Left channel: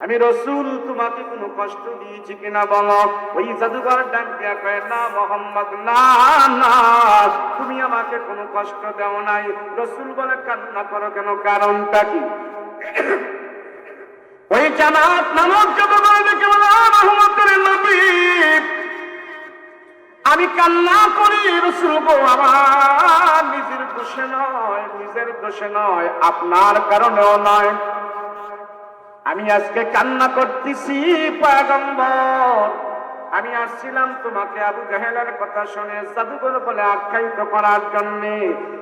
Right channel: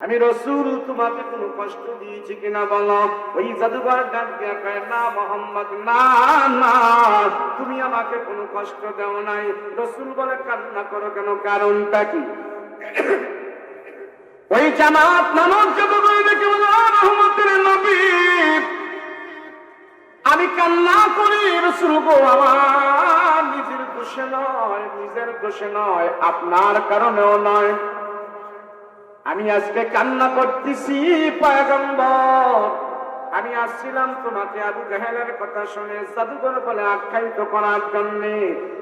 আমি রসুল তোমাকে কোনো কষ্ট দিয়েছি কিনা বলো। ওই জাদুঘর ডাক দিয়া কয়, না মোহাম্মদ, না না, তুমি আমাকে কোনো কষ্ট দেও নাই। রসুল বলে, কান্না করো কেন, কারণটা কি? ওই জামাত নামক জাদুঘর দেখে বলে, রহমতের নবী, আমি কান্না করি রসুল গো, আমার নিজের দোষে নয়, নিজের দোষে নয়, আপনার কারণেও নয়। আমি আজকে কান্না করতেছি পয়গম্বর, আমি আসছিলাম তোমাকে আবু জাহেলের কথা শুনে জাদুঘর বলে আখ্যায়িত করার জন্য।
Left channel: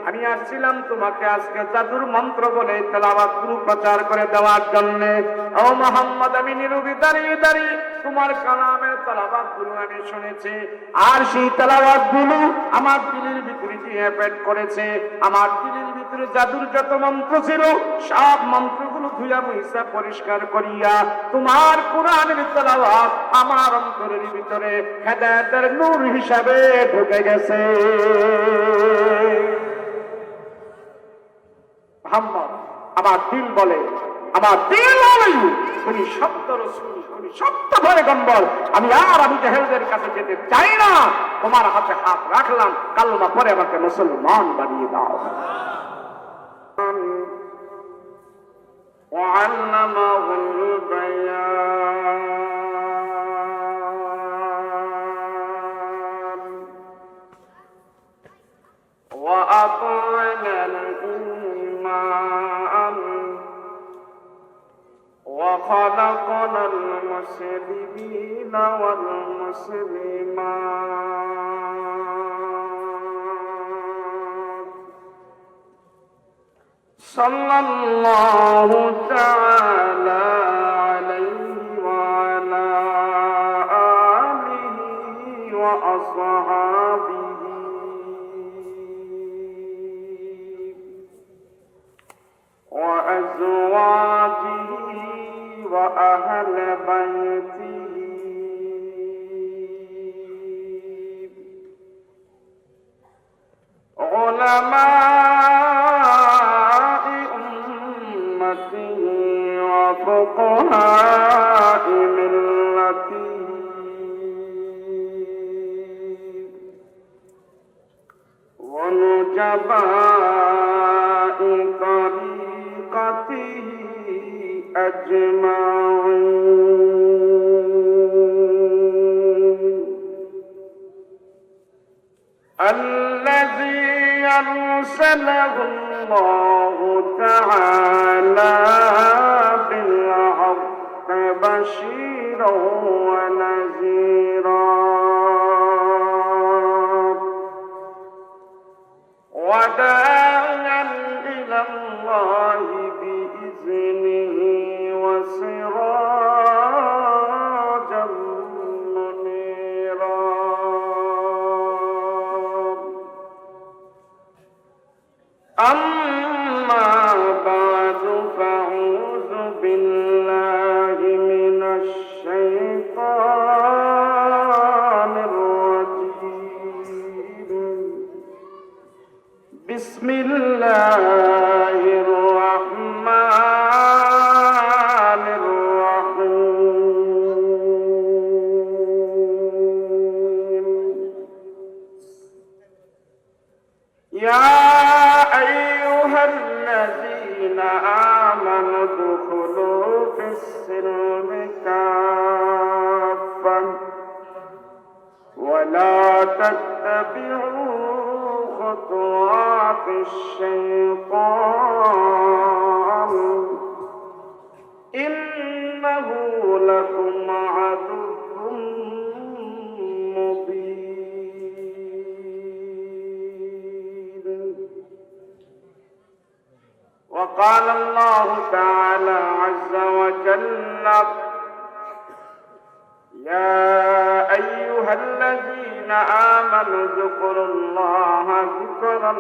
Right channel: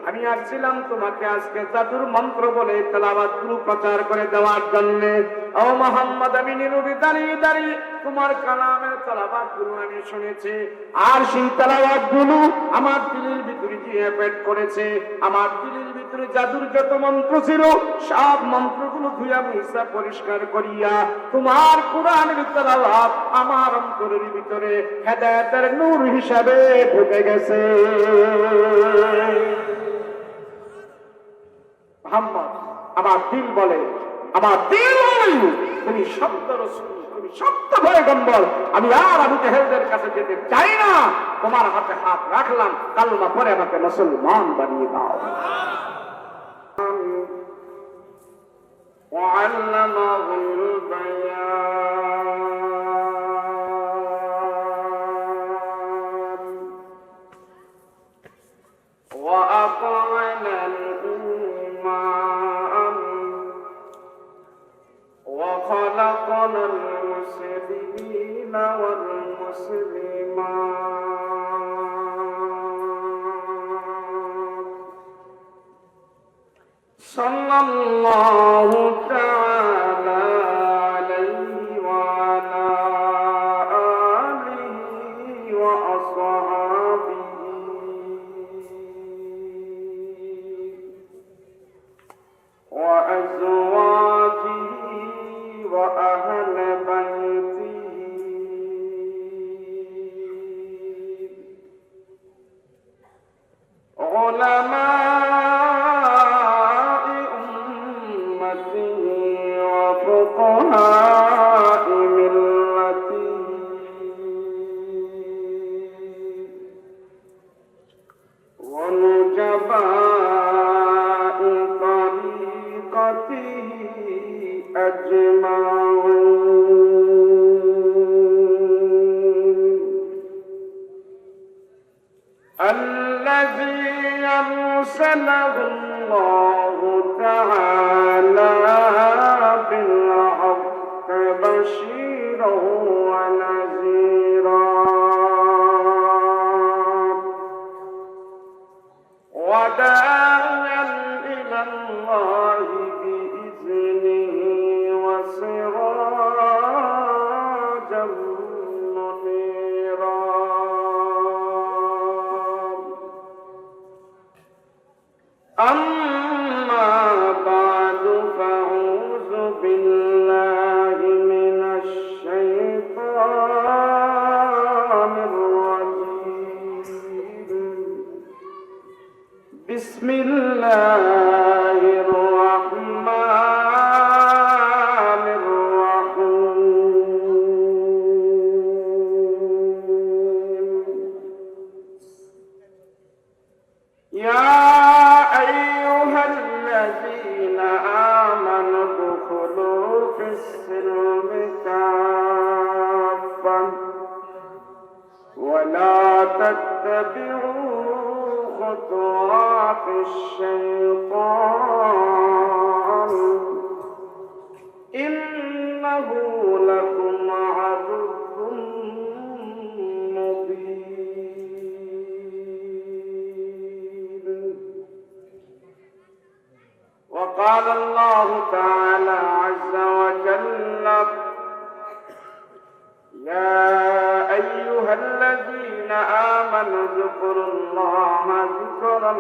আমি আসছিলাম তোমাকে আজকে জাদুর মন্ত্র বলে তেলাওয়াত গুলো প্রচার করে দেওয়ার জন্য। ও মোহাম্মদ, আমি নীরবে দাঁড়িয়ে দাঁড়িয়ে তোমার কালামের তেলাওয়াত গুলো আমি শুনেছি, আর সেই তেলাওয়াত গুলো আমার দিলের ভিতরে দিয়ে এফেক্ট করেছে। আমার দিলের ভিতরে জাদুর যত মন্ত্র ছিল সব মন্ত্রগুলো ধুইয়া মুইসা পরিষ্কার করিয়া তোমার কোরআনের তেলাওয়াত আমার অন্তরের ভিতরে হেদায়েতের নূর হিসাবে ঢুকে গেছে। মুহাম্মদ, আমার দিল বলে, আমার দিল বলে তুমি সত্য রাসূল, তুমি সত্য পয়গম্বর। আমি আর আবু জাহেলদের কাছে যেতে চাই না। তোমার হাতে হাত রাখলাম, কালমা পরে আমাকে মুসলমান বানিয়ে দাও। وعلمه البيان وأطعن الإيمان وخلقنا المسلمين والمسلمات صلى الله تعالى عليه وعلى آله وأصحابه وأزواجه وأهل بيته علماء أمته وفقهاء ملته ونجباء طريقته أجمعين الذي أرسله الله تعالى بالحق بشيرا ونذيرا وداعيا إلى الله بإذنه وسراجا منيرا. أما بعد فأعوذ بالله من الشيطان الرجيم. بسم الله الرحمن الرحيم. يا أيها الذين آمنوا ادخلوا في السلم كافة ولا تتبعوا خطوات الشيطان إنه لكم عدو مبين. وقال الله تعالى عز وجل: يا أيها الذين آمنوا اذكروا الله ذكرا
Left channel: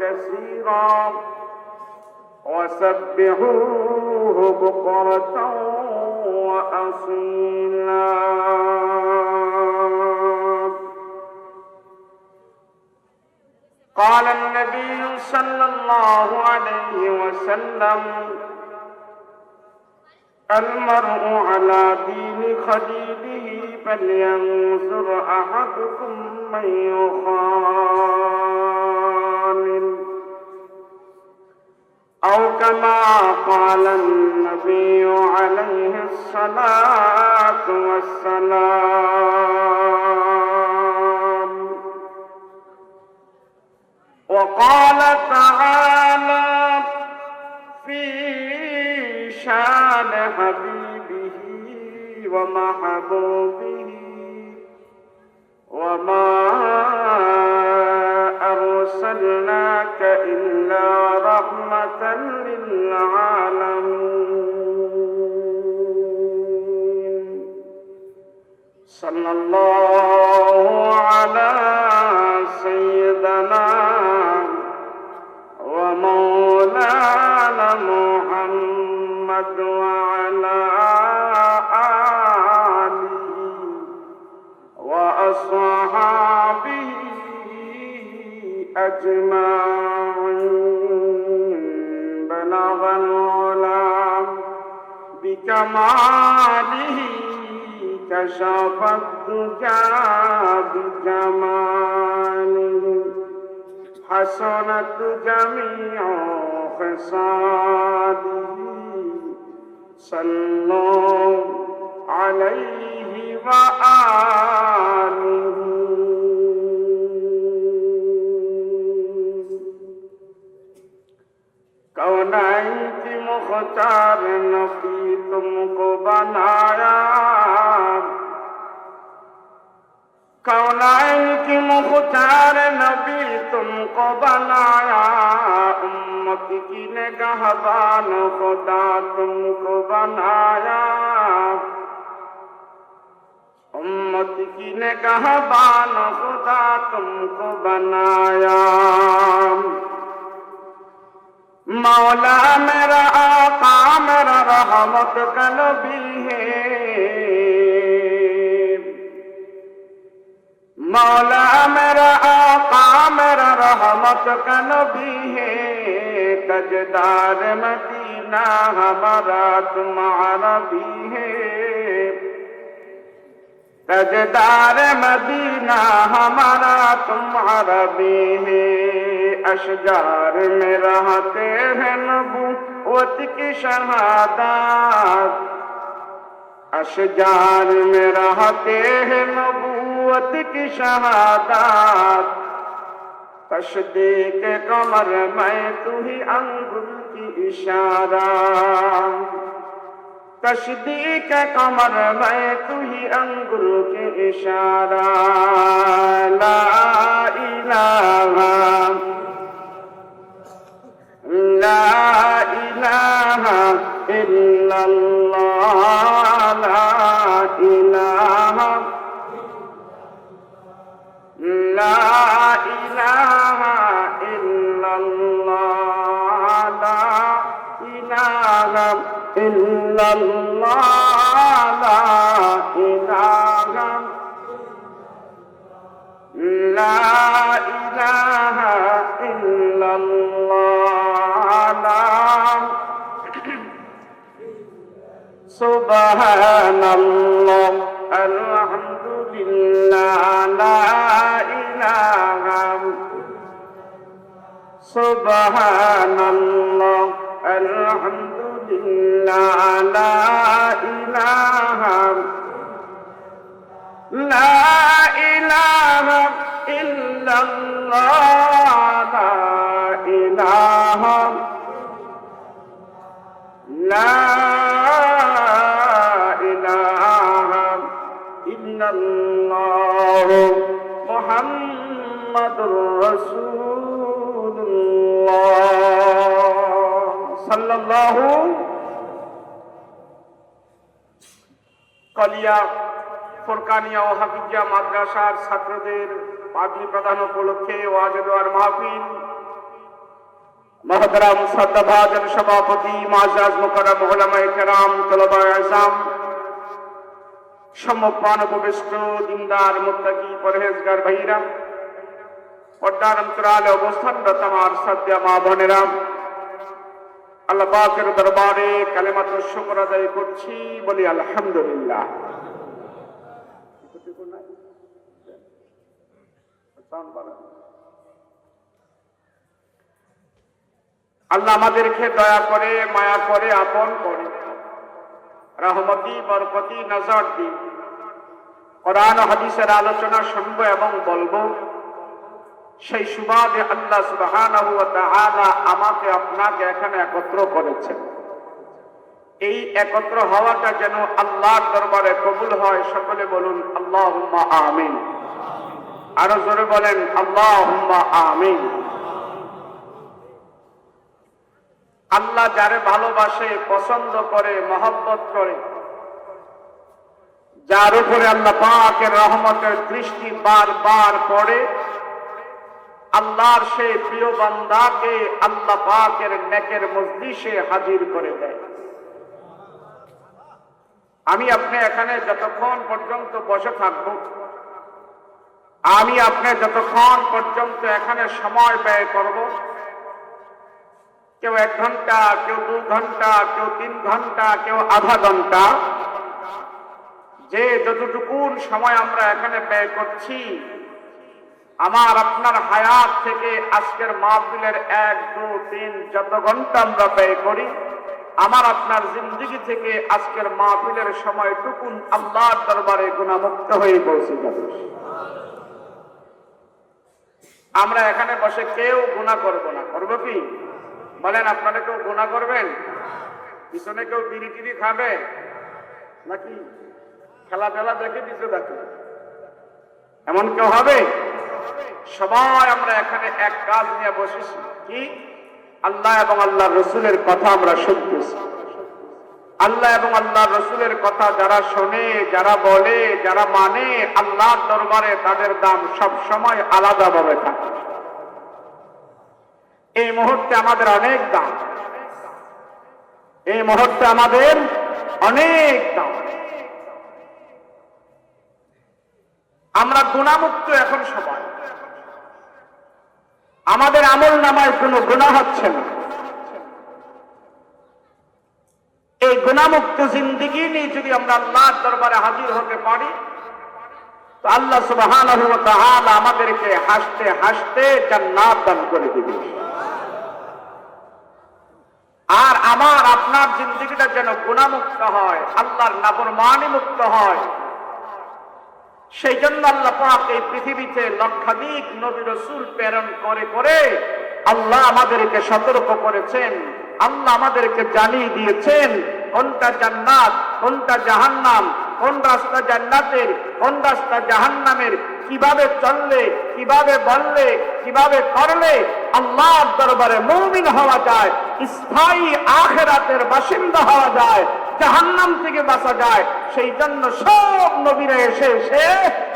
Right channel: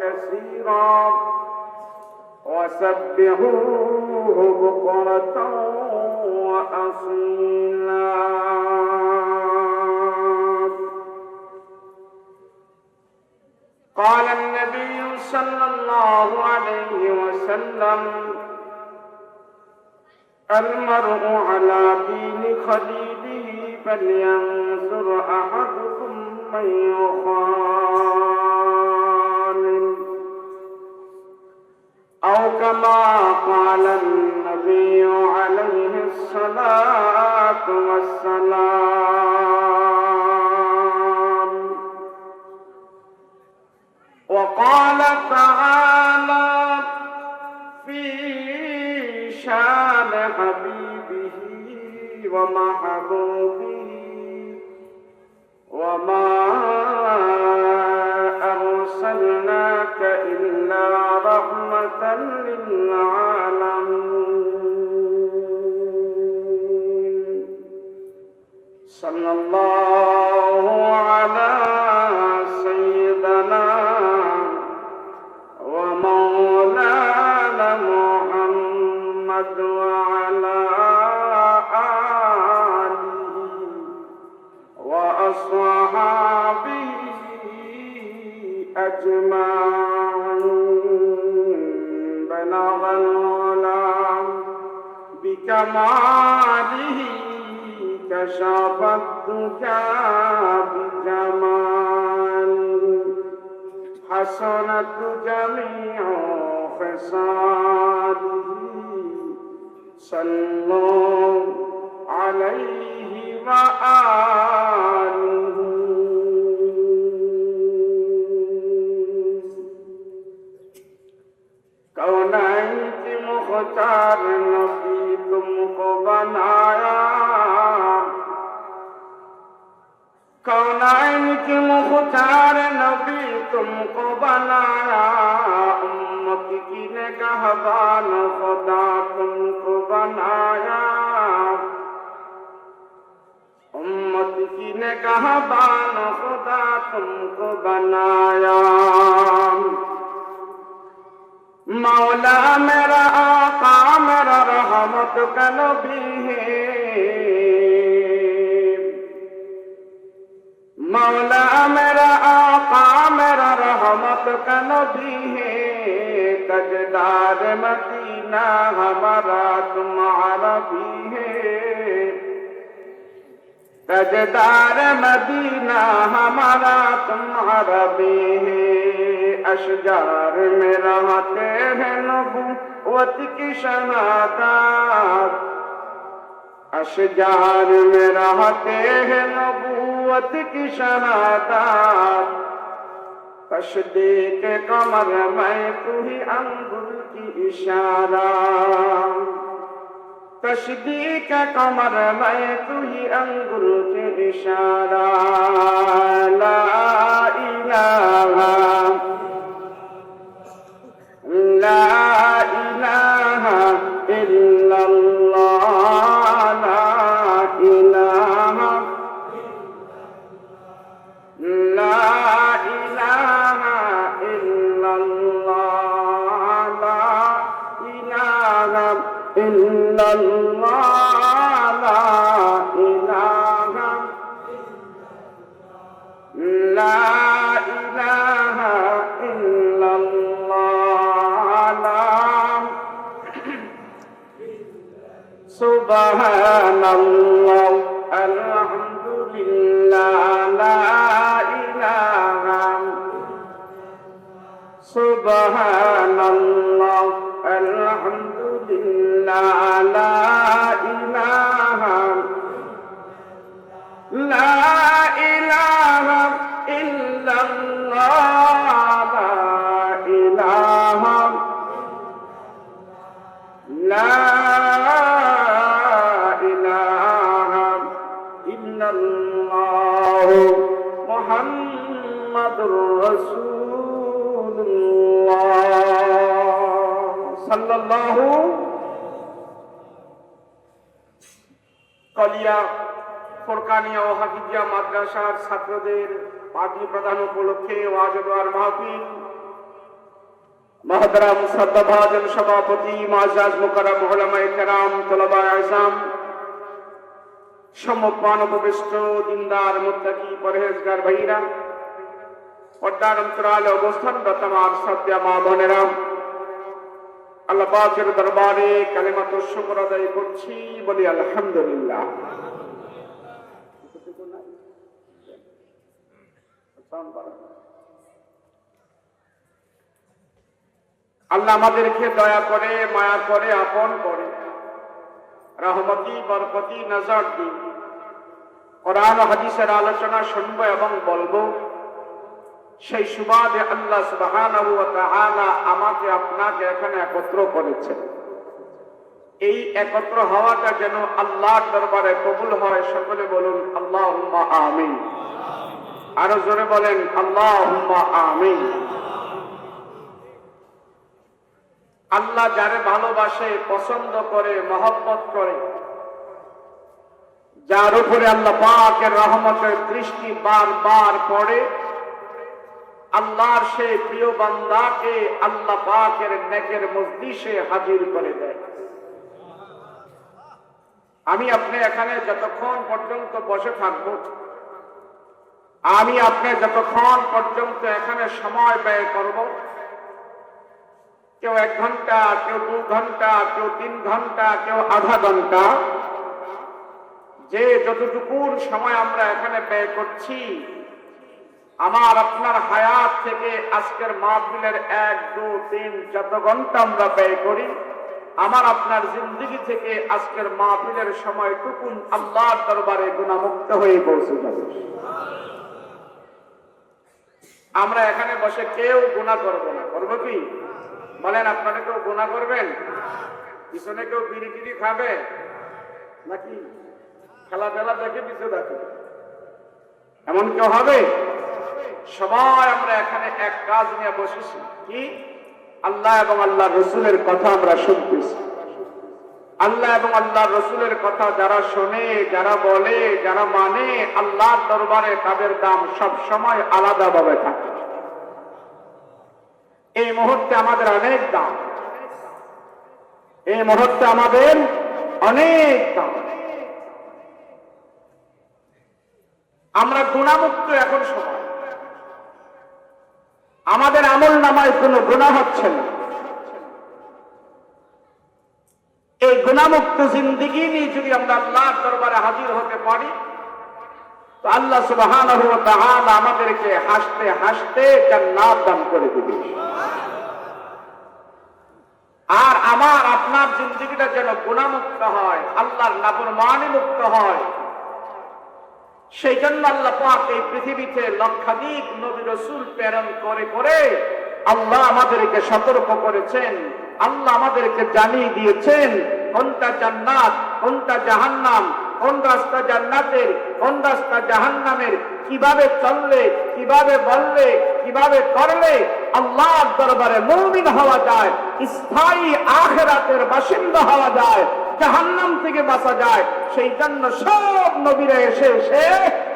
كثيرا وسبحوه بكرة وأصيلا. قال النبي صلى الله عليه وسلم: المرء على دين خليله فلينظر أحدكم من يخالل أو كما قال النبي عليه الصلاة والسلام. وقال تعالى في شان حبيبه ومحبوبه وما أرسلناك إلا رحمة للعالمين. صلى الله على سيدنا ومولانا محمد وعلى آله وأصحابه أجمعين. بلغ العلا بكماله كشف الدجى بجماله حسنت جميع خصاله. صلوا عليه وآله. कौनैन की मुख्तार नबी तुमको बनाया, कौनैन की मुख्तार नबी तुमको बनाया, उम्मत की निगहबान खुदा तुमको बनाया, उम्मत की निगहबान खुदा तुमको बनाया। मौला मेरा आका मेरा रहमत का नबी है, मौला मेरा आका मेरा रहमत का नबी है। तजदार मदीना हमारा तुम्हारा भी है, तजदार मदीना हमारा तुम्हारा भी है। अशजार में रहते हैं नबूवत की शहादत, अशजार में रहते हैं नबूवत की शहादत। तस्दीक कमर में तू ही अंगुल की इशारा, तस्दीक कमर में तू ही अंगुल के इशारा। ला इलाहा ला इलाहा इल्लल्लाह, ला इलाहा ला इलाहा इल्लल्लाह, ला इलाहा इल्लल्लाह, ला इलाहा ला इलाहा इल्लल्लाह। सुबहानल्लाह अल्हम्दुलिल्लाह, ला इलाहा सुबहानल्लाह अल्हम्दुलिल्लाह, ला इलाहा ला इलाहा इल्लल्लाह, ला इलाहा ला इलाहा इल्लल्लाह मुहम्मदुर रसूलुल्लाह सल्लल्लाहु। কলিয়া ফুরকানিয়া ও হাফিজিয়া মাদ্রাসার ছাত্রদের পাঠী প্রদান উপলক্ষে ওয়াজ দেওয়ার মাহফিল, মহতরম সদ্ভাজন সভাপতি মুআজ্জাজ মুকাররম উলামায়ে কেরাম, তলবায়ে আযম, সম্মুখপান উপবিষ্ট দিনদার মুত্তাকি পরহেজগার ভাইরা, পর্দার অন্তরালে অবস্থানরত আমার সাথী মা বোনেরা, আল্লাহ পাকের দরবারে কালেমাতুর শুকর আদায় করছি, বলি আলহামদুলিল্লাহ। আল্লাহ আমাদেরকে দয়া করে, মায়া করে, আপন করে, রহমতি বরকতি নজর দিন। কোরআন ও হাদিসের আলোচনা শুনবো এবং বলবো, সেই সুবাদে আল্লাহ সুবহানাহু ওয়া তাআলা আমাকে আপনাকে এখানে একত্র করেছেন। এই একত্র হওয়াটা যেন আল্লাহর দরবারে কবুল হয়। সকলে বলুন আল্লাহুম্মা আমিন। আরো জোরে বলেন আল্লাহুম্মা আমিন। আল্লাহ যারে ভালোবাসে, পছন্দ করে, মহব্বত করে, যার উপরে আল্লাহ পাকের রহমতের দৃষ্টি বারবার পড়ে, আল্লাহর সেই প্রিয় বান্দাকে আল্লাহ পাকের নেকের মজলিসে হাজির করে দেয়। আমি আপনি এখানে যতক্ষণ পর্যন্ত বসে থাকব, আমি আপনি যতক্ষণ পর্যন্ত এখানে সময় ব্যয় করব, কেউ 1 ঘন্টা, কেউ 2 ঘন্টা, কেউ 3 ঘন্টা, কেউ আধা ঘন্টা, যে যতটুকু সময় আমরা এখানে ব্যয় করছি, আমার আপনার হায়াত থেকে আজকের মাহফিলের 1, 2, 3 যত ঘন্টা আমরা ব্যয় করি, আমার আপনার জিন্দগি থেকে আজকের মাহফিলের সময়টুকু আল্লাহর দরবারে গুনাহমুক্ত হয়ে পৌঁছে যাবে। আমরা এখানে বসে কেউ গুনাহ করবে না। করবো কি বলেন? আপনারা কেউ গুনাহ করবেন? পিছনে কেউ বিড়ি টিড়ি খাবে নাকি? খেলাধুলা দেখে পিছু দেখে, এমন কেউ হবে? সবাই আমরা এখানে এক কাজ নিয়ে বসেছি, কি? আল্লাহ এবং আল্লাহ রসুলের কথা আমরা শুনতেছি। আল্লাহ এবং আল্লাহ রসুলের কথা যারা শোনে, যারা বলে, যারা মানে, আল্লাহর দরবারে তাদের দাম সব সময় আলাদাভাবে থাকে। এই মুহূর্তে আমাদের অনেক দাম, এই মুহূর্তে আমাদের অনেক দাম। আমরা গুনাহমুক্ত এখন সবাই, আমাদের আমল নামায় কোনো গুনাহ হচ্ছে না। এই গুনাহমুক্ত জিন্দেগি নিয়ে যদি আমরা আল্লাহর দরবারে হাজির হতে পারি, তো আল্লাহ সুবহানাহু ওয়া তাআলা আমাদেরকে হাসতে হাসতে জান্নাত দান করে দিবে। আর আমার আপনার জিন্দেগিটা যেন গুনাহমুক্ত হয়, আল্লাহর নাফরমানি মুক্ত হয়, সেই জন্য আল্লাহ পাক এই পৃথিবীতে লক্ষাধিক নবী রাসূল প্রেরণ করে করে আল্লাহ আমাদেরকে সতর্ক করেছেন। আল্লাহ আমাদেরকে জানিয়ে দিয়েছেন কোনটা জান্নাত, কোনটা জাহান্নাম, কোন রাস্তা জান্নাতের, কোন রাস্তা জাহান্নামের, কিভাবে চললে, কিভাবে বললে, কিভাবে করলে আল্লাহর দরবারে মুমিন হওয়া যায়, স্থায়ী আখিরাতের বাসিন্দা হওয়া যায়, জাহান্নাম থেকে বাঁচা যায়। সেই জন্য সব নবীরা এসে এসে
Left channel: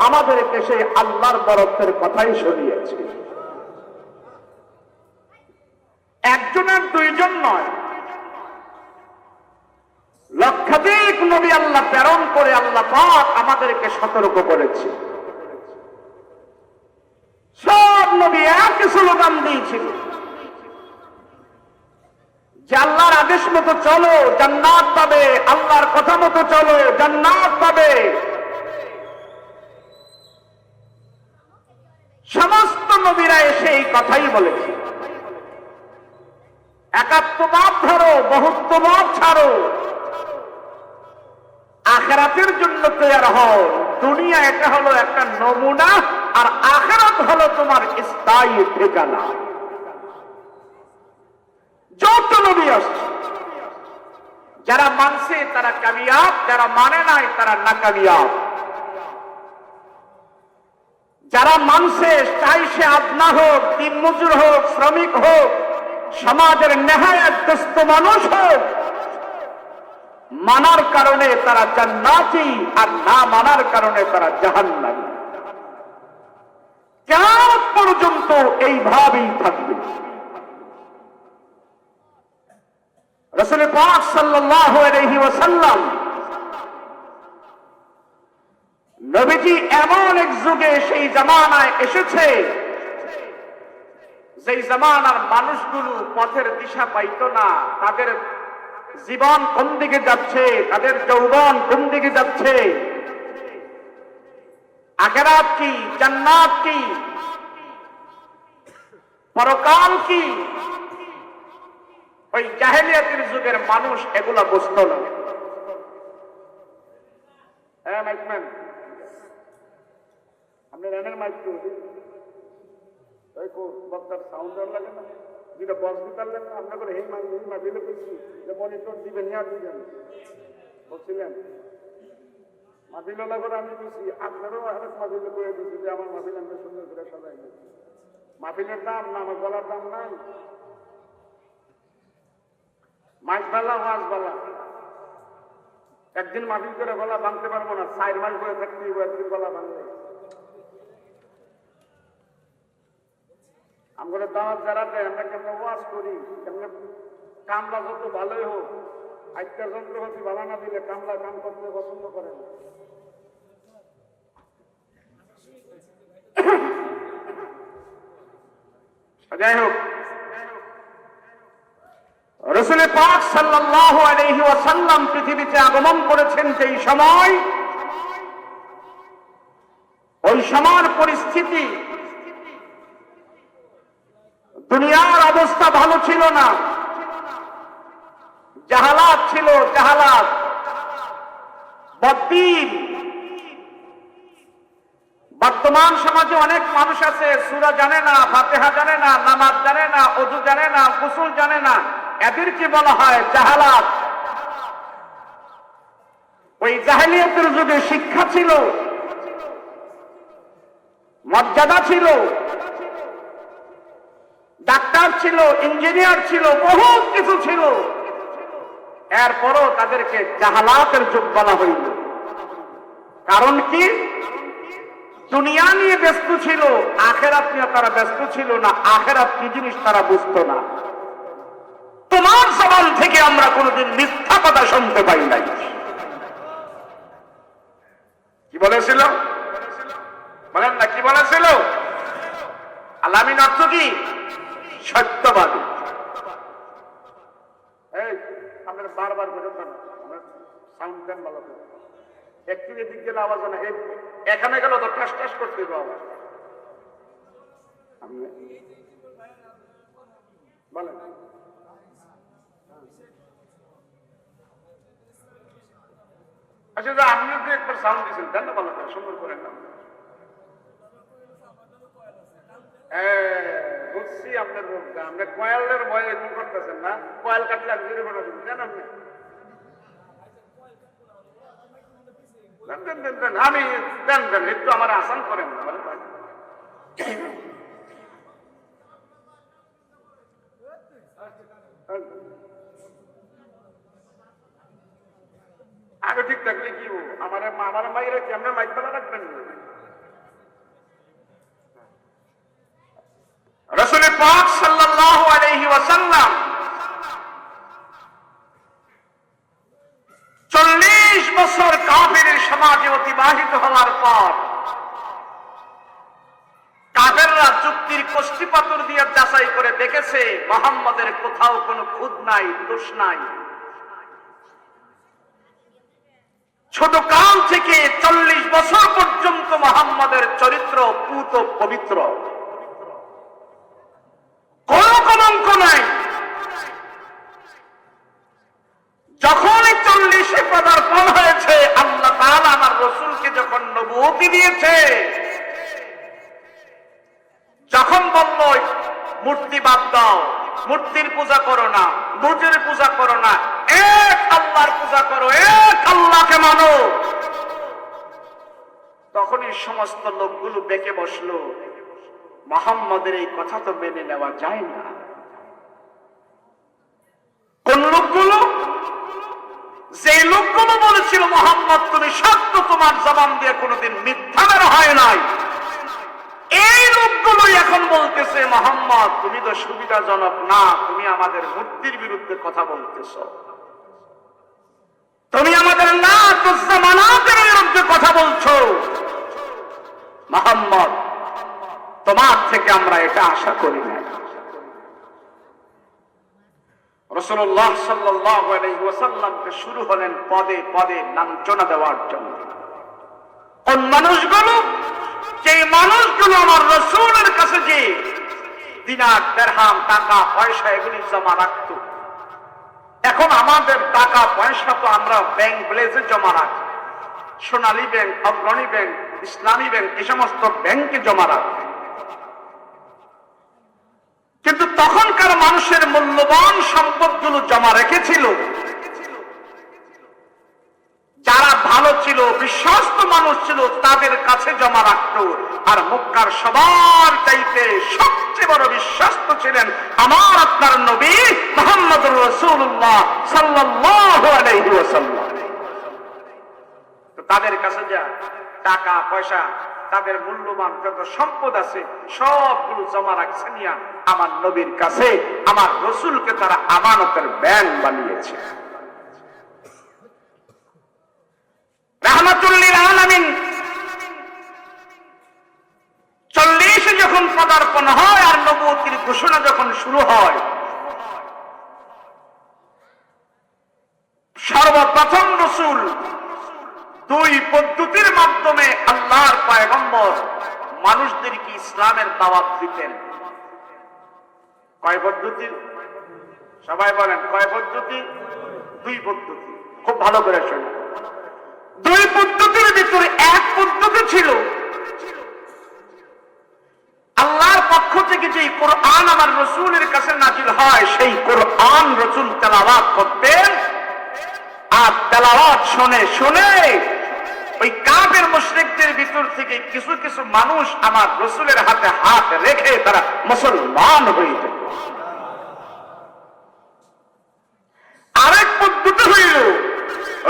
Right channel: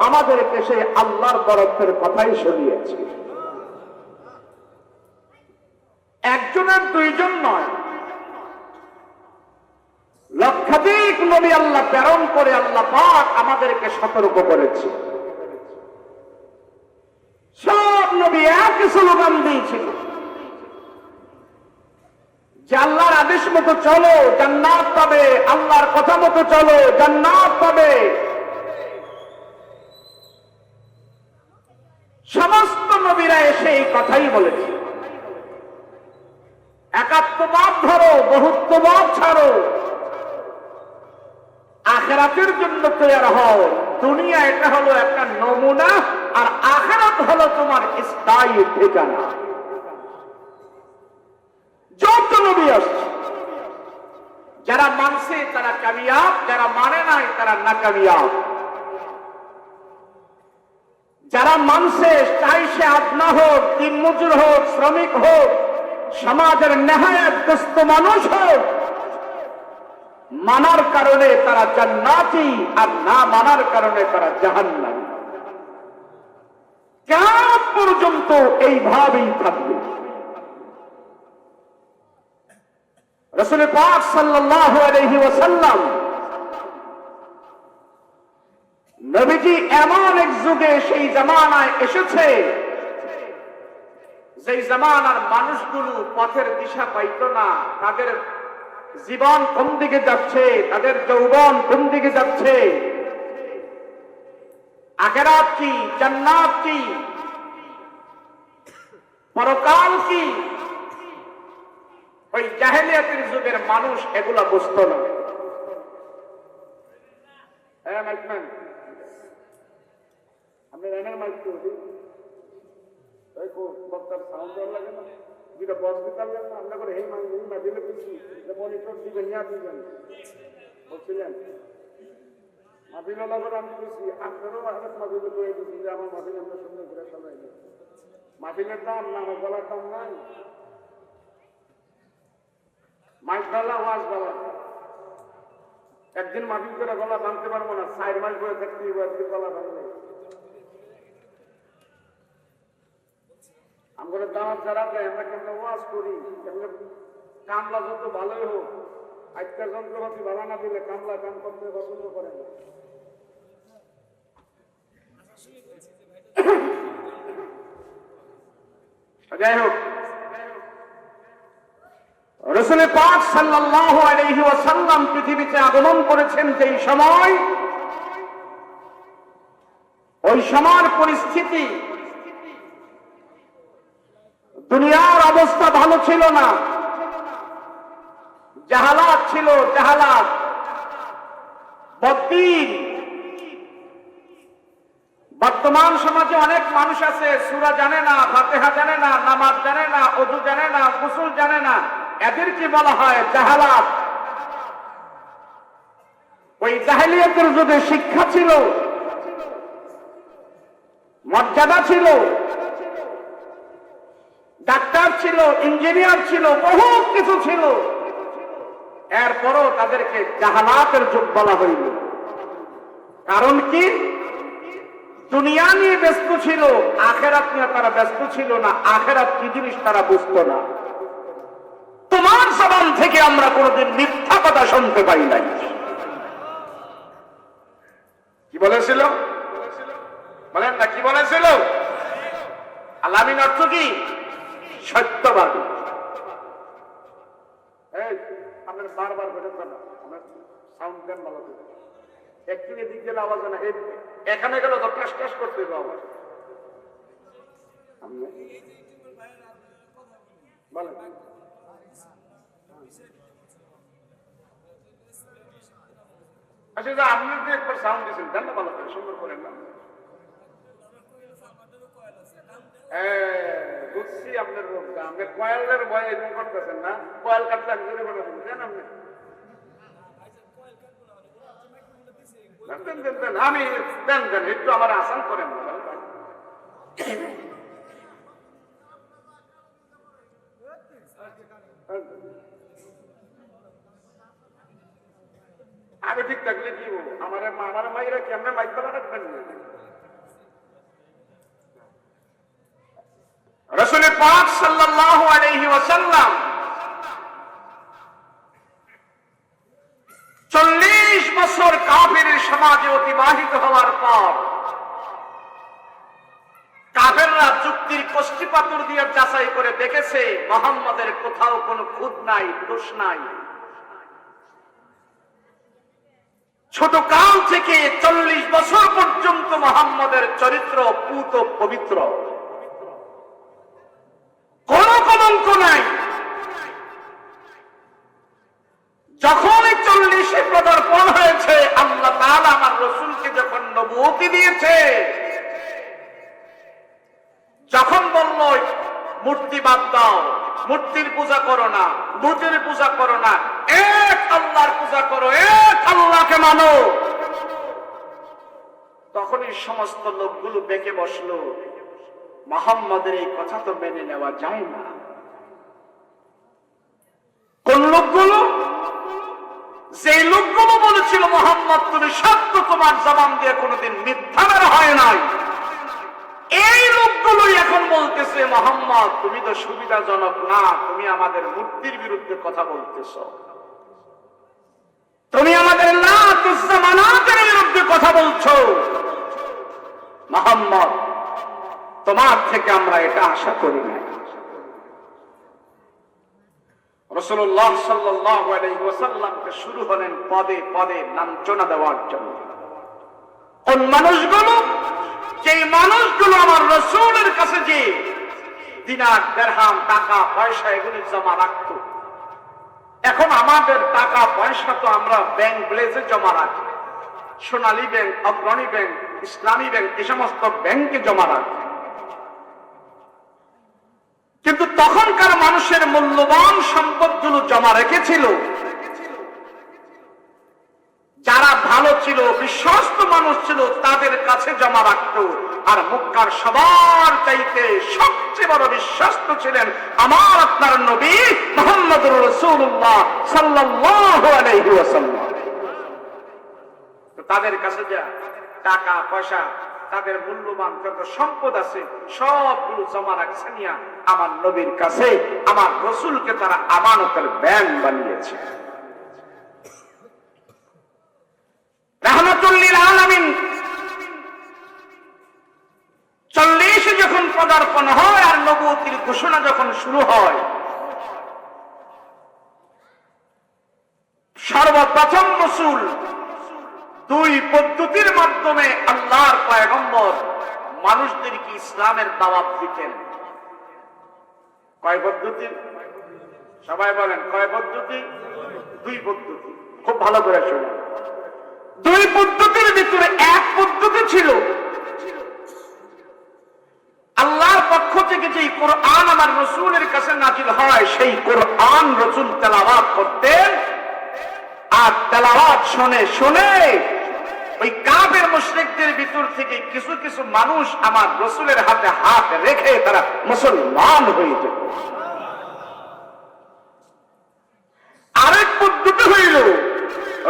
আমাদেরকে সেই আল্লাহর বরকতের কথাই শোনিয়েছে। একজনের দুইজন নয়, লক্ষাধিক নবী আল্লাহ প্রেরণ করে আল্লাহ পাক আমাদেরকে সতর্ক করেছে। সব নবী একই স্লোগান দিয়েছিল যে আল্লাহর আদেশ মতো চলো জান্নাত পাবে, আল্লাহর কথা মতো চলো জান্নাত পাবে। সমস্ত নবীরা এসে এই কথাই বলেছে, একাত্মবাদ ধরো, বহুত্ববাদ ছাড়ো, আখিরাতের জন্য তৈরি হও। দুনিয়া এটা হলো একটা নমুনা, আর আখিরাত হলো তোমার স্থায়ী ঠিকানা। যত নবী আসছে, যারা মানছে তারা কামিয়াব, যারা মানে নাই তারা নাকামিয়াব। যারা মানছে, চাই সে আপনা হোক, দিনমজুর হোক, শ্রমিক হোক, সমাজের নেহায়াতগ্রস্ত মানুষ হোক, মানার কারণে তারা জান্নাতি, আর না মানার কারণে তারা জাহান্নামী। কিয়ামত পর্যন্ত এইভাবেই থাকবে। রাসূল পাক সাল্লাল্লাহু আলাইহি ওয়াসাল্লাম নবীজি এমন এক যুগে সেই জামানায় এসেছে যেই জামানার মানুষগুলো পথের দিশা পাইতো না, তাদের জীবন কোন দিকে যাচ্ছে, তাদের যৌবন কোন দিকে যাচ্ছে, আখিরাত কি, জান্নাত কি, পরকাল কি, ওই জাহেলিয়াতের যুগের মানুষ এগুলা বুঝতো না। হ্যাঁ মাইকম্যান, আপনি জানেন মাইক তো বক্তার সাউন্ড লাগে না, যেটা বস দিতে না আপনার করে এই মাঝিলে পেয়েছি যে মনিটর দিবেন না দিবেন বলছিলেন মাঝিলা করে আমি দিচ্ছি, আপনারও অনেক মাঝিলে করে দিচ্ছি যে আমার মাঝিল আমরা সুন্দর করে সবাই মাহফিলের দাম না, আমার গলার দাম নাই, মাইক বালা ওয়াজ বালা। একদিন মাহফিল করে গলা ভাঙতে পারবো না, 4 মাস করে থাকতে একদিন গলা ভাঙবে। আমরা দাঁত যারা দেয় আমরা কেমন ওয়াজ করি, কেমন কামলা যত ভালোই হোক, আজকের যন্ত্রপাতি ভালো না দিলে কামলা কাম করতে পছন্দ করে না। যাই হোক, রাসূল পাক সাল্লাল্লাহু আলাইহি ওয়াসাল্লাম পৃথিবীতে আগমন করেছেন যেই সময়, ওই সময়ের পরিস্থিতি, দুনিয়ার অবস্থা ভালো ছিল না, জাহালাত ছিল, জাহালাত, বদ্দিন। বর্তমান সমাজে অনেক মানুষ আছে সূরা জানে না, ফাতিহা জানে না, নামাজ জানে না, ওযু জানে না, গোসল জানে না, এদেরকে বলা হয় জাহালাত। ওই জাহেলিয়াতের যুগে শিক্ষা ছিল, মর্যাদা ছিল, ডাক্তার ছিল, ইঞ্জিনিয়ার ছিল, বহুত কিছু ছিল, এরপরও তাদেরকে জাহালাতের যুগ বলা হইল। কারণ কি? দুনিয়া নিয়ে ব্যস্ত ছিল, আখিরাত নিয়ে তারা ব্যস্ত ছিল না। আখিরাত কি জিনিস তারা বুঝতো না। তোমার জবান থেকে আমরা কোনোদিন মিথ্যা কথা শুনতে পাই নাই। কি বলেছিল বলেন না, কি বলেছিল? আলামিন অর্থ কি? সত্যবাদী। এই আপনার বারবার বোঝাতেন সাউন্ড দেন ভালো করে, একটু এদিক গেলে আওয়াজ না, এখানে গেলে তো ঠাস ঠাস করতে আওয়াজ। বলেন আচ্ছা, আপনি তো একবার সাউন্ড দিয়েছেন, দেন না ভালো করে, সুন্দর করেন না। বুঝছি আপনার মুখটা, আপনি কয়েলের ভয় এরকম করতেছেন না, কয়েল কাটলে আমি জেনে বলে বুঝছেন আপনি। আমি দেন দেন একটু আমার আসান করেন না। আগে ঠিক থাকলে কি আমার মাইরা কি আপনার মাইক বেলা রাখবেন না? রাসূল পাক সাল্লাল্লাহু আলাইহি ওয়াসাল্লাম 40 বছর কাফেরের সমাজে অতিবাহিত হওয়ার পর কাফেররা যুক্তির কষ্টি পাথর দিয়ে যাচাই করে দেখেছে মুহাম্মদের কোথাও কোনো খুঁত নাই, দোষ নাই। ছোট কাল থেকে 40 বছর পর্যন্ত মুহাম্মদের চরিত্র পুত পবিত্র, কোন কলঙ্ক নাই। যখন 40 পদার্পণ হয়েছে, আল্লাহ তাআলা আমার রাসূলকে যখন নবুয়তি দিয়েছে, যখন বলল মূর্তি বাদ দাও, মূর্তির পূজা করো না, বুতের পূজা করো না, এক আল্লাহর পূজা করো, এক আল্লাহকে মানো, তখনই সমস্ত লোকগুলো বেঁকে বসলো। মুহাম্মদের এই কথা তো মেনে নেওয়া যায় না। কোন লোকগুলো? যে লোকগুলো বলেছিল মুহাম্মদ তুমি সত্য, তোমার জবান দিয়ে কোনোদিন মিথ্যা বের হয় নাই, এই লোকগুলোই এখন বলতেছে মুহাম্মদ তুমি তো সুবিধাজনক না, তুমি আমাদের মূর্তির বিরুদ্ধে কথা বলতেছ, তুমি আমাদের লাত উজ্জা মানাতের বিরুদ্ধে কথা বলছো। মুহাম্মদ তোমার থেকে আমরা এটা আশা করি না। রাসূলুল্লাহ সাল্লাল্লাহু আলাইহি ওয়াসাল্লামকে শুরু হলেন পদে পদে লাঞ্ছনা দেওয়ার জন্য। কোন মানুষগুলো, যেই মানুষগুলো আমার রাসূলের কাছে যে দিনার দিরহাম টাকা পয়সা এগুলি জমা রাখতো, এখন আমাদের টাকা পয়সা তো আমরা ব্যাংক ব্লেজে জমা রাখি, সোনালী ব্যাংক, অগ্রণী ব্যাংক, ইসলামী ব্যাংক, এই সমস্ত ব্যাংকে জমা রাখি। কিন্তু তখনকার মানুষের মূল্যবান সম্পদগুলো জমা রেখেছিল যারা ভালো ছিল, বিশ্বস্ত মানুষ ছিল, তাদের কাছে জমা রাখত। আর মক্কার সবার চাইতে সবচেয়ে বড় বিশ্বস্ত ছিলেন আমার আপনার নবী মুহাম্মদুর রাসূলুল্লাহ সাল্লাল্লাহু আলাইহি ওয়াসাল্লাম। তো তাদের কাছে যা টাকা পয়সা, তাদের মূল্যবান যত সম্পদ আছে সবগুলো জমা রাখছে নিয়া আমার নবীর কাছে আমার রাসূলকে তারা আমানতের ব্যাংক বানিয়েছে। রাহমাতুল লিল আলামিন 40 যখন পদার্পণ হয় আর নবুয়তের ঘোষণা যখন শুরু হয়, সর্বপ্রথম রাসূল 2 পদ্ধতির মাধ্যমে আল্লাহর পয়গম্বর মানুষদেরকে ইসলামের দাওয়াত দিতেন। কয় পদ্ধতি? সবাই বলেন কয় পদ্ধতি? 2 পদ্ধতি। খুব ভালো করে শুনুন। 2 পদ্ধতির ভিতরে এক পদ্ধতি ছিল আল্লাহর পক্ষ থেকে যে কোরআন আমার রাসূলের কাছে নাযিল হয়, সেই কোরআন রাসূল তেলাওয়াত করতেন। আর তেলাওয়াত শুনে শুনে ওই কাফের মুশরিকদের ভিতর থেকে কিছু কিছু মানুষ আমার রাসূলের হাতে হাত রেখে তারা মুসলমান হয়ে যেত। আরেক পদ্ধতি হইল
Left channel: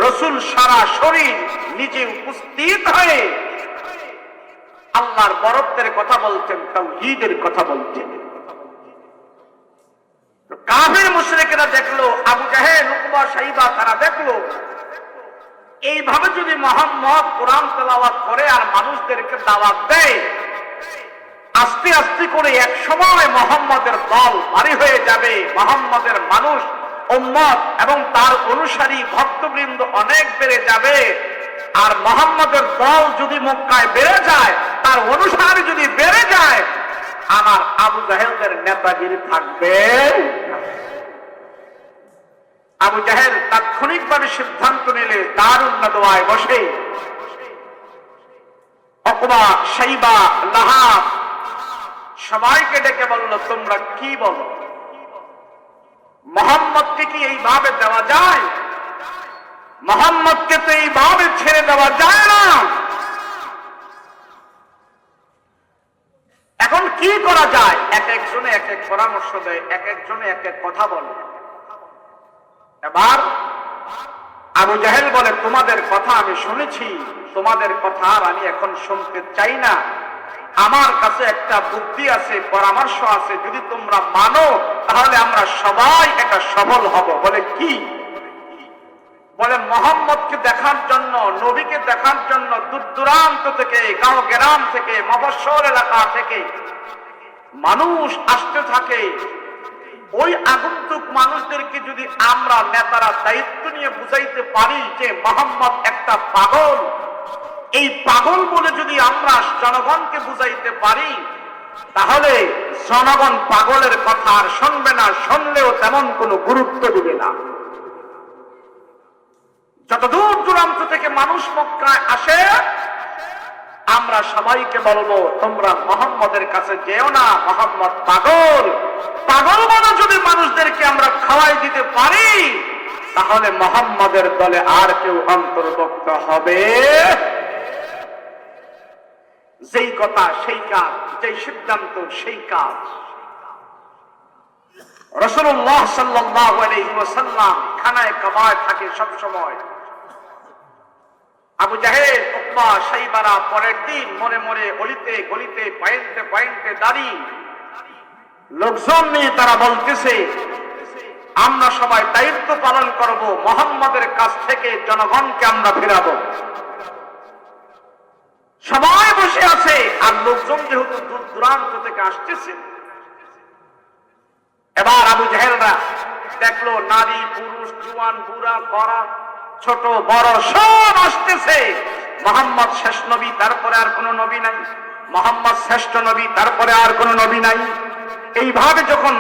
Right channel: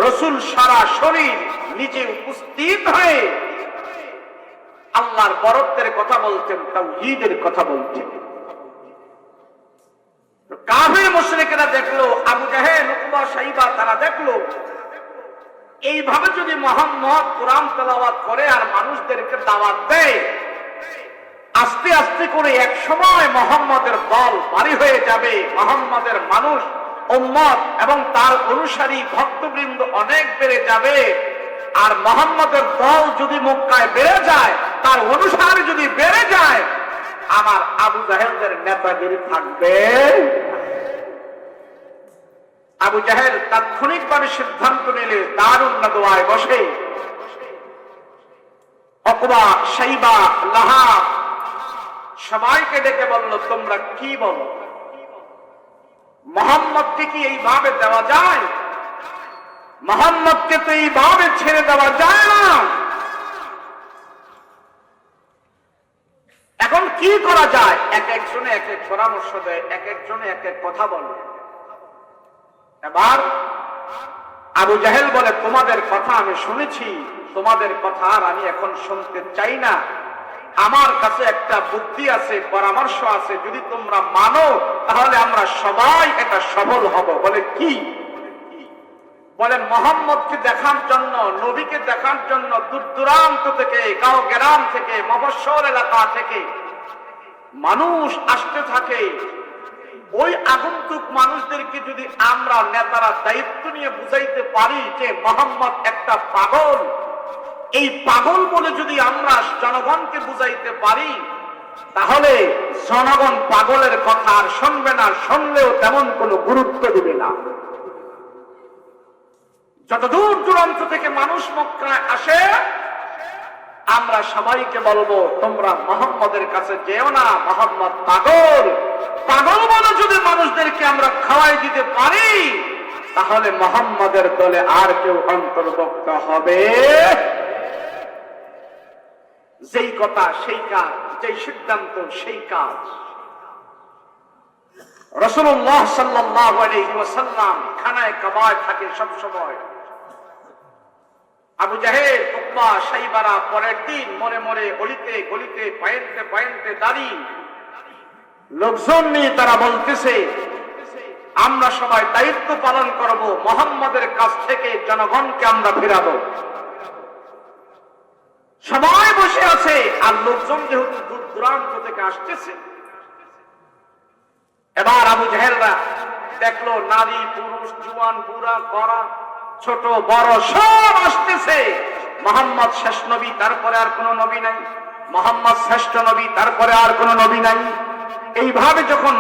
রাসূল সারা শরীর নিজে উপস্থিত হয়ে আল্লাহর বরত্বের কথা বলতেন, তাওহীদের কথা বলতেন। কাফির মুশরিকরা দেখলো, আবু জাহেল, উতবা, শাইবা তারা দেখলো এইভাবে যদি মুহাম্মদ কোরআন তেলাওয়াত করে আর মানুষদেরকে দাওয়াত দেয়, আস্তে আস্তে করে এক সময় মুহাম্মদের দল ভারী হয়ে যাবে, মুহাম্মদের মানুষ উম্মত এবং তার অনুসারী ভক্তবৃন্দ অনেক বেড়ে যাবে। আর মুহাম্মদের দল যদি মক্কায় বেড়ে যায়, তার অনুসারী যদি বেড়ে যায়, আমার আবু জাহেলদের নেতাগিরি থাকবে। আবু জাহেল তাৎক্ষণিকভাবে সিদ্ধান্ত নিলে দারুন নাদওয়ায় বসে উতবা, শাইবা, লাহাব সবাইকে ডেকে বলল, তোমরা কি বলো? মুহাম্মদকে কি এইভাবে দেওয়া যায়? মুহাম্মদকে তো এইভাবে ছেড়ে দেওয়া যায় না। এখন কি করা যায়? এক একজনে এক এক পরামর্শ দেয়, এক একজনে এক এক কথা বলে। এবার আবু জাহেল বলে, তোমাদের কথা আমি শুনেছি, তোমাদের কথা আর আমি এখন শুনতে চাই না। আমার কাছে একটা বুদ্ধি আছে, পরামর্শ আছে, যদি তোমরা মানো তাহলে আমরা সবাই এটা সফল হব। বলে কি? বলে মুহাম্মদকে দেখার জন্য, নবীকে দেখার জন্য দূর দূরান্ত থেকে, গাঁও গ্রাম থেকে, মফস্বল এলাকা থেকে মানুষ আসতে থাকে। ওই আগন্তুক মানুষদেরকে যদি আমরা নেতারা দায়িত্ব নিয়ে বুঝাইতে পারি যে মুহাম্মদ একটা পাগল, এই পাগল বলে যদি আমরা জনগণকে বুঝাইতে পারি, তাহলে জনগণ পাগলের কথা আর শুনবে না, শুনলেও তেমন কোনো গুরুত্ব দিবে না। যত দূর দূরান্ত থেকে মানুষ মক্কায় আসে, আমরা সবাইকে বলবো, তোমরা মুহাম্মদের কাছে যেও না, মুহাম্মদ পাগল। পাগল বলে যদি মানুষদেরকে আমরা খাওয়াই দিতে পারি, তাহলে মুহাম্মদের দলে আর কেউ অন্তর্ভুক্ত হবে। যেই কথা সেই কাজ, যেই সিদ্ধান্ত সেই কাজ। রাসূলুল্লাহ সাল্লাল্লাহু আলাইহি ওয়াসাল্লাম খানায় কাবায় থাকে সব সময়। আবু জাহেল, উতবা, শাইবারা পরের দিন মনে মনে অলিতে গলিতে পয়েন্টে পয়েন্টে দাঁড়িয়ে লোকজন নিয়ে তারা বলতেছে, আমরা সবাই দায়িত্ব পালন করব, মুহাম্মদের কাছ থেকে জনগণকে আমরা ফেরাবো। সবাই বসে আছে আর লোকজন যেহেতু দূর দূরান্ত থেকে আসতেছে। এবার আবু জাহেলরা দেখলো নারী পুরুষ জুয়ান বুড়া কড়া ছোট বড় সব আসতেছে। মোহাম্মদ শেষ নবী, তারপরে আর কোন নবী নাই। মোহাম্মদ শ্রেষ্ঠ নবী, তারপরে আর কোন নবী নাই। এইভাবে যখন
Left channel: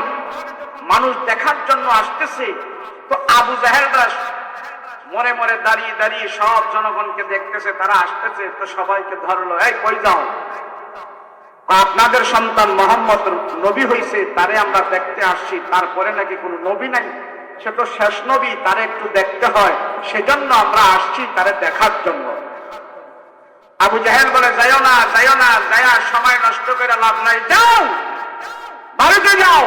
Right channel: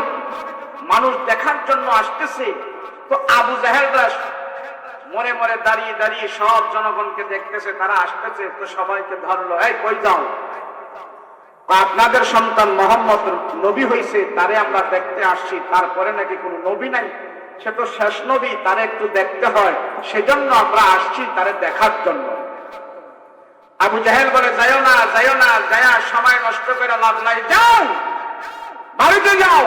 মানুষ দেখার জন্য আসতেছে, তো আবু জাহেলরা মরে মরে দাঁড়িয়ে দাঁড়িয়ে সব জনগণকে দেখতেছে, তারা আসতেছে, তো সবাইকে ধরলো, এই কই যাও? আপনাদের সন্তান মোহাম্মদ নবী হয়েছে, তারে আমরা দেখতে আসছি, তারপরে নাকি কোনো নবী নাই, সে তো শেষ নবী, তারে একটু দেখতে হয়, সেজন্য আমরা আসছি তারে দেখার জন্য। আবু জাহেল বলে, যাইও না, যাইও না, যায়া সময় নষ্ট করে লাভ নাই, যাও বাড়িতে যাও।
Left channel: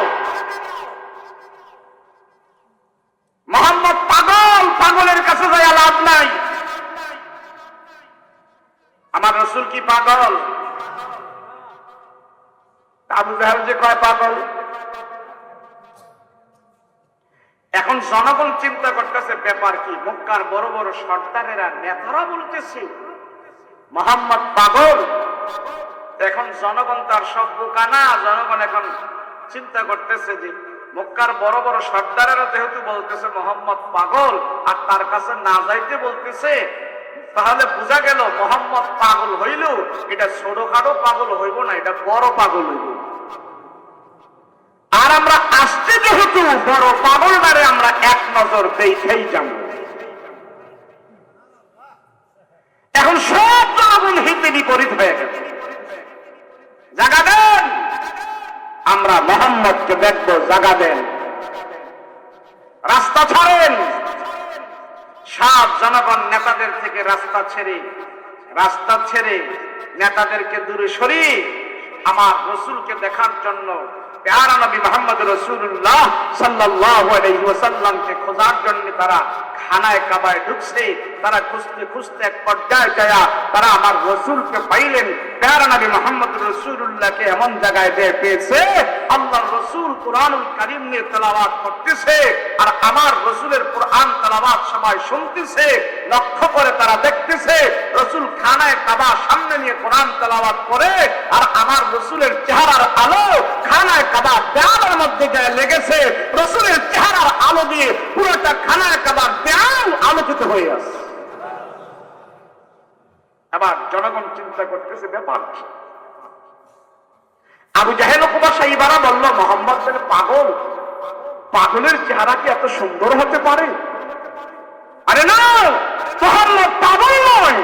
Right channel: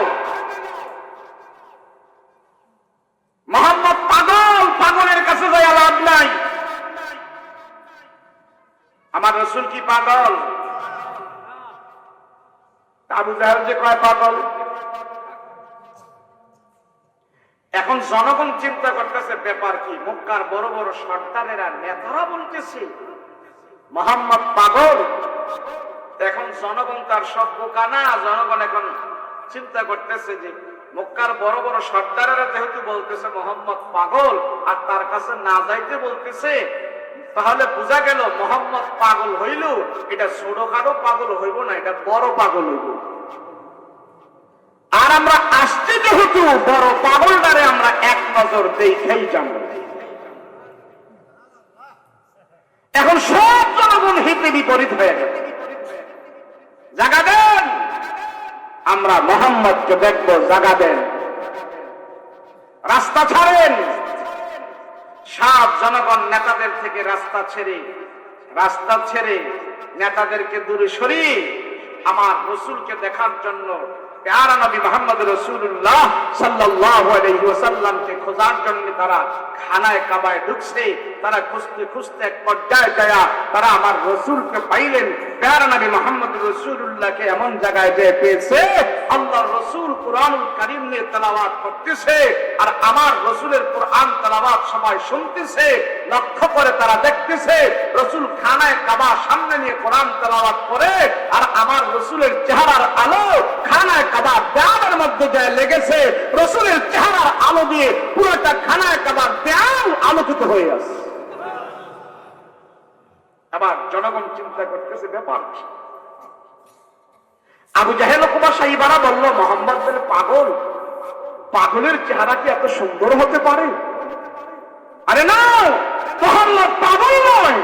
মোহাম্মদ পাগল, পাগলের কাছে যাইয়া লাভ নাই। আমার রসুল কি পাগল? আবু জাহেল যে কয় পাগল। এখন জনগণ চিন্তা করতেছে ব্যাপার কি, মক্কার বড় বড় সর্দারেরা নেতারা বলতেছে মোহাম্মদ পাগল। এখন জনগণ তার সব বোকানা, জনগণ এখন চিন্তা করতেছে যে মক্কার বড় বড় সর্দারেরা যেহেতু বলতেছে মোহাম্মদ পাগল, আর তার কাছে না যাইতে বলতেছে, তাহলে বোঝা গেল মোহাম্মদ পাগল হইল, এটা ছোটখাটো পাগল হইব না, এটা বড় পাগল হইব। আর আমরা আসতে যেহেতু বড় পাগলদারে আমরা এক নজর দেখেই যাব। এখন সব জনগণ হিতে বিপরীত হয়ে গেছে। জাগা দেন, আমরা মোহাম্মদকে দেখবো, জাগা দেন, রাস্তা ছাড়েন। সব জনগণ নেতাদের থেকে রাস্তা ছেড়ে নেতাদেরকে দূরে সরিয়ে আমার রসুলকে দেখার জন্য, প্যারা নবী মুহাম্মদ রাসূলুল্লাহ সাল্লাল্লাহু আলাইহি ওয়াসাল্লামকে খোঁজার জন্য তারা খানায় কাবায় ঢুকছে। তারা খুঁজতে খুঁজতে এক পর্যায়ে যায় তারা আমার রসুলকে পাইলেন। প্যারা নবী মুহাম্মদ রাসূলুল্লাহকে এমন জায়গায় যে পেয়েছে, আল্লাহর রসুল কুরআনুল কারীম নিয়ে তেলাওয়াত করতেছে, আর আমার রসুলের কুরআন তেলাওয়াত সবাই শুনতেছে। লক্ষ্য করে তারা দেখতেছে রসুল খানায় কাবা সামনে নিয়ে কোরআন তেলাওয়াত করে, আর আমার রসুলের চেহারার আলো খানায় কাবা দেওয়ালের মধ্যে যায় লেগেছে। রসুলের চেহারার আলো দিয়ে পুরোটা খানায় কাবা দেওয়াল আলোকিত হয়ে আছে। আবার জনগণ চিন্তা করতেছে ব্যাপার কি। আবু জাহেল কুবাসা ইবারা বলল, মোহাম্মদ বলে পাগল, পাগলের চেহারা কি এত সুন্দর হতে পারে? আরে না, মোহাম্মদ পাগল নয়,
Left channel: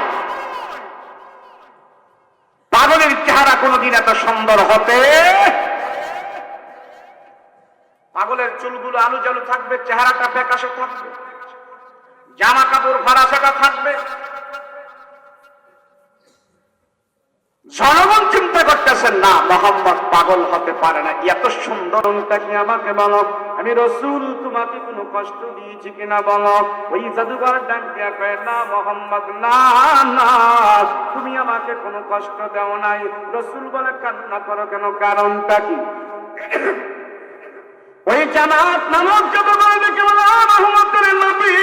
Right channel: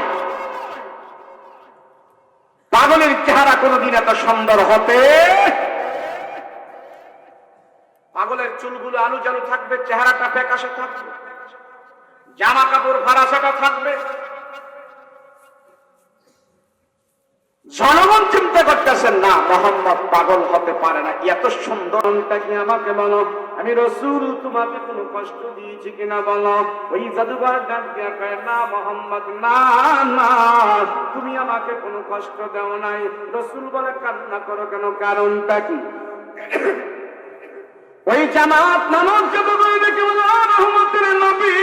পাগলের চেহারা কোনদিন এত সুন্দর হতে, পাগলের চুলগুলো আলু জালু থাকবে, চেহারাটা ফ্যাকাশে থাকবে, জামা কাপড় ফারাসাটা থাকবে। জনগণ চিন্তা করতেছেন না, মোহাম্মদ পাগল হতে পারে না, এত সুন্দরটা কি আমাকে বলো, আমি রসুল তোমাকে কোনো কষ্ট দিয়েছি কিনা বলো। ওই জাদুঘর ডাক দিয়া কয়, না মোহাম্মদ, না না, তুমি আমাকে কোনো কষ্ট দেও নাই। রসুল বলে, কান্না করো কেন, কারণটা কি? ওই জামাত নামক জাদুঘর দেখে বলে, রহমতের নবী,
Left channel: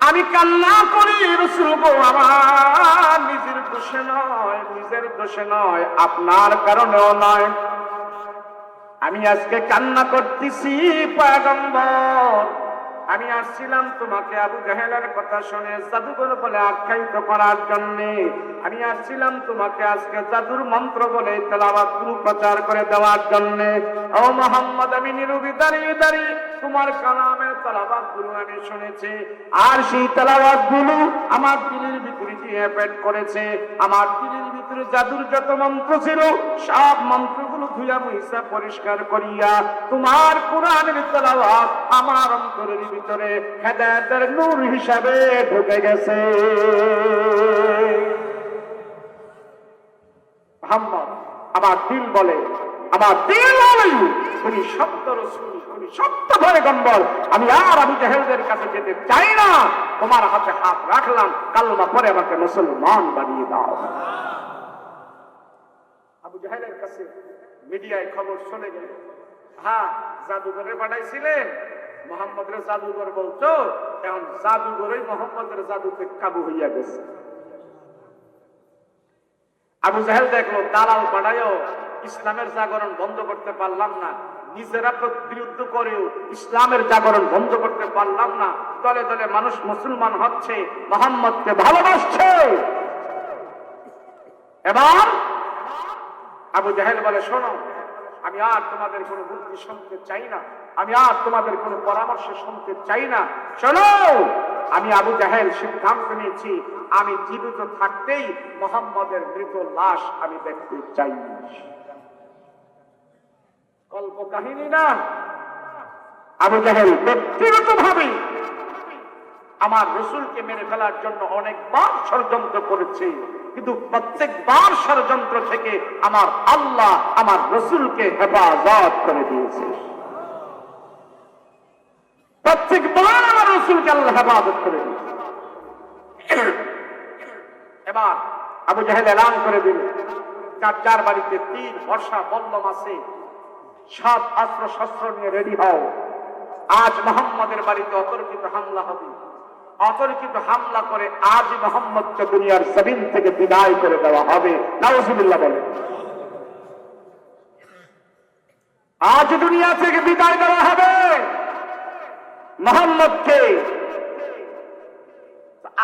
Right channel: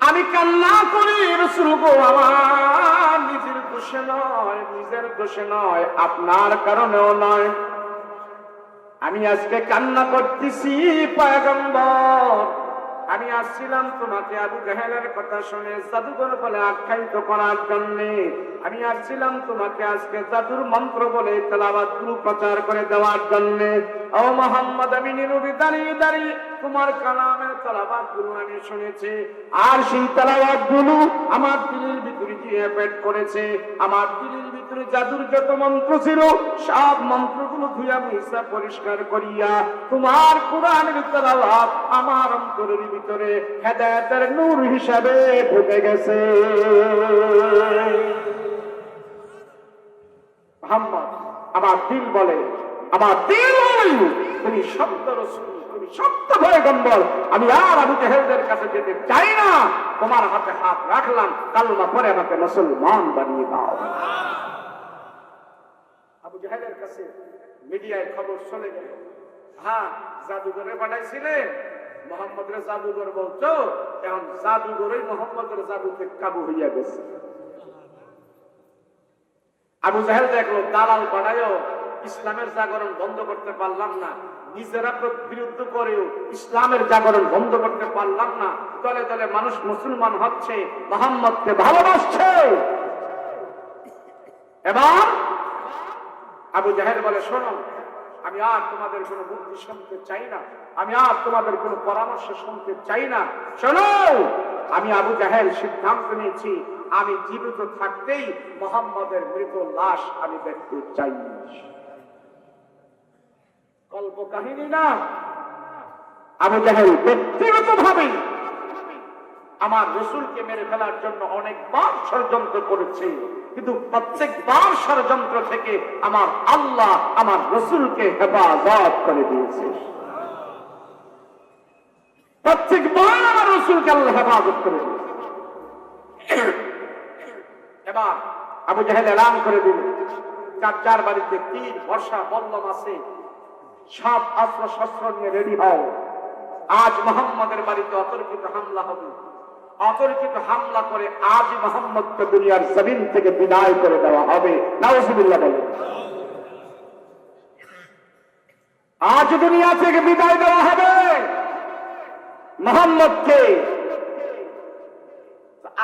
আমি কান্না করি রসুল গো, আমার নিজের দোষে নয়, আপনার কারণেও নয়। আমি আজকে কান্না করতেছি পয়গম্বর, আমি আসছিলাম তোমাকে আবু জাহেলের কথা শুনে জাদুঘর বলে আখ্যায়িত করার জন্য। আমি আসছিলাম তোমাকে আজকে জাদুর মন্ত্র বলে তেলাওয়াত গুলো প্রচার করে দেওয়ার জন্য। ও মুহাম্মদ, আমি নীরবে দাঁড়িয়ে দাঁড়িয়ে তোমার কালামের তেলাওয়াত গুলো আমি শুনেছি, আর সেই তেলাওয়াত গুলো আমার দিলের ভিতরে গিয়ে পেট করেছে। আমার দিলের ভিতরে জাদুর যত মন্ত্র ছিল, সব মন্ত্রগুলো ধুইয়া মুইসা পরিষ্কার করিয়া তোমার কোরআনের তেলাওয়াত আমার অন্তরের ভিতরে হেদায়েতের নূর হিসাবে ঢুকে গেছে। মুহাম্মদ, আমার দিল বলে, আমার দিল বলে তুমি সত্য রাসূল, তুমি সত্য পয়গম্বর, আমি আর আবু জাহেলদের কাছে যেতে চাই না। তোমার হাতে হাত রাখলাম, কালমা পড়ে আমাকে মুসলমান বানিয়ে দাও। আবু জাহেলের কাছে মিডিয়ায় খবর চলে গেল, হ্যাঁ জাদুঘরে বানাইছিলেন, মোহাম্মদের জাদুঘর বলতো, এখন জাদুঘরেই মোহাম্মদের জাদুতে কাবু হইয়া গেছে। আবু জাহেল দেখলো দালাল বানায়ও ইসলামের জাগরণ বন্ধ করতে পারলাম না, নিজেরা বিরুদ্ধ করেও ইসলামের জাগরণ বন্ধ করতে পারলাম না। দলে দলে মানুষ মুসলমান হচ্ছে, মুহাম্মদকে ভালোবাসছে। এবার আবু জাহেল বলে, শোনো, আমি আর তোমাদের কোনো বুদ্ধি শুনতে চাই না, আমি আর তোমাদের কোনো পরামর্শ শুনতে চাই না। শোনো, আমি আবু জাহেল সিদ্ধান্ত নিয়েছি, আমি জীবিত থাকতেই মুহাম্মদের মৃত লাশ আমি দেখতে চাই। কল্প কাহিনী না। আবু জাহেল ব্যক্তিগত ভাবে আমার রসুলকে মেরে ফেলার জন্য অনেকবার ষড়যন্ত্র করেছে, কিন্তু প্রত্যেকবার ষড়যন্ত্র থেকে আমার আল্লাহ আমার রসুলকে হেফাজত করে দিয়েছে। প্রত্যেকবার আমার রসুলকে আল্লাহ হেফাজত করে দিয়েছে। এবার আবু জাহেল এলান করে দিল, যার বাড়িতে 3 বর্ষা বল্লম আছে, সব অস্ত্র শস্ত্র নিয়ে রেডি হও, আজ মুহাম্মদের বাড়িতে অতর্কিত হামলা হবে। অতর্কিত হামলা করে আজ মুহাম্মদকে দুনিয়ার জমিন থেকে বিদায় করে দেওয়া হবে। নাউজুবিল্লাহ বলেন। আজ দুনিয়া থেকে বিদায় দেওয়া হবে মুহাম্মদকে।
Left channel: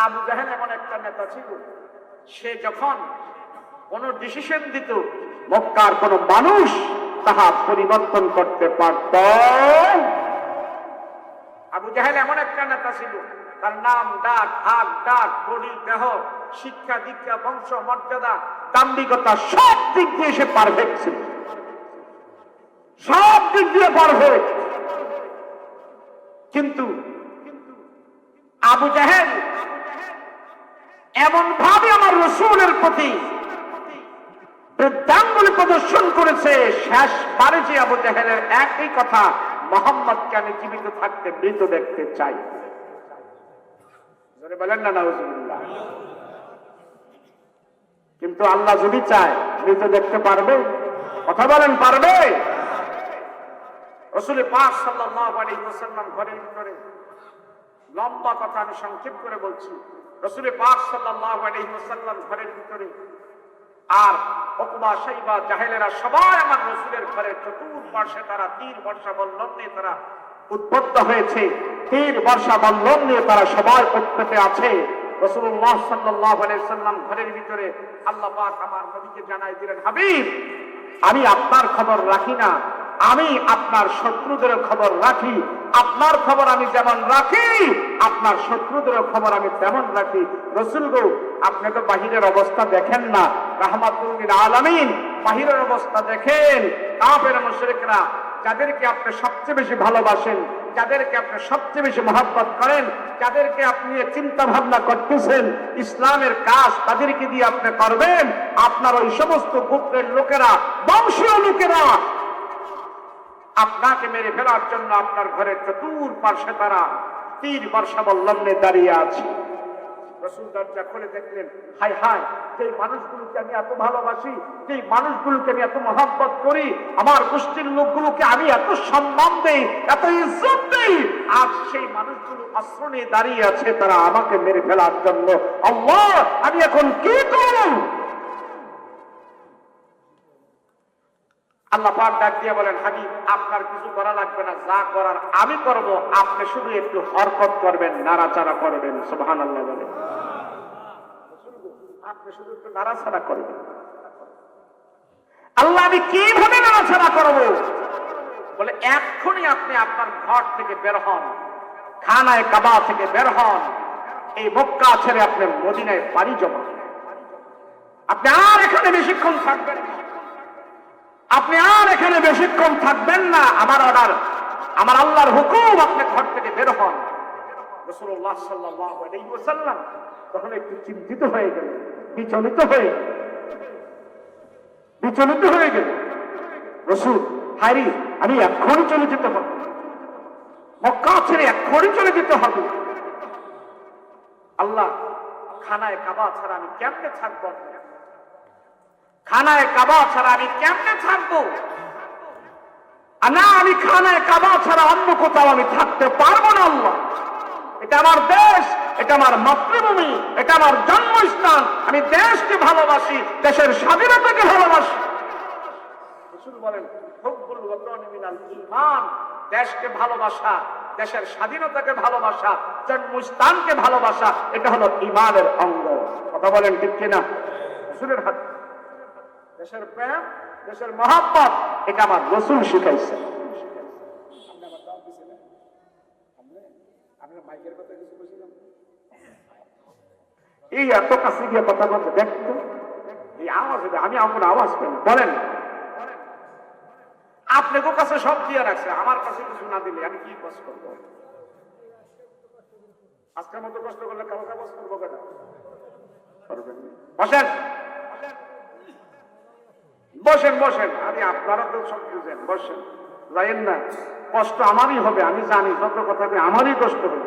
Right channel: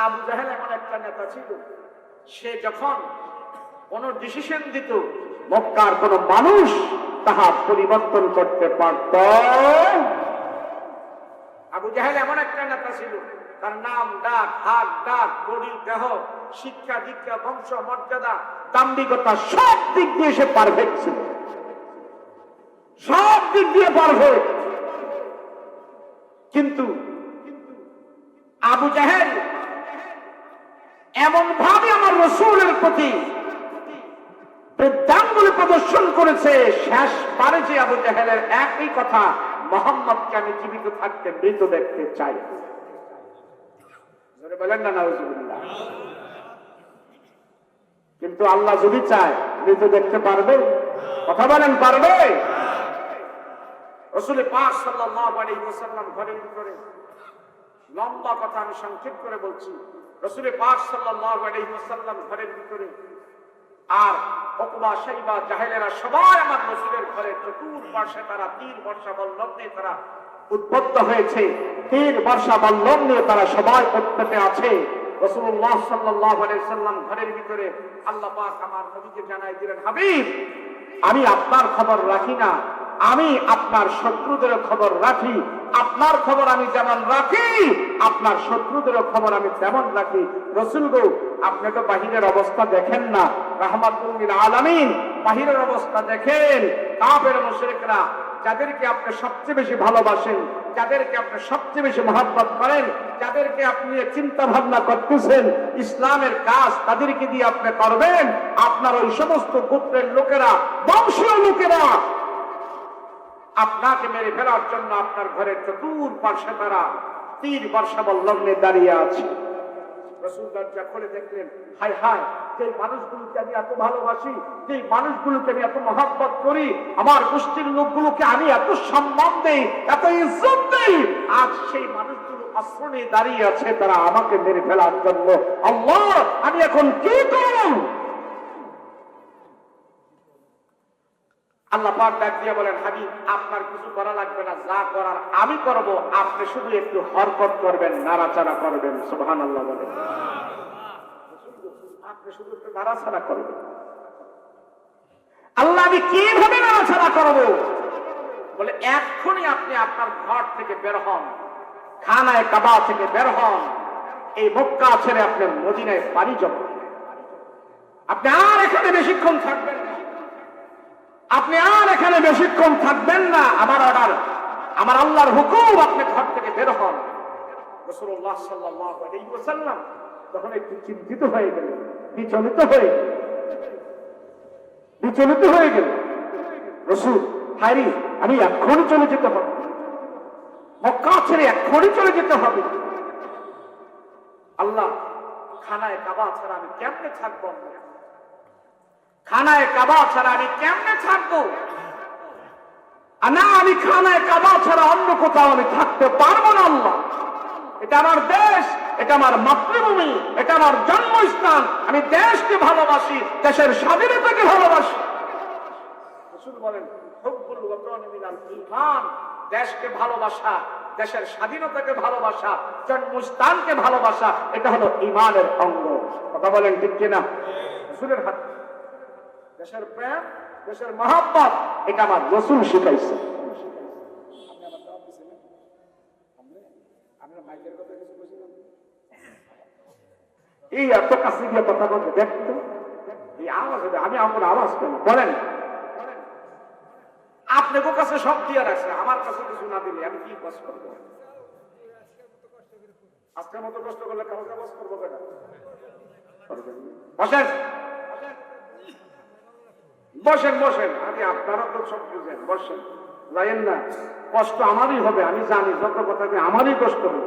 আবু জাহেল এমন একটা নেতা ছিল, সে যখন কোন ডিসিশন দিত, মক্কার কোন মানুষ তাহা পরিবর্তন করতে পারত। আবু জাহেল এমন একটা নেতা ছিল, তার নাম, ডাক, হাত, ডাক, বডি, দেহ, শিক্ষা, দীক্ষা, বংশ, মর্যাদা, দাম্ভিকতা, সব দিক দিয়ে সে পারফেক্ট ছিল, সব দিক দিয়ে পারফেক্ট। কিন্তু আবু জাহেল এমন ভাবে আমার রসুলের প্রতি বৃদ্ধাঙ্গুলি প্রদর্শন করেছে, শেষ বারে যে আবু জাহেলের একই কথা, মুহাম্মদকে আমি জীবিত থাকতে মৃত দেখতে চাই। বলেন না নাউজুবিল্লাহ। কিন্তু আল্লাহ যদি চায় মৃত দেখতে পারবে? কথা বলেন, পারবে? রাসূল পাক সাল্লাল্লাহু আলাইহি ওয়াসাল্লাম ঘরের ভিতরে, লম্বা কথা আমি সংক্ষেপ করে বলছি, রাসূল পাক সাল্লাল্লাহু আলাইহি ওয়াসাল্লাম ঘরের ভিতরে, আর উতবা, শাইবা, জাহেলেরা সবাই আমার রাসূলের ঘরে চতুর্পাশে তারা 3 বর্ষা বল্লম নিয়ে তারা উদ্বুদ্ধ হয়েছে, 3 বর্ষা বল্লম নিয়ে তারা সবাই উৎপেতে আছে। রাসূলুল্লাহ সাল্লাল্লাহু আলাইহি ওয়াসাল্লাম ঘরের ভিতরে, আল্লাহ পাক আমার নবীকে জানাই দিলেন, হাবিব, আমি আপনার খবর রাখি না, আমি আপনার শত্রুদের খবর রাখি। আপনার খবর আমি যেমন রাখি, আপনার শত্রুদের খবর আমি তেমন রাখি। রাসূল গো, আপনি তো বাহিরের অবস্থা দেখেন না, রাহমাতুল লিল আলামিন, বাহিরের অবস্থা দেখেন। কাফের মুশরিকরা যাদেরকে আপনি সবচেয়ে বেশি ভালোবাসেন, যাদেরকে আপনি সবচেয়ে বেশি মহব্বত করেন, যাদেরকে আপনি চিন্তা ভাবনা করতেছেন ইসলামের কাজ তাদেরকে দিয়ে আপনি করবেন, আপনার ওই সমস্ত গোত্রের লোকেরা, বংশীয় লোকেরা আপনাকে মেরে ফেলার জন্য আপনার ঘরের চতুর্পাশে তারা 3 বর্ষা বল্লম নিয়ে দাঁড়িয়ে আছে। রাসূল দরজা খুলে দেখলেন, হায় হায়, যে মানুষগুলোকে আমি এত ভালোবাসি, যে মানুষগুলোকে আমি এত মহব্বত করি, আমার গোষ্ঠীর লোকগুলোকে আমি এত সম্মান দেই, এত ইজ্জত দেই, আজ সেই মানুষগুলো অস্ত্র নিয়ে দাঁড়িয়ে আছে তারা আমাকে মেরে ফেলার জন্য। আল্লাহ, আমি এখন কি করব? আল্লাহ পাক ডাক দিয়ে বলেন, হাবিব, আপনার কিছু করা লাগবে না, যা করার আমি করব, আপনি শুধু একটু হরকত করবেন, নাড়াচাড়া করবেন। সুবহানাল্লাহ বলেন। আপনি শুধু একটু নাড়াচাড়া করবেন। আল্লাহ, আমি কিভাবে নাড়াচাড়া করব? বলে, এক্ষুনি আপনি আপনার ঘর থেকে বের হন, খানায় কাবা থেকে বের হন, এই মক্কা ছেড়ে আপনি মদিনায় পাড়ি জমান। আপনি আর এখানে বেশিক্ষণ থাকবেন না, আপনি আর এখানে বেশিক্ষণ থাকবেন না। আমার অর্ডার, আমার আল্লাহর হুকুম, আপনি ঘর থেকে বের হন। রাসূলুল্লাহ সাল্লাল্লাহু আলাইহি ওয়াসাল্লাম তখন একটু চিন্তিত হয়ে গেলেন, বিচলিত হয়ে গেলেন। রাসূল, হায়রে, আমি এক্ষুনি চলে যেতে হবে, মক্কা ছেড়ে এক্ষুনি চলে যেতে হবে। আল্লাহ, খানায় কাবা ছাড়া আমি কেমনে থাকবো? খানায় কাবা ছাড়া আমি কেমনে থাকবো? না, আমি খানায় কাবা ছাড়া অন্য কোথাও আমি থাকতে পারবো না। আল্লাহ, এটা আমার দেশ, এটা আমার মাতৃভূমি, এটা আমার জন্মস্থান। আমি দেশকে ভালোবাসি, দেশের স্বাধীনতাকে ভালোবাসি। রাসূল বলেন, হুব্বুল ওয়াতানি মিনাল ঈমান, দেশকে ভালোবাসা, দেশের স্বাধীনতাকে ভালোবাসা, জন্মস্থানকে ভালোবাসা, এটা হলো ঈমানের অঙ্গ। কথা বলেন ঠিক কিনা? রাসূলের হাত, দেশের প্রেম, দেশের মহব্বত, এটা আমার রাসূল শিখাইছে। এই এত কাছে দিয়ে কথা বলতে দেখতো, এই আওয়াজ, আমি আমার আওয়াজ কেন বলেন? আপনাদের কাছে সব দিয়ে রাখছে, আমার কাছে কিছু না দিলে আমি কি কষ্ট করবো? আজকের মতো কষ্ট করলে কাউকে কষ্ট করবো কেন? বসেন বসেন বসেন, আগে আপনারা তো সব বুঝেন, বসেন, যাইেন না, কষ্ট আমারই হবে, আমি জানি, যত কথা আমারই কষ্ট হবে।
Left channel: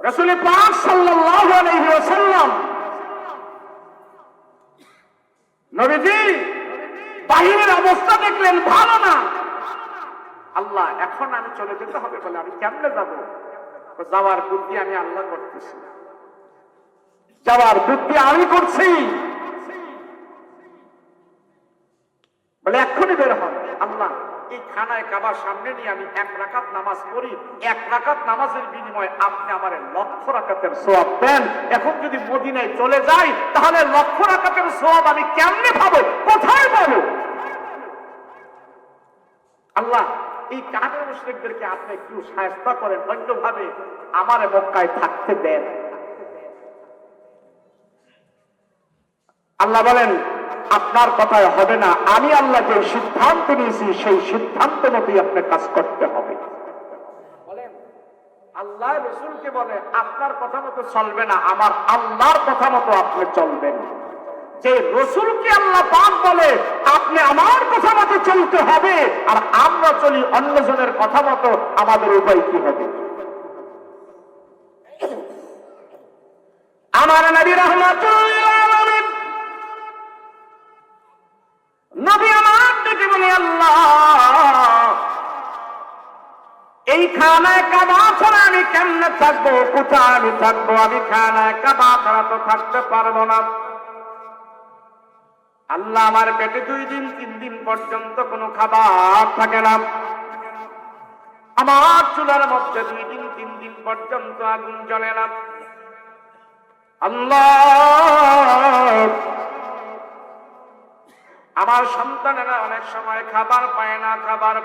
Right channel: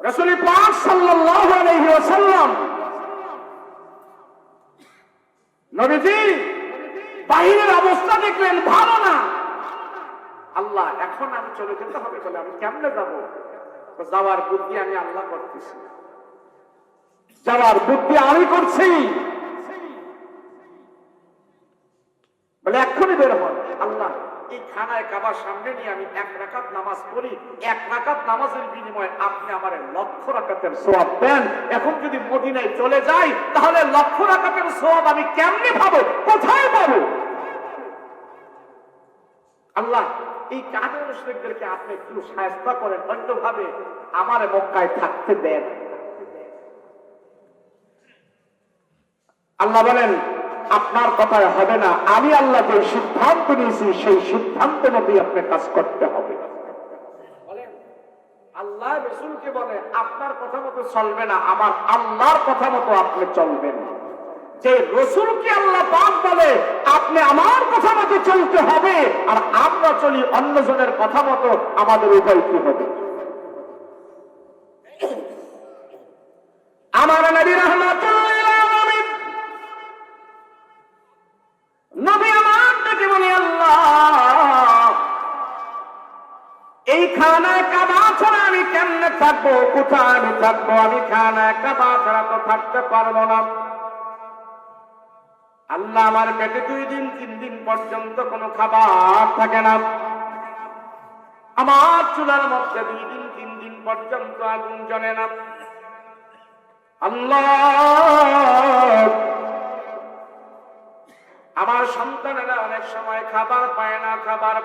রাসূল পাক সাল্লাল্লাহু আলাইহি ওয়াসাল্লাম নবীজি বাহিরের অবস্থা দেখলেন ভালো না। আল্লাহ, এখন আমি চলে যেতে হবে, বলে আমি কেমনে যাবো? যাওয়ার বুদ্ধি আমি আল্লাহ করতেছি, যাওয়ার বুদ্ধি আমি করছি, বলে এক্ষুনি বের হয়। আল্লাহ, এই খানায় কাবার সামনে নিয়ে আমি 1 রাকাত নামাজ পড়ি, 1 রাকাত নামাজের বিনিময়ে আপনি আমার 1,00,000 রাকাতের সওয়াব দেন। এখন যদি মদিনায় চলে যাই, তাহলে 1,00,000 রাকাতের সওয়াব আমি কেমনে পাবো, কোথায় পাবো? আল্লাহ, এই কাফের মুশরিকদেরকে আপনি একটু সাহায্য করেন, অন্যভাবে আমার মক্কায় থাকতে দেন। আল্লাহ বলেন, আপনার কথায় হবে না, আমি আল্লাহ যে সিদ্ধান্ত নিয়েছি সেই সিদ্ধান্ত মতোই আপনার কাজ করতে হবে। বলেন, আল্লাহ রাসূলকে বলে আপনার কথা মতো চলবে না, আমার আল্লাহর কথা মতো আপনি চলবেন। যে রাসূলকে আল্লাহ পাক বলে আপনি আমার কথা মতো চলতে হবে, আর আমরা চলি অন্যজনের কথা মতো, আমাদের উপায় কি হবে? আমার নবী রাহমাতুল্লাহ আলাইহি নবী আমার ডেকে বলে, আল্লাহ, এই খানায় কাবা ছাড়া আমি কেমনে থাকবো, কোথায় আমি থাকবো? আমি খানায় কাবা ছাড়া তো থাকতে পারবো না। আল্লাহ, আমার পেটে 2 দিন 3 দিন পর্যন্ত কোনো খাবার থাকে না, আমার চুলার মধ্যে 2 দিন 3 দিন পর্যন্ত আগুন জ্বলে না। আল্লাহ, আমার সন্তানেরা অনেক সময় খাবার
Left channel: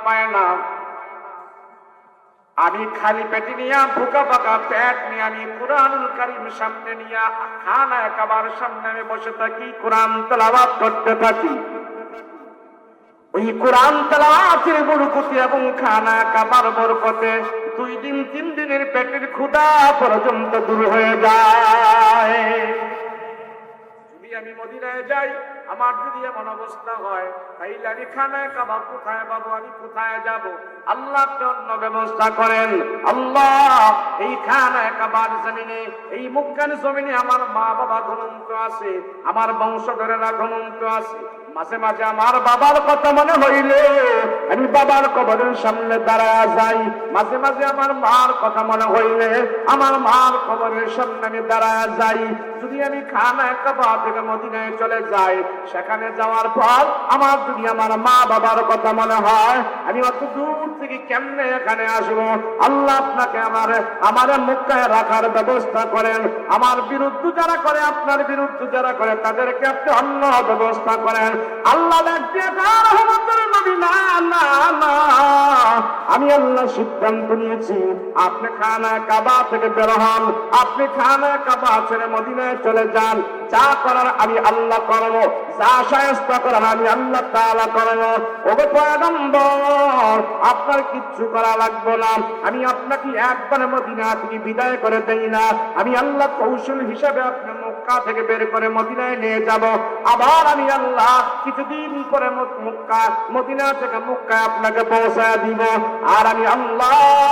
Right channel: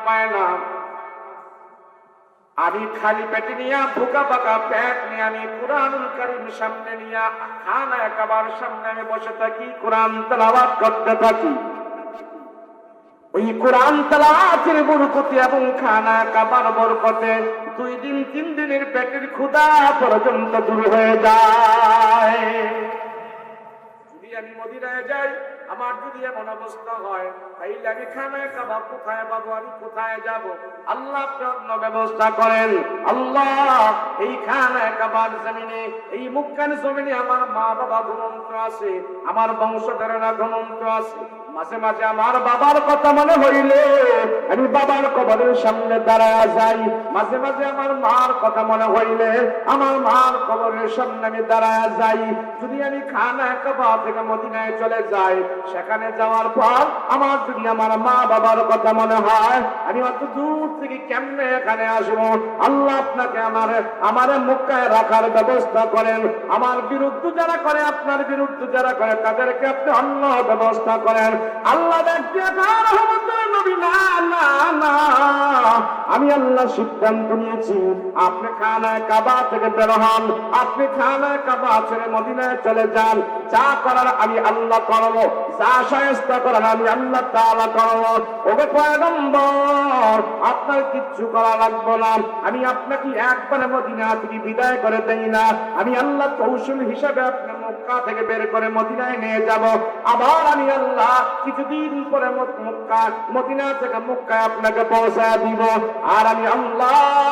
পায় না, আমি খালি পেটে নিয়ে, ভুকা পাকা পেট নিয়ে আমি কুরআনুল কারীম সামনে নিয়ে খানায় কাবার সামনে আমি বসে থাকি, কোরআন তেলাওয়াত করতে থাকি। ওই কোরআন তেলাওয়াতের বরকতে এবং খানা কাবার বরকতে 2 দিন 3 দিনের পেটের ক্ষুধা পর্যন্ত দূর হয়ে যায়। যদি আমি মদিনায় যাই, আমার যদি এমন অবস্থা হয়, তাইলে আমি খানায় কাবাব কোথায় পাবো, আমি কোথায় যাব? আল্লাহ অন্য ব্যবস্থা করেন। আল্লাহ, এই খানায় কাবার জমিনে, এই মক্কার জমিনে আমার মা বাবা ঘুমন্ত আছে, আমার বংশধরেরা ঘুমন্ত আছে। মাঝে মাঝে আমার বাবার কথা মনে হইলে আমি বাবার কবরের সামনে দাঁড়ায় যাই, মাঝে মাঝে আমার মার কথা মনে হইলে আমার মার কবরের সামনে আমি দাঁড়ায় যাই। যদি আমি খানায় কাবাব থেকে মদিনায় চলে যাই, সেখানে যাওয়ার পর আমার যদি আমার মা বাবার কথা মনে হয়, আমি অত দূর থেকে কেমনে এখানে আসবো? আল্লাহ, আপনাকে আমার মক্কায় রাখার ব্যবস্থা করেন। আমার বিরুদ্ধে যারা করে, আপনার বিরুদ্ধে যারা করে, তাদেরকে আপনি অন্য ব্যবস্থা করেন। আল্লাহ আমি আল্লাহ সিদ্ধান্ত নিয়েছি, আপনি খানা কাবা থেকে বের হন, আপনি খানা কাবা ছেড়ে মদিনায় চলে যান। যা করার আমি আল্লাহ করবো, যা শায়েস্তা করার আমি আল্লাহ তাআলা করবো। ওকে পয়গম্বর, আপনার কিচ্ছু করা লাগবে না, আমি আপনাকে একবার মদিনা থেকে বিদায় করে দেই না, আমি আল্লাহ কৌশল হিসাবে আপনার মক্কা থেকে বের করে মদিনায় নিয়ে যাব। আবার আমি আল্লাহ কিছুদিন পরে মদিনা থেকে মক্কায় আপনাকে পৌঁছায় দিব। আর আমি আল্লাহ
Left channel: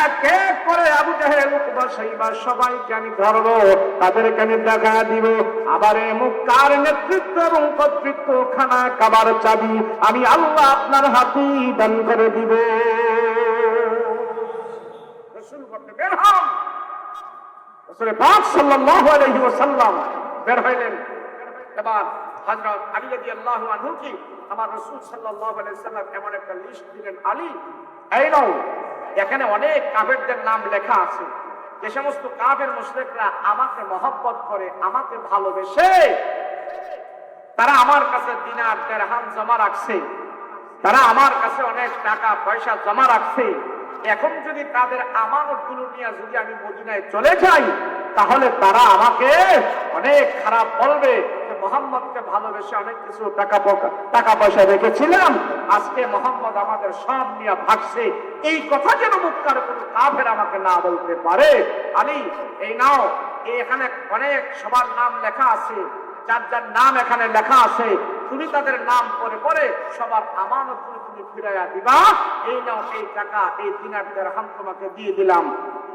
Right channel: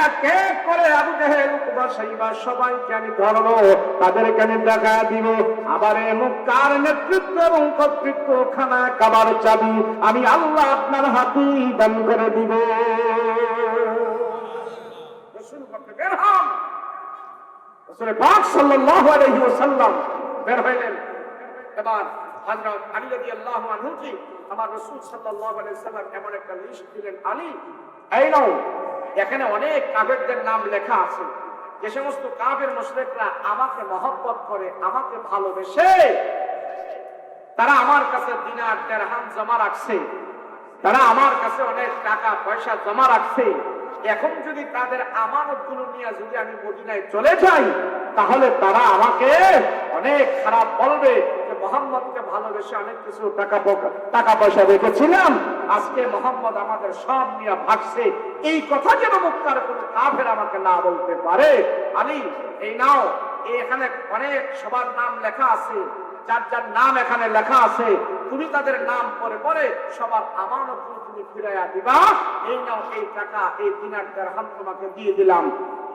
এক এক করে আবু জাহেল, উতবা, শাইবা সবাইকে আমি ধরবো, তাদেরকে আমি দেখা দিব। আবার এই মক্কার নেতৃত্ব এবং কর্তৃত্ব, খানা কাবার চাবি আমি আল্লাহ আপনার হাতে দান করে দিব। রাসূল বলতে বের হন। রাসূল পাক সাল্লাল্লাহু আলাইহি ওয়াসাল্লাম বের হইলেন। এবার হযরত আলী রাদিয়াল্লাহু আনহু কি আমার রাসূল সাল্লাল্লাহু আলাইহি ওয়াসাল্লাম এমন একটা লিস্ট দিলেন, আলী এই নাও, এখানে অনেক কাফেরদের নাম লেখা আছে, যে সমস্ত কাফের মুশরিকরা আমাকে মহব্বত করে, আমাকে ভালোবেসে, তারা আমার কাছে দিনার দিরহাম জমা রাখছে, তারা আমার কাছে অনেক টাকা পয়সা জমা রাখছে। এখন যদি তাদের আমানতগুলো নিয়ে যদি আমি মদিনায় চলে যাই, তাহলে তারা আমাকে অনেক খারাপ বলবে যে মুহাম্মদকে ভালোবেসে অনেক কিছু টাকা পয়সা রেখেছিলাম, আজকে মুহাম্মদ আমাদের সব নিয়ে ভাগছে। এই কথা যেন মুক্তার কোনো কাফের আমাকে না বলতে পারে। আলী এই নাও, এখানে অনেক সবার নাম লেখা আছে, যার যার নাম এখানে লেখা আছে, তুমি তাদের নাম পরে পরে সবার আমানত তুমি ফিরাইয়া দিবা। এই নাও, এই টাকা, এই দিনার দিরহাম তোমাকে দিয়ে দিলাম।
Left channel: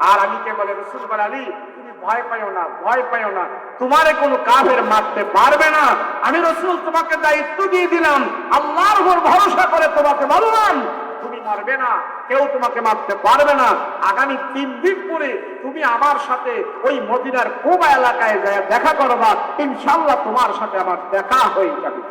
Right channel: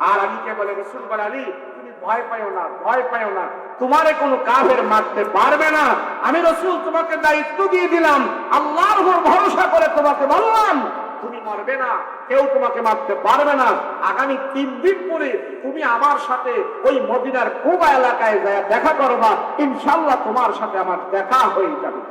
আর আমি কে বলে রাসূল বলে, আলী তুমি ভয় পাইও না, ভয় পাইও না, তোমারে কোনো কাফের মারতে পারবে না। আমি রাসূল তোমাকে দায়িত্ব দিয়ে দিলাম, আল্লাহর উপর ভরসা করে তোমাকে বললাম তুমি মারবে না, কেউ তোমাকে মারতে পারবে না। আগামী 3 দিন পরে তুমি আমার সাথে ওই মদিনার কুবা এলাকায় যায় দেখা করবা, ইনশাআল্লাহ তোমার সাথে আমার দেখা হয়ে যাবে।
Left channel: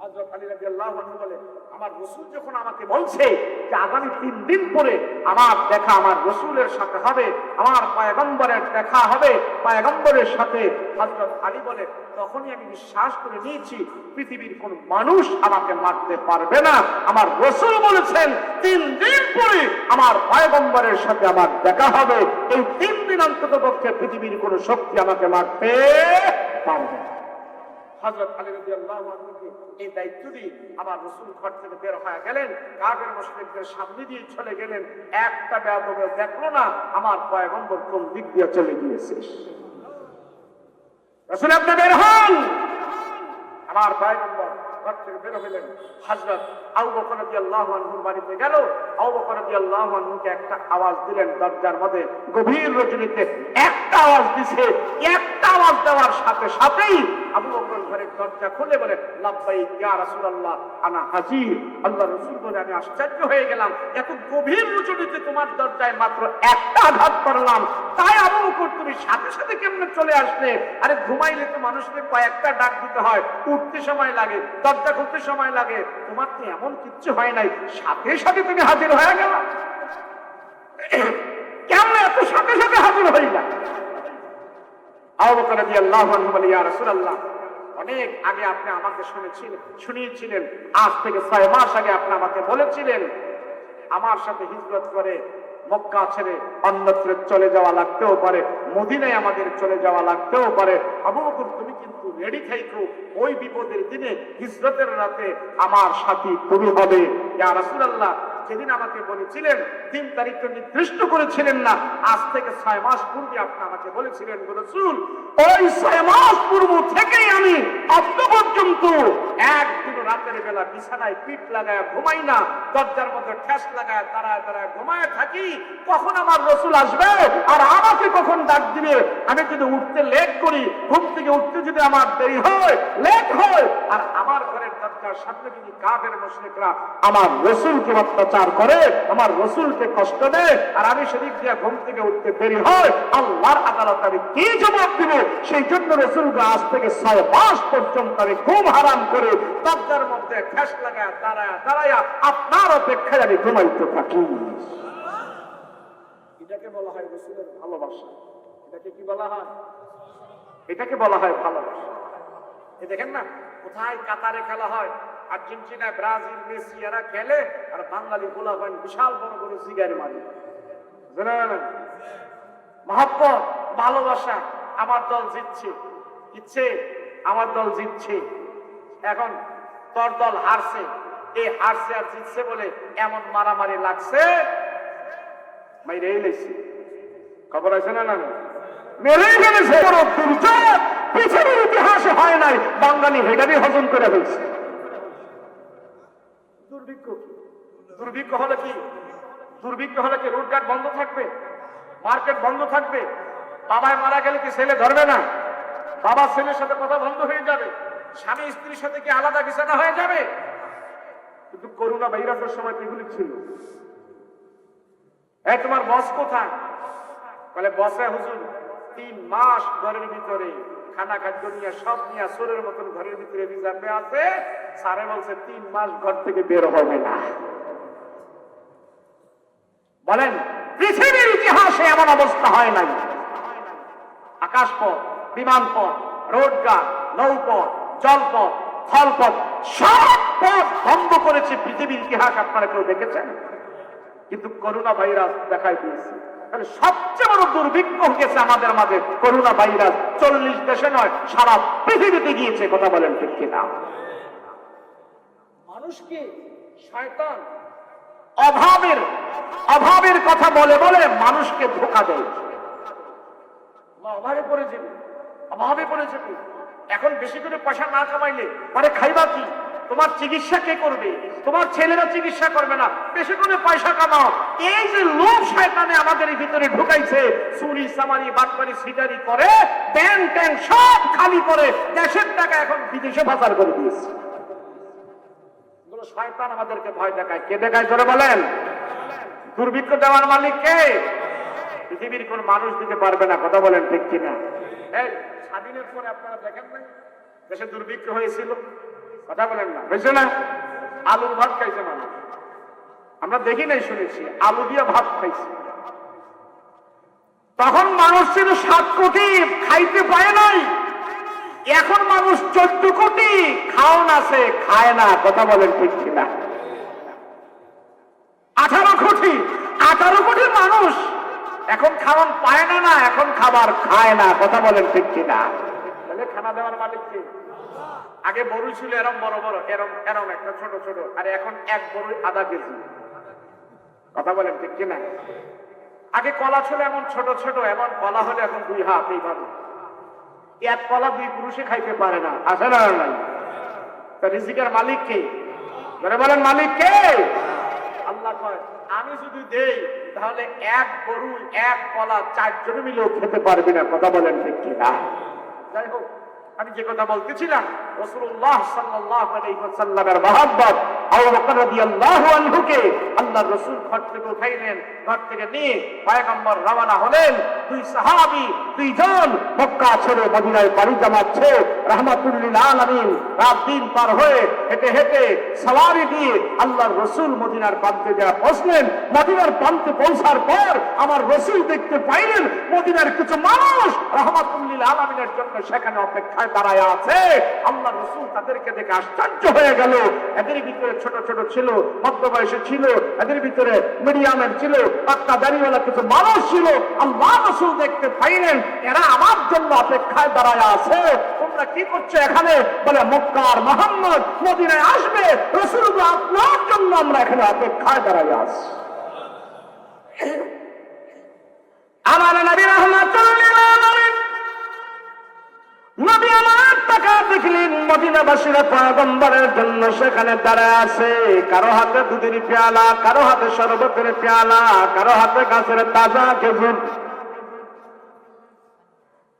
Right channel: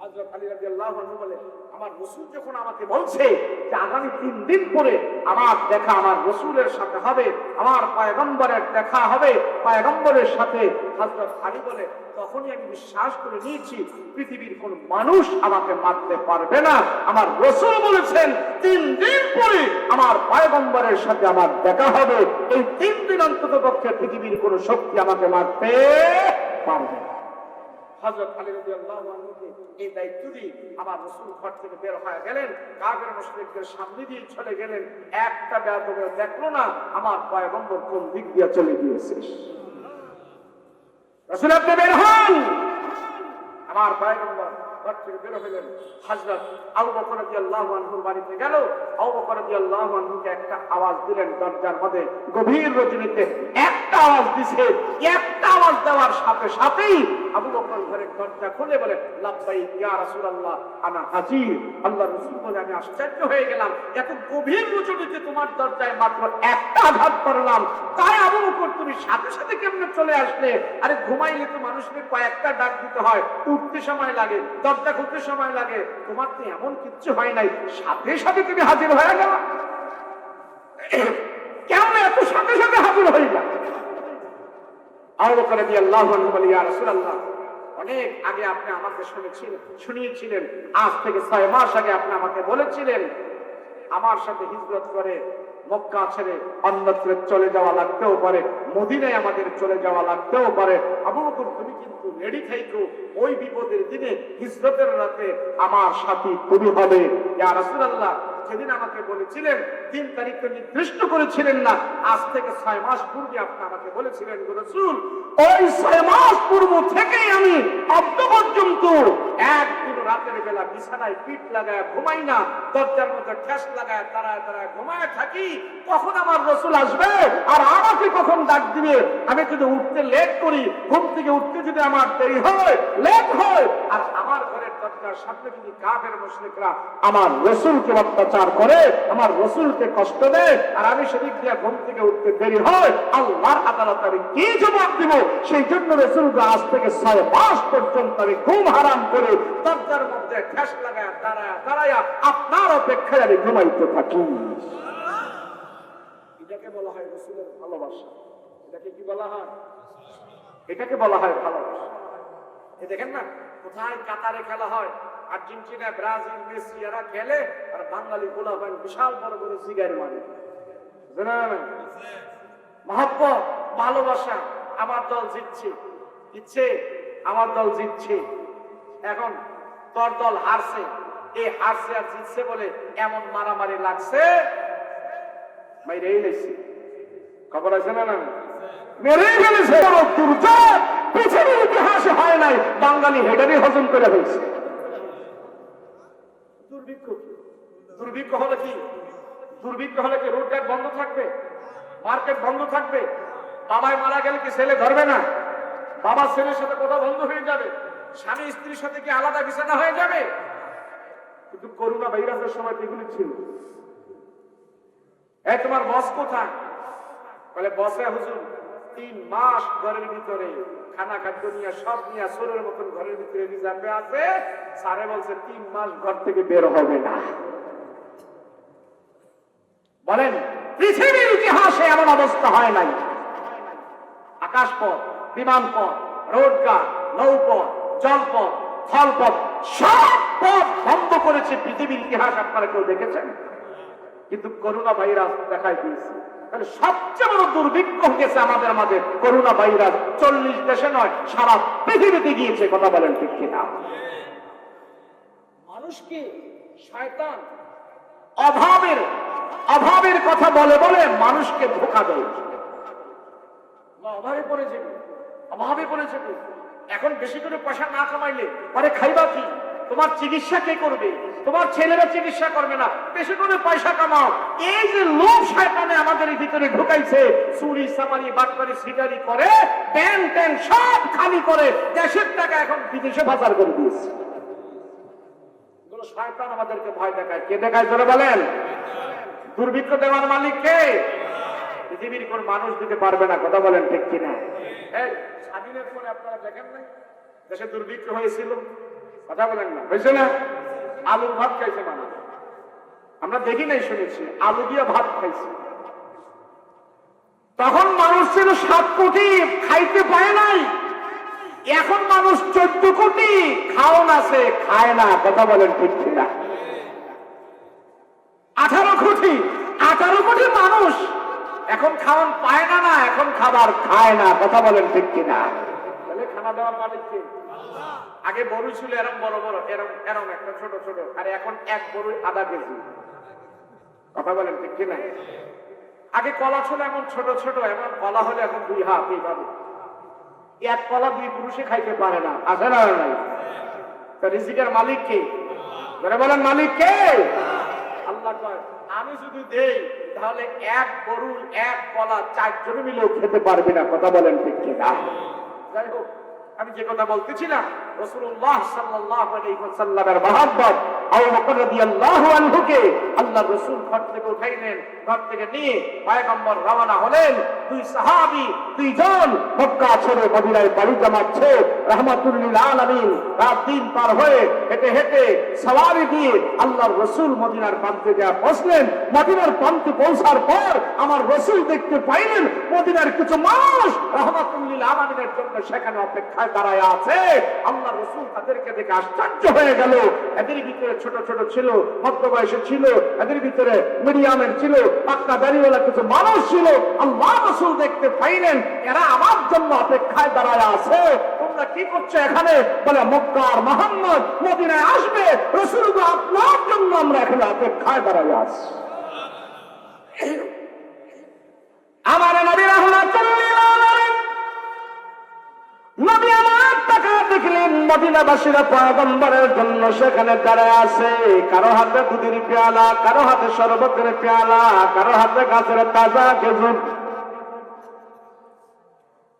হযরত আলী রাদিয়াল্লাহু আনহু বলে, আমার রাসূল যখন আমাকে বলছে যে আগামী 3 দিন পরে আমার দেখা আমার রাসূলের সাথে হবে, আমার পয়গম্বরের দেখা হবে পয়গম্বরের সাথে, হযরত আলী বলে তখনই আমি বিশ্বাস করে নিয়েছি পৃথিবীর কোন মানুষ আমাকে মারতে পারবে না। আমার রাসূল বলেছেন 3 দিন পরে আমার পয়গম্বরের সাথে আমার দেখা হবে, এই 3 দিন অন্তত পক্ষে পৃথিবীর কোন শক্তি আমাকে মারতে পারবে না। হযরত আলী রাদিয়াল্লাহু আনহু এই দায়িত্ব দিয়ে আমার রাসূল ঘর থেকে বের হয়ে গেলেন, কাফের মুশরিকদের সামনে দিয়ে চলে গেলেন, একটা বেয়াদব দেখলো না আমার পয়গম্বর কোন দিক দিয়ে চলে গিয়েছে। রাসূল আপনি বের হন, আমার পয়গম্বর ঘর থেকে বের হলেন। হযরত আবু বকর রাদিয়াল্লাহু আনহুর বাড়িতে গেল, আবু বকর রাদিয়াল্লাহু আনহুকে একটা আওয়াজ দিলেন দরজার মধ্যে, গভীর রজনীতে একটা আওয়াজ দিছে, একটা আওয়াজ দেওয়ার সাথে সাথেই আবু বকর ঘরের দরজা খুলে বলে, লাব্বাইক ইয়া রাসূলুল্লাহ আনা হাজির। আল্লাহর রাসূল বলে, আমি আশ্চর্য হয়ে গেলাম, এত গভীর রজনীতে তোমার দরজায় মাত্র একটা আঘাত করলাম, তাই আবু বকর তুমি সাথে সাথে কেমনে চলে আসলে? আরে ঘুমাইলে তো মানুষকে কয়েকটা ডাক দিতে হয়, উঠতে সময় লাগে, দরজা খুলতে সময় লাগে, তোমার তো এমন কিচ্ছু হয় নাই, সাথে সাথে তুমি হাজির হয়ে গেল, কেমন এত সাথে সাথে হাজির হয়ে গেল? আবু বকর রাদিয়াল্লাহু আনহু বলে, ইয়া রাসূলুল্লাহ অনেক আগে আপনি আমাকে শুনিয়েছিলেন, আজ থেকে 6 মাস আগে আপনি আমাকে বলেছিলেন আমার সাথে হিজরত করে মক্কা ছেড়ে অন্যত্র চলে যাওয়া লাগতেও পারে, মদিনায় আমাদের চলে যাওয়া লাগতেও পারে। আবু বকর তুমি কিন্তু রেডি থাইকো, ওই বিপদের দিনে হিজরতের রাতে আমার সাথী তুমি হবে। ইয়া রাসূলুল্লাহ সেদিন আমাকে বলেছিলেন, 3 তারিখ তো নির্দিষ্ট করেছিলেন না, আজ থেকে 6 মাস পূর্বে আপনি আমাকে বলেছিলেন গো রাসূল, ওই 6 মাস পূর্ব থেকেই আমি আজ পর্যন্ত একদিন রাতের বেলা বিছানায় পিঠ লাগায় ঘুমাই না, দরজার মধ্যে ঠেস লাগায় দাঁড়ায় দাঁড়ায় ঘুমায় থাকি, কখন আমার রাসূল আসবে আর আমাকে কখন ডাক দিবে। আমি যদি উঠতে লেট করি, ঘুম থেকে উঠতে যদি আমার দেরি হয়, লেট হয়, আর আমার ঘরের দরজার সামনে যদি কাফের মুশরিকরা আমার রাসূলকে অত্যাচার করে, আমার রাসূলকে কষ্ট দেয়, আর আমি সেদিক দিয়ে ঘুম থেকে উঠতে দেরি হয়, আল্লাহর আদালতে আমি কি জবাব দিব? সেই জন্য রাসূলকে আজ থেকে 6 মাস পর্যন্ত আমি ঘুম হারাম করে দরজার মধ্যে ঠেস লাগায় দাঁড়ায় দাঁড়ায় আপনার অপেক্ষায় আমি ঘুমাইতে থাকি। এটাকে বলা হয় রাসূলের ভালোবাসা। এটাকে কি বলা হয়? এটাকে বলা হয় ভালোবাসা। দেখেন না, কোথায় কাতারে খেলা হয়, আর্জেন্টিনা, ব্রাজিল, মেসি এরা খেলে, আর বাঙালি গোলাপান বিশাল বড় বড় সিগারেট মারে। মহব্বত, ভালোবাসা, আমার দল জিতছে, আমার দল জিতছে, এখন তোর দল হারছে, এই হারছে আর জিতছে বলে এমন মারামারি লাগছে, মাইরেই গেছে, খবর আছে না? মেরেই ফেলেছে। বড় দুর্যোগ পৃথিবীর ইতিহাসে হয় নাই, বাঙালি হেডারি হজম করে হয়েছে। দুর্ভিক্ষ হলে কি? দুর্ভিক্ষ হলে কি রোডঘাট বন্ধ থাকবে, মার্কেট বন্ধ থাকবে? বাবায় মারা গেলে কি ছেলে ধরবে না? বাবা ছেলের সাথে কথা বন্ধ হয়ে যাবে, স্বামী স্ত্রীর সাথে কি আলাদা বিছানা হয়ে যাবে? কিন্তু করোনা ভাইরাসের সময় এগুলি ছিল। তোমার বস কোথায়? বলে বসে হুজুর 3 মাস ঘরের ভিতরে খানা খাদ্য নিয়ে সব নিয়ে সোরের মতন ঘরের ভিতরে রিজার্ভে আছে। স্যারে বলছে 3 মাস ঘর থেকে বের হবে না। বলেন পৃথিবীর ইতিহাসে এমন অবস্থা হয় নাই। আকাশপথ, বিমানপথ, রোডঘাট, নৌপথ, জলপথ, স্থলপথ সব পথ বন্ধ করেছে পৃথিবীর ইতিহাস। আপনারা কেউ দেখেছেন? কিন্তু করোনা ভাইরাস দেখাই দিয়েছে। তাহলে সবচেয়ে বড় দুর্ভিক্ষ গেছে আমাদের মাঝে করোনা ভাইরাস। 40 দেশে নয়, সারা পৃথিবীতে গিয়েছে। কথা বলেন ঠিক কিনা? মানুষকে শয়তান অভাবের কথা বলে বলে মানুষকে ধোঁকা দেয়। অভাবে পড়ে যাবে। এখন বেশি করে পয়সা না কামাইলে পরে খাইবা কি? তোমার চিকিৎসা কে করবে? তোমার ছেলেরা চিকিৎসা করবে না। বেশি করে পয়সা কামাও। এই যে লোভ শয়তানে আমাদের ভিতরে ঢুকাইছে, চুরি চামারি বাটপারি সিটারি করে ব্যাংক ট্যাঙ্ক সব খালি করে দেশের টাকা এখন বিদেশে পাচার করে দিয়েছে। শয়তান আমাদেরকে ভয় দেখায়। কে দেখায় জোরে বলেন? দুর্ভিক্ষ দেওয়ার মালিক কে? পৃথিবীর কোন মানুষ দিতে পারবে না। কথা বলেন ঠিক কিনা? এই স্বাধীনের পরে আপনারা দেখেন নাই দেশে দুর্ভিক্ষ হয়েছিল? কথা বলেন না, হয়েছে না? আলুর ভাত খাইছে মানুষ। আমরা দেখি নাই, শুনেছি আলু দিয়ে ভাত খাইছে। তখন মানুষ ছিল 7 কোটি, খাইতে পায় নাই। এখন মানুষ 14 কোটি, খাওন আছে, খায় না। কথা বলেন ঠিক কিনা? 18 কোটি মানুষ এখন খাওন পায় না, এখন খাবার খায় না। কথা বলেন ঠিক কিনা? তাহলে খানা দেওয়ার মালিক কে? আগে বড়ি ছিল এরম বড় বড়, এরম একটা ছোট ছোট, আর এখন এক বড়ি আধা কেজি। কথা বলেন ঠিক কিনা? আগে কলা ছিল এমন ছোট ছোট, এমন কলা হলে এখন 2 হাত এইভাবে। এক কলা 2 পুরুষে খাইতে পারে না। আসে না? রিজিকের মালিক কে? বলেন মালিক কে? আল্লাহ কয় আমি যদি দেই তাহলে এক গরু এক কলা 4 জন মিলেও খেতে পারবে না। কথা বলেন ঠিক কিনা? যাই হোক, আমি যে কথা বলতেছিলাম, রাসূলুল্লাহ সাল্লাল্লাহু আলাইহি ওয়াসাল্লামের মহব্বত আবু বকর রাদিয়াল্লাহু আনহুকে আল্লাহর রাসূল ঘর থেকে উঠাইলেন। ঘর থেকে নিয়ে পয়গম্বর রওনা হলেন। 2 সাহাবী 2 জন মক্কা ছেড়ে মদিনায় পাড়ি জমাচ্ছে। রাহমাতুল লিল আলামিন রাত দিন পার হয়ে হেঁটে হেঁটে সওয়ারি দিয়ে আল্লাহর রাসূল মদিনার প্রান্তে গিয়ে পৌঁছলেন। মদিনার প্রান্তে পৌঁছার পর আমার রাসূল দেখতে পাইলেন মদিনার কিছু মানুষ রাহমাতুল লিল আলামিনের জন্য সেখানে অপেক্ষায় দাঁড়ায় আছে। আল্লাহর রাসূল তাদেরকে দেখে আশ্চর্য হয়ে গেল। এদের ভিতরে ছোট ছোট ছিল, মধ্যবয়সী ছিল, এদের ভিতরে মিডিয়ামের ছিল, পাক্কা দাড়িওয়ালা কিছু মানুষ ছিল। আল্লাহর রাসূল দেখতে পাইলেন এরা আমার জন্য অপেক্ষায় দাঁড়ায় আছে। তোমরা কি করছো এখানে? বলে মক্কার মুহাম্মদ মদিনায় আসবে, রাসূল আপনার জন্য আমরা এখানে অপেক্ষায় দাঁড়ায় আছি। আমার নবী রাহমাতুল্লিল আলামিন নবী আমার টাকা দেখলেন মদিনাবাসীরা পয়গম্বরের জন্য সেখানে দাঁড়ায় আছে। কারো হাতে দুধের পেয়ালা, কারো হাতে শরবতের পেয়ালা, কারো হাতে গাছের তাজা খেজুর,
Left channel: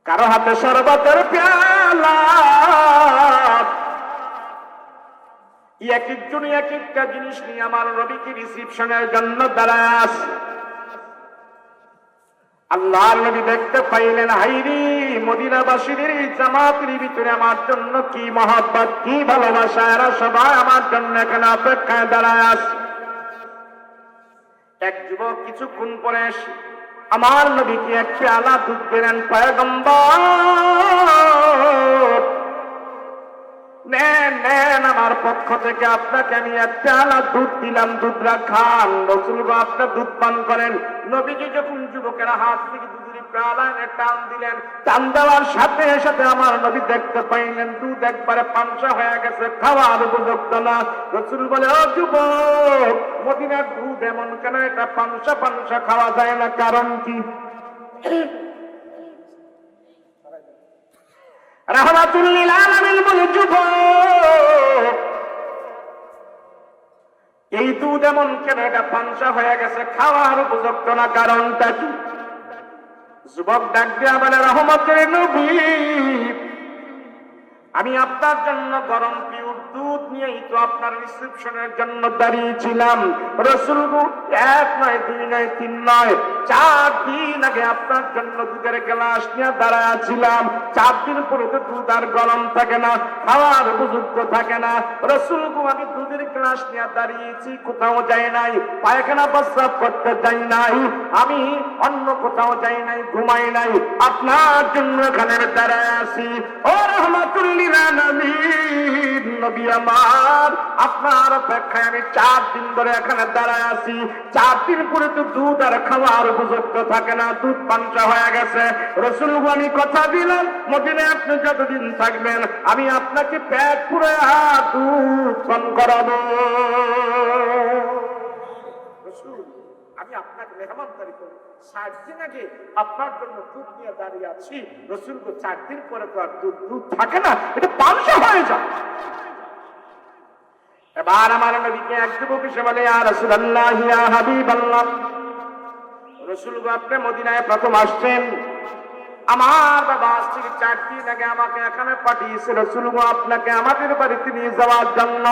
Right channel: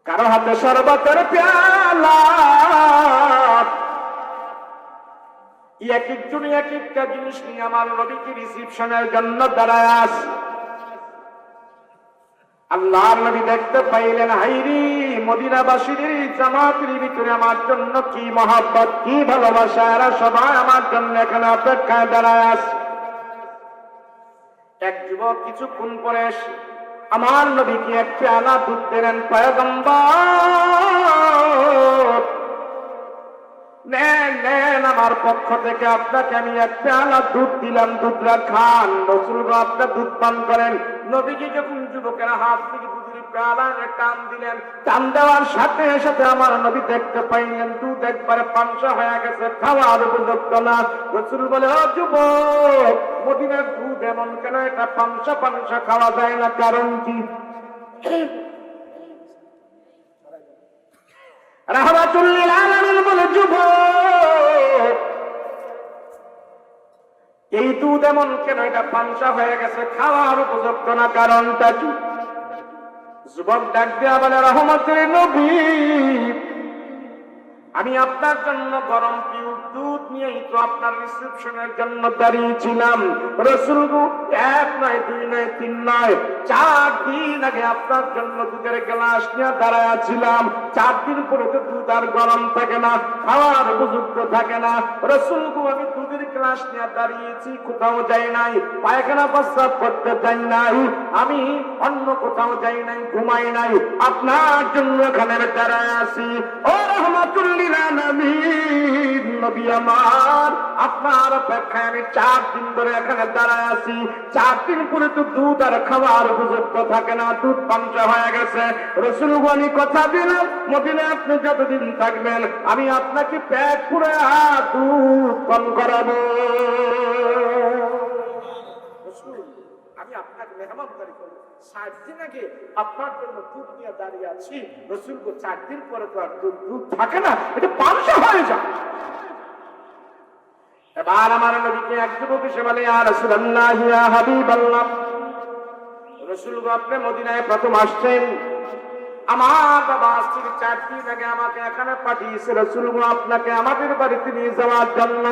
কারো হাতে শরবতের পেয়ালা। এক একজন এক একটা জিনিস নিয়ে আমার নবীকে রিসিপশনের জন্য দাঁড়ায় আছে। আল্লাহ নবী দেখতে পাইলেন হাইরি মদিনাবাসীর জামাতের ভিতরে আমার জন্য কি মহব্বত, কি ভালোবাসা, এরা সবাই আমার জন্য এখানে অপেক্ষায় দাঁড়ায় আছে। এক যুবক কিছুক্ষণ পরে এসে আমার নবীকে এক পেয়ালা দুধ দিলেন। পয়গম্বর নেন নেন, আমার পক্ষ থেকে আপনাকে আমি এক পেয়ালা দুধ দিলাম, দুধটা খান। রাসূল আপনার দুধ পান করেন। নবীজি যখন যুবকেরা হাত থেকে দুধের পেয়ালা টান দিলেন, টান দেওয়ার সাথে সাথে আমার নবী দেখতে পাইলেন দুধ একবারে পানসা হয়ে গেছে, খাওয়ার উপযুক্ত না। রাসূল বলে ও যুবক, মদিনার দুধ এমন কেন? এটা পানসা পানসা খাওয়া যায় না, কারণ কি? রাহমাতুল লিল আলামিন বলে যুবক, এই দুধ এমন কেন? এটা পানসা হয়ে গেছে, খাওয়ার উপযুক্ত না, কারণটা কি? যুবক ডাক দিয়া বলে রহমতের নবী, আমি আপনার জন্য গরম পিউর দুধ নিয়েই তো আপনার রিসেপশনের জন্য দাঁড়িয়েছিলাম। রাসূল গো, 1 নয় 2 নয় 3 নয় 4 দিন আগে আপনার জন্য দুধের গ্লাস নিয়ে দাঁড়াইছিলাম। 4 দিন পরে তো দুধ আর গরম থাকে না, খাওয়ার উপযুক্ত থাকে না। রাসূল গো, আমি দুধের গ্লাস নিয়ে দাঁড়িয়েছি, কোথাও যাই নাই, পায়খানা প্রস্রাব করতে যাই নাই, আমি অন্য কোথাও যাই নাই, ঘুমাই নাই, আপনার জন্য এখানে দাঁড়ায় আছি। ও রাহমাতুল লিল আলামিন নবী আমার, আপনার অপেক্ষায় আমি 4 দিন ধরে এখানে দাঁড়ায় আছি। 4 দিন পরে তো দুধ আর খাওয়ার উপযুক্ত থাকে না, দুধ পাঞ্চা হয়ে গেছে। রাসূল গো, আমি কথা দিলাম মদিনায় আপনি যতদিন থাকবেন আমি আপনাকে পেট পুরে দুধ পান করাবো। রাসূল, আমি আপনাকে মেহমানদারি করব, 60 দিন আগে আপনার জন্য দুধ নিয়ে দাঁড়িয়ে আছি। রাসূল গো, 4 দিন পরে তো আর দুধ থাকে না, এটা পাঞ্চা হয়ে যায়। এবার আমার নবীকে এক যুবক এসে বলে, ইয়া রাসূলুল্লাহ, ইয়া হাবিবাল্লাহ, রাসূল গো, আপনি মদিনায় প্রথম আসছেন, আমার বাবা আজ থেকে 4 দিন আগে আমাকে এখানে পাঠিয়েছে। রাসূল গো, আপনাকে আমাদের বাড়িতে নিয়ে যাওয়ার জন্য,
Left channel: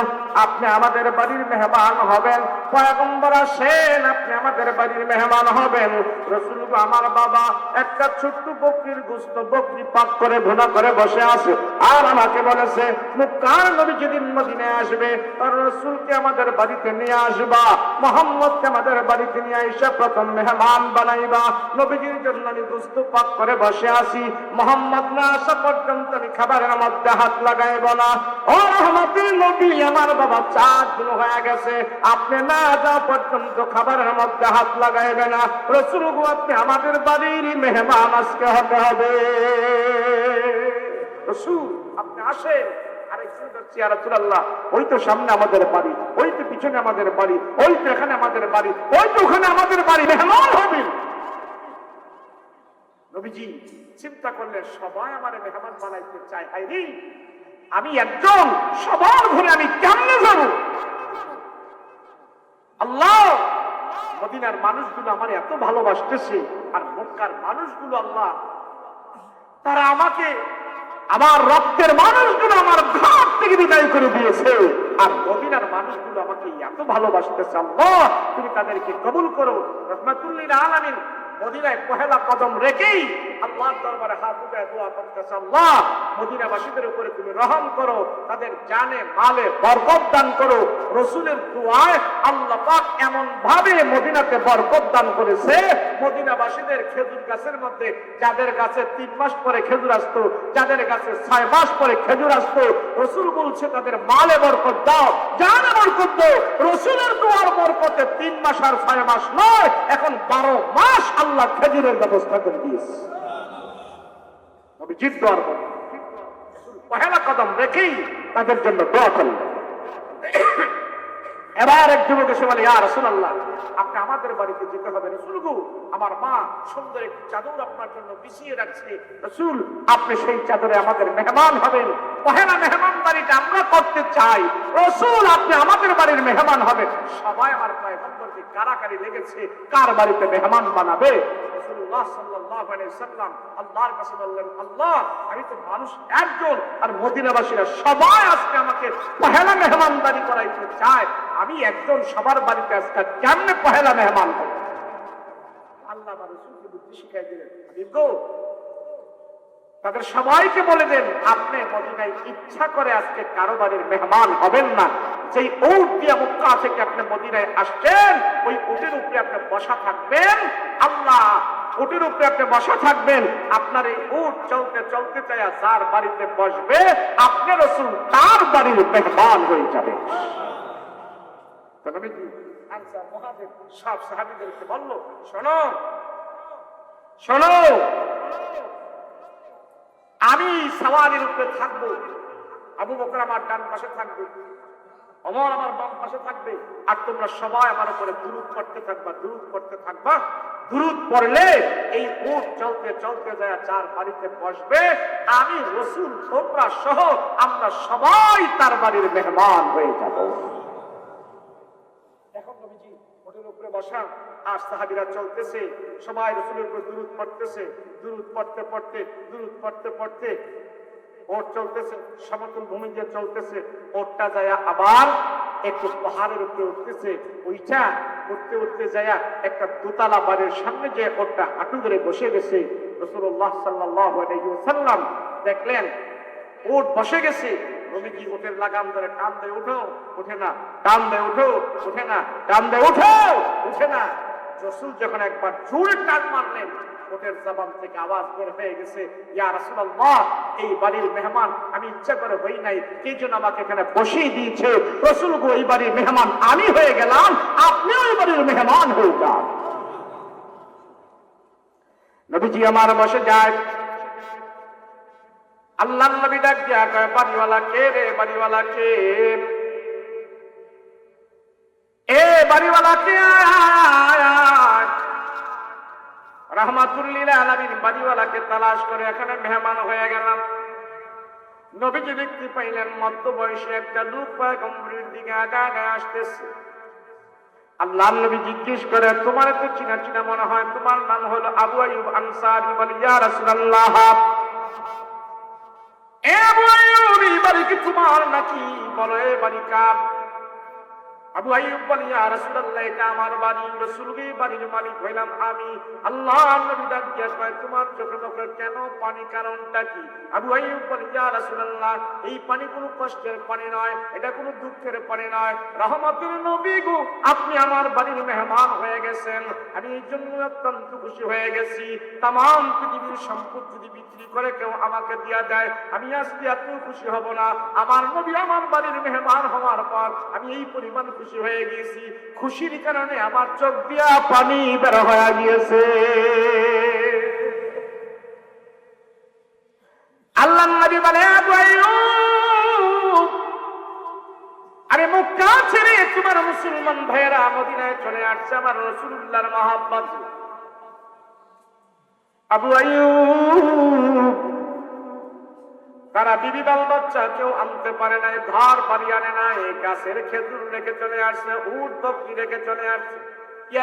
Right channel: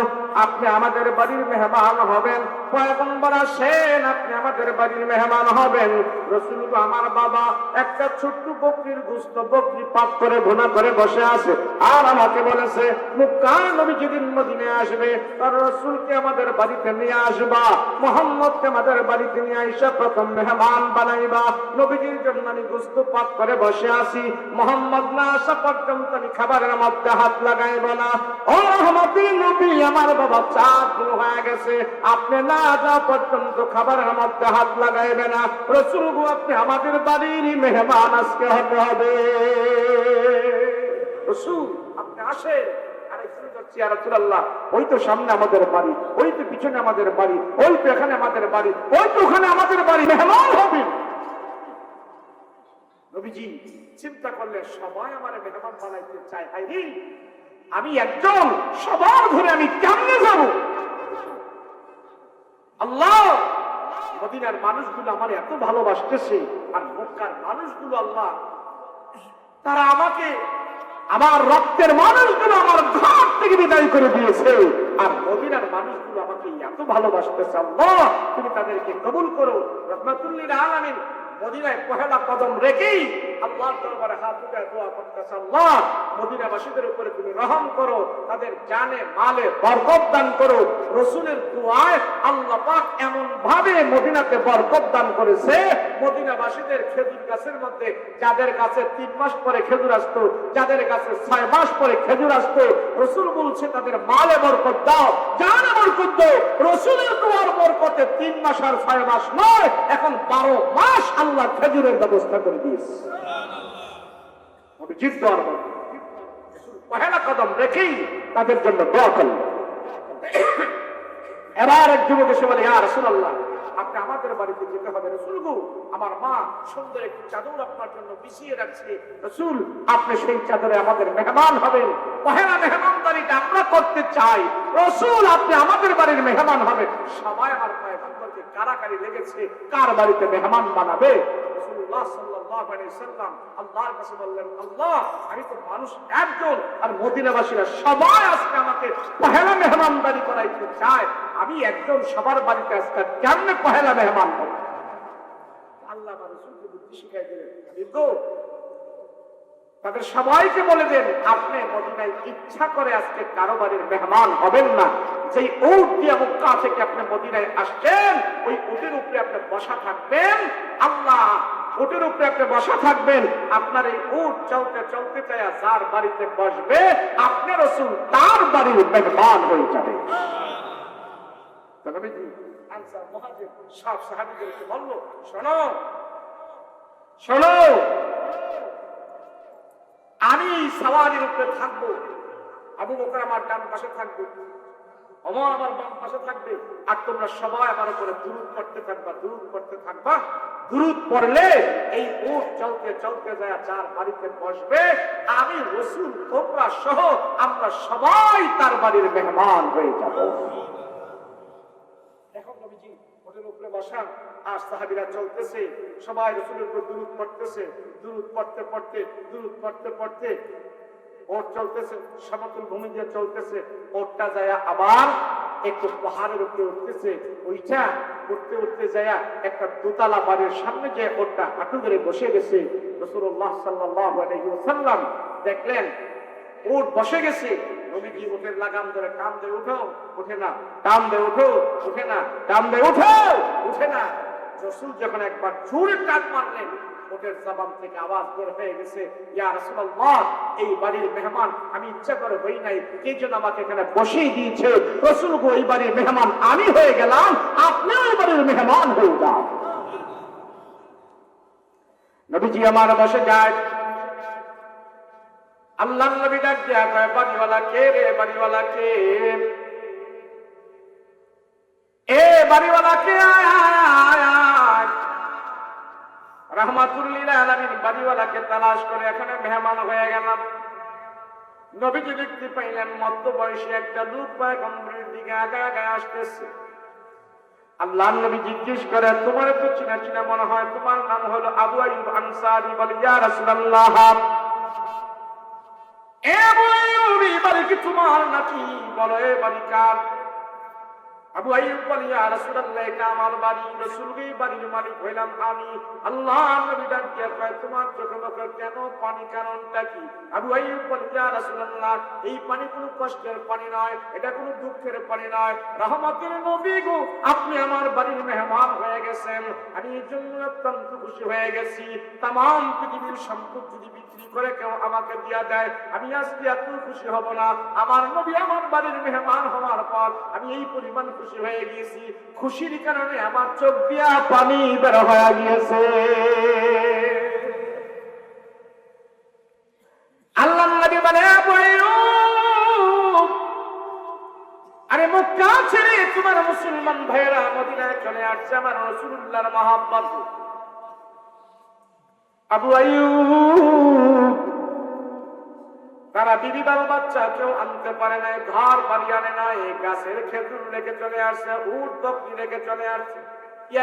আপনি আমাদের বাড়ির মেহমান হবেন। পয়গম্বর আসেন, আপনি আমাদের বাড়ির মেহমান হবেন। রাসূল গো, আমার বাবা একটা ছোট্ট বকরির গোশত, বকরি পাক করে ভুনা করে বসে আছে, আর আমাকে বলেছে মুক্তার নবী যেদিন মদিনায় আসবে তার রাসূলকে আমাদের বাড়িতে নিয়ে আসবা, মুহাম্মদকে আমাদের বাড়িতে নিয়ে এসে প্রথম মেহমান বানাইবা। নবীজির জন্য আমি গোশত পাক করে বসে আসি, মোহাম্মদ না আসা পর্যন্ত আমি খাবারের মধ্যে হাত লাগাইব না। ও রহমতের নবী, আমার বাবা 4 দিন হয়ে গেছে, আপনি না যাওয়া পর্যন্ত খাবারের মধ্যে হাত লাগাইবে না। রাসূল গো, আপনি আমাদের বাড়ির মেহমান আজকে হতে হবে। রাসূল, আপনি আসেন। আমি শুনছি, ইয়া রাসূলুল্লাহ, ওই তো সামনে আমাদের বাড়ি, ওই তো পিছনে আমাদের বাড়ি, ওই তো এখানে আমাদের বাড়ি, ওই তো ওখানে আমাদের বাড়ি, মেহমান হবে। নবীজি চিন্তা করলে সবাই আমার মেহমান বানাইতে চায়, হায় রে, আমি একজন, সবার ঘরে আমি কেমনে যাব? আল্লাহ, মদিনার মানুষগুলো আমার এত ভালোবাসতেছে, আর মক্কার মানুষগুলো আল্লাহ তারা আমাকে, আমার রক্তের মানুষগুলো আমার ঘর থেকে বিদায় করে দিয়েছে, আর মদিনার মানুষগুলো আমাকে এত ভালোবাসতেছে। আল্লাহ, তুমি তাদেরকে কবুল করো। রাহমাতুল লিল আলামিন মদিনায় পহেলা কদম রেখেই আল্লাহর দরবারে হাত উঠে দোয়া করতেছে, আল্লাহ, মদিনাবাসীদের উপরে তুমি রহম করো, তাদের জানে মালে বরকত দান করো। রাসূলের দুআয় আল্লাহ পাক এমন ভাবে মদিনাতে বরকত দান করেছে, মদিনাবাসীদের খেজুর গাছের মধ্যে, যাদের গাছে 3 মাস পরে খেজুর আসতো, যাদের গাছে 6 মাস পরে খেজুর আসতো, রাসূল বলছে তাদের মালে বরকত দাও, জানে বরকত দাও। রাসূলের দুআর বরকতে 3 মাস আর 6 মাস নয়, এখন 12 মাস আল্লাহ খেজুরের ব্যবস্থা করে দিয়েছে। নবীজির দোয়ার পহেলা কদম রেখেই তাদের জন্য দোয়া করলেন। এবার এক যুবক এসে বলে, ইয়া রাসূলুল্লাহ, আপনি আমাদের বাড়িতে যেতে হবে। রাসূল গো, আমার মা সুন্দর একটি চাদর আপনার জন্য বিছিয়ে রাখছে। রাসূল, আপনি সেই চাদরে আমাদের মেহমান হবেন, পহেলা মেহমানদারিটা আমরা করতে চাই। রাসূল, আপনি আমাদের বাড়ির মেহমান হবেন। সবাই আমার পয়গম্বরকে কারাকারি লেগেছে, কার বাড়িতে মেহমান বানাবে। রাসূলুল্লাহ সাল্লাল্লাহু আলাইহি সাল্লাম আল্লাহর কাছে বললেন, আল্লাহ, আমি তো মানুষ একজন, আর মদিনাবাসীরা সবাই আজকে আমাকে পহেলা মেহমানদারি করাইতে চায়, আমি একজন, সবার বাড়িতে আজকে কেমনে পহেলা মেহমান হব? আল্লাহ আমার রাসূলকে বুদ্ধি শিখাই দিলেন, দেখো তাদের সবাইকে বলে দেন, আপনি মদিনায় ইচ্ছা করে আজকে কারো বাড়ির মেহমান হবেন না। যেই উট দিয়ে মক্কা থেকে আপনি মদিনায় আসছেন, ওই উটের উপরে আপনি বসা থাকবেন। আল্লাহ, উটের উপরে আপনি বসা থাকবেন, আপনার এই উট চলতে চলতে চাইয়া যার বাড়িতে বসবে, আপনি রাসূল তার বাড়ির মেহমান হয়ে যাবে। আনসার মুহাজির সব সাহাবীদেরকে বলল, শোনো শোনো, আমি সাওয়ারির উপরে থাকবো, আবু বকর আমার ডান পাশে থাকবে, ওমর আমার বাম পাশে থাকবে, আর তোমরা সবাই আমার উপরে দুরূদ পড়তে থাকবা, দুরূদ পড়তে থাকবা। দুরূদ পড়লে এই উট চলতে চলতে যায় যার বাড়িতে বসবে, আমি রাসূল তোমরা সহ আমরা সবাই তার বাড়ির মেহমান হয়ে যাব। এখন নবীজি উটের উপরে বসা, আর সাহাবীরা চলতেছে, সবাই রাসূলের উপর দুরূদ পড়তেছে, দুরূদ পড়তে পড়তে, দুরূদ পড়তে পড়তে ওট চলতেছে, সমতল ভূমি দিয়ে চলতেছে, ওটটা যায় আবার একটু পাহাড়ের উপরে উঠতেছে, ওইটা উঠতে উঠতে যায় একটা দোতলা বাড়ির সামনে যে ওটটা হাঁটু ধরে বসে গেছে। রাসূলুল্লাহ সাল্লাল্লাহু আলাইহি ওয়াসাল্লাম দেখলেন উট বসে গেছে, নবীজি উটের লাগাম ধরে টান দিয়ে উঠো, উঠে না, টান দিয়ে উঠো, উঠে না, টান দিয়ে উঠো, উঠে না। রাসূল যখন একবার জোরে টান মারলেন, ওটের জবান থেকে আওয়াজ বের হয়ে গেছে, ইয়া রাসূলুল্লাহ, এই বাড়ির মেহমান আমি ইচ্ছা করে হই নাই, কে যেন আমাকে এখানে বসিয়ে দিয়েছে। রাসূল গো, এই বাড়ির মেহমান আমি হয়ে গেলাম, আপনিও এই বাড়ির মেহমান হয়ে যান। নবীজি আমার বসে যায়, আল্লাহ নবী ডাক দিয়া কয়, বাড়িওয়ালা কে রে, বাড়িওয়ালা কে, এ বাড়িওয়ালা কে, রাহমাতুল লিল আলামিন বাড়িওয়ালাকে তালাশ করে এখানে মেহমান হয়ে গেলাম। নবীজি দেখতে পাইলেন মধ্য বয়সী একটা লোক পয়গম্বরের দিকে আগায় আসতেছে। আল্লাহ নবী জিজ্ঞেস করে, তোমার তো চিনা চিনা মনে হয়, তোমার নাম হলো আবু আইয়ুব আনসারী। বলে, ইয়া রাসূলুল্লাহ, এ আবু আইয়ুব, এই বাড়ি কি তোমার নাকি? বলো, এ বাড়ি কার? আবু আইয়ুব বলে, ইয়া রাসূলুল্লাহ, এটা আমার বাড়ি, রাসূলের বাড়ির মালিক হইলাম আমি। আল্লাহ নবী ডাক দিয়ে কয়, তোমার চোখে মুখে কেন পানি, কারণটা কি? আবু আইয়ুব বলে, ইয়া রাসূলুল্লাহ, এই পানি কোনো কষ্টের পানি নয়, এটা কোনো দুঃখের পানি নয়, রহমতের নবী গো, আপনি আমার বাড়ির মেহমান হয়ে গেছেন, আমি এই জন্য অত্যন্ত খুশি হয়ে গেছি। তাম পৃথিবীর সম্পদ যদি বিক্রি করে কেউ আমাকে দিয়া দেয়, আমি আজকে এত খুশি হব না। আমার নবী আমার বাড়ির মেহমান হওয়ার পর আমি এই পরিমাণ খুশি হয়ে গিয়েছি, খুশির কারণে আমার চোখ দিয়া পানি বের হয়ে গিয়েছে। আল্লাহ নবী বলে, আবু আইয়ুব, আরে মক্কা ছেড়ে তোমার মুসলমান ভাইয়েরা মদিনায় চলে আসছে আমার রাসূলুল্লাহর মহব্বত। আবু আইয়ুব, তারা বিবি বাল বাচ্চা কেউ আনতে পারে নাই, ঘর বাড়ি আনে নাই, গাছের খেজুর রেখে চলে আসছে, উট বকরি রেখে চলে আসছে,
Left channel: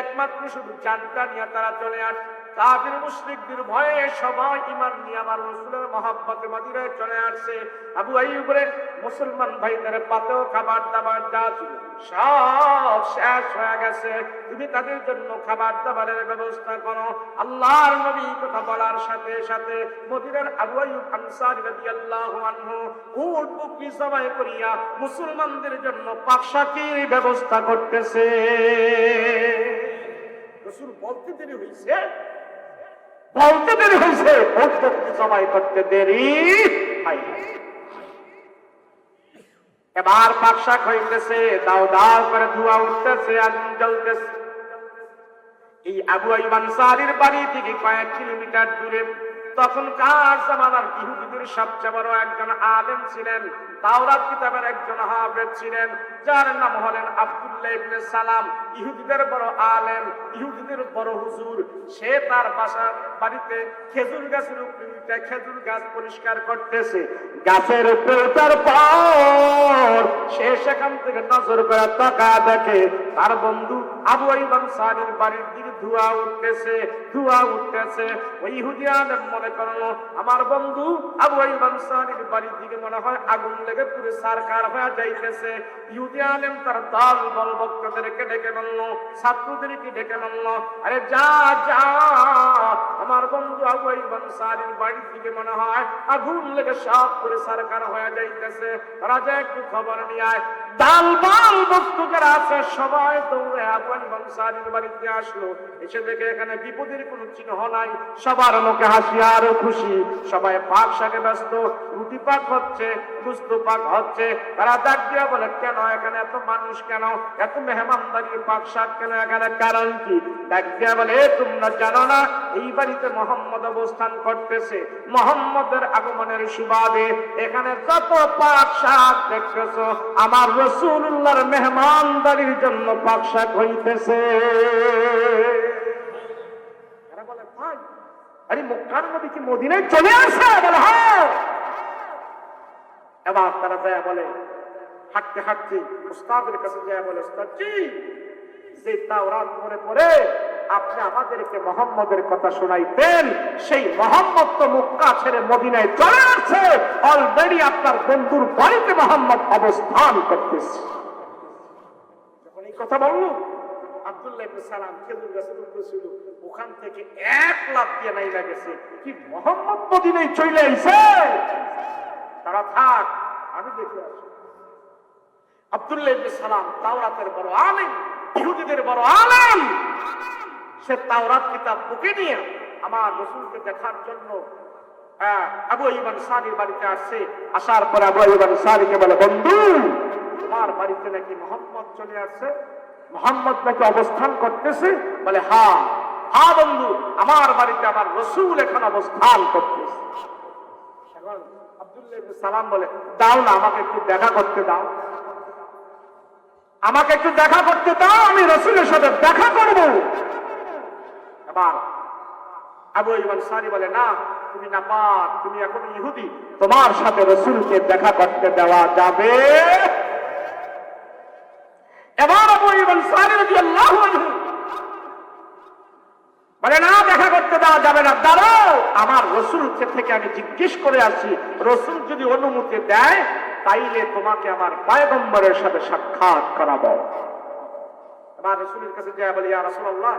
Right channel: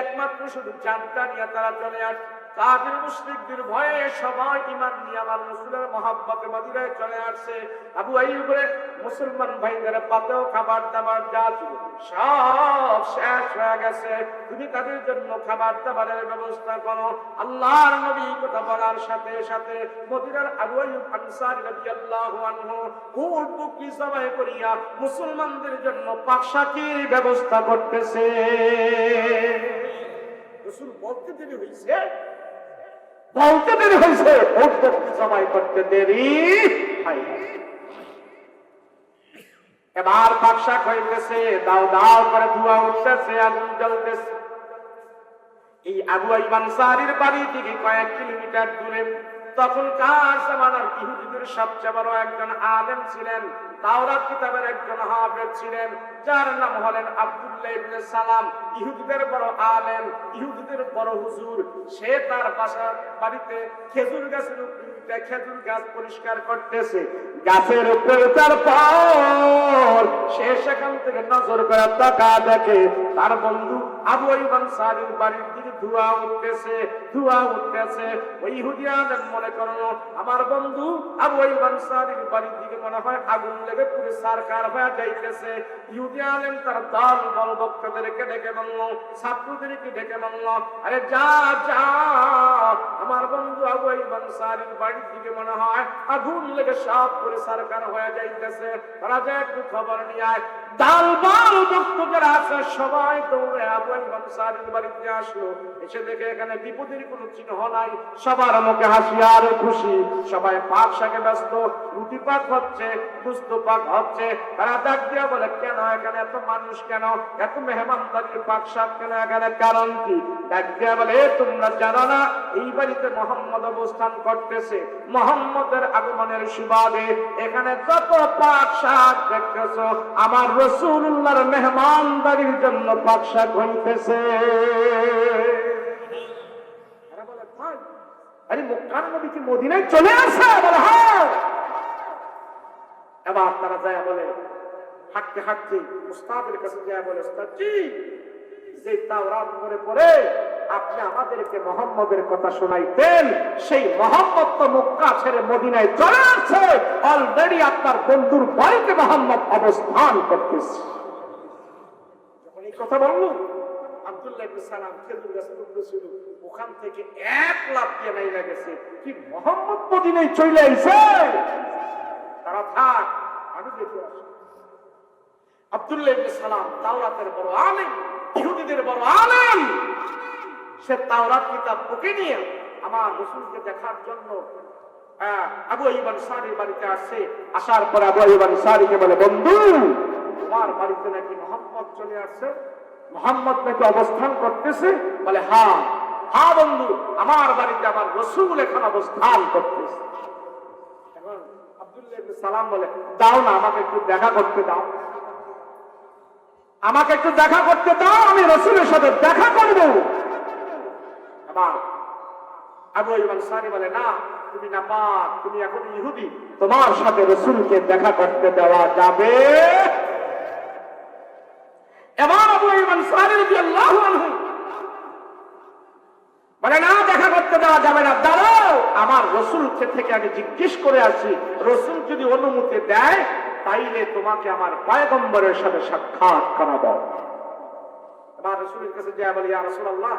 একমাত্র শুধু জানটা নিয়ে তারা চলে আসছে। কাফির মুশরিকদের ভয়ে সবাই ঈমান নিয়ে আমার রাসূলের মহব্বতে মদিনায় চলে আসছে। আবু আইয়ুবের মুসলমান ভাইদের পাতেও খাবার দাবার যা ছিল সব শেষ হয়ে গেছে, তুমি তাদের জন্য খাবার দাবারের ব্যবস্থা করো। আল্লাহর নবী কথা বলার সাথে সাথে মদিনার আবু আইয়ুব আনসারী রাদিয়াল্লাহু আনহু উট বকরি জবাই করিয়া মুসলমানদের জন্য পাকশাকির ব্যবস্থা করতেছে। রাসূল বলতে দেরি হয়েছে, বলতে দেরি হয়েছে, উট বকরি জবাই করতে দেরি হয় না। এবার পাকশাক হইতেছে, দাও দাও করে ধোঁয়া উঠতেছে, আগুন জ্বলতেছে। এই আবু আইয়ুব আনসারীর বাড়ি থেকে কয়েক কিলোমিটার দূরে তখনকার জামানার ইহুদিদের সবচেয়ে বড় একজন আলেম ছিলেন, তাওরাত কিতাবের একজন হাফেজ ছিলেন, যার নাম হলেন আব্দুল্লাহ ইবনে সালাম। ইহুদিদের বড় আলেম, ইহুদিদের বড় হুজুর। সে তার বাড়িতে খেজুর গাছের উপরে খেজুর গাছ পরিষ্কার করতেছে। গাছের উপরে ওঠার পর সে সেখান থেকে নজর করে তাকায় দেখে তার বন্ধু আবু আইয়ুব আনসারীর বাড়ির দিকে ধোঁয়া উঠতেছে, ধোঁয়া উঠতেছে। ওই ইহুদি আলেম মনে করলো আমার বন্ধু আবু আইয়ুব আনসারীর বাড়ির দিকে মনে হয় আগুন লেগে পুরো সারকার হয়ে যাইতেছে। ইহুদি আলেম তার দল বলবৎকাদেরকে ডেকে বলল, ছাত্রদেরকে ডেকে বলল, আরে যা যা, আমার বন্ধু আবু আইয়ুব আনসারীর বাড়ির দিকে মনে হয় আগুন লেগে সব পুরো সারকার হয়ে যাইতেছে, রাজা একটু খবর নিয়ে আয়। দাল বাল বক্তকের আছে সবাই দৌড়ে আবু আইয়ুব আনসারীর বাড়িতে আসলো। এসে দেখে এখানে বিপদের কোনো চিহ্ন নাই, সবার মুখে হাসি আর খুশি, সবাই পাক শাকে ব্যস্ত, রুটি পাক হচ্ছে, গুস্ত পাক হচ্ছে। তারা ডাক দিয়া বলে, কেন এখানে এত মানুষ, কেন এত মেহমানদারি, পাক শাক কেন, এখানে কারণ কি? ডাক দিয়া বলে, তোমরা জানো না এই বাড়িতে মুহাম্মদ অবস্থান করতেছে, মুহাম্মদের আগমনের সুবাদে এখানে যত পাক শাক দেখতেছো আমার রাসূলুল্লাহর মেহমানদারির জন্য পাক শাক হইতেছে। এরা বলে, ভাই আরে মক্কার নবী কি মদিনায় চলে আসে? বলে হ্যাঁ। এবার তারা যায় বলে, হাঁটতে হাঁটতে উস্তাদের কাছে যায় বলে, উস্তাদ জি, যে তাওরাত পড়ে পড়ে আপনি আমাদেরকে মোহাম্মদের কথা শোনাইতেন, সেই মোহাম্মদ তো মক্কা ছেড়ে মদিনায় চলে আসছে, অলরেডি আপনার বন্ধুর বাড়িতে মোহাম্মদ অবস্থান করতেছে। যখন এই কথা বলল, আব্দুল্লাহ ইবনে সালাম খেজুর গাছের উপরে ছিল, ওখান থেকে এক লাফ দিয়ে নাইলা গেছে, কি মোহাম্মদ মদিনায় চলে আইছে, তারা থাক আমি দেখে আসি। আব্দুল্লাহ ইবনে সালাম তাওরাতের বড় আলেম, ইহুদিদের বড় আলেম, সে তাওরাত কিতাব বুকে নিয়ে আমার রাসূলকে দেখার জন্য আবু আইয়ুব আনসারীর বাড়িতে আসছে। আসার পর আবু আইয়ুব আনসারীকে বলে, বন্ধু তোমার বাড়িতে নাকি মোহাম্মদ চলে আসছে, মোহাম্মদ নাকি অবস্থান করতেছে? বলে হ্যাঁ হ্যাঁ বন্ধু, আমার বাড়িতে আমার রাসূল এখন অবস্থান করতেছে। এখন আব্দুল্লাহ ইবনে সালাম বলে, দাও না আমাকে একটু দেখা করতে দাও, আমাকে একটু দেখা করতে দাও, আমি রাসূলের সাথে দেখা করব। এবার আবু আইয়ুব আনসারী বলে, না তুমি নাপাক, তুমি এখন ইহুদি, তোমার সাথে রাসূলকে দেখা করতে দেওয়া যাবে? এবার আবু আইয়ুব আনসারী রাদিয়াল্লাহু আনহু বলে, না দেখা করতে দেওয়া যাবে না, দাঁড়াও আমার রাসূলকে থেকে আমি জিজ্ঞেস করে আসি, রাসূল যদি অনুমতি দেয় তাইলে তোমাকে আমার পয়গম্বরের সাথে সাক্ষাৎ করাবো। এবার রাসূলের কাছে যায়, বলে, ইয়া রাসূলুল্লাহ,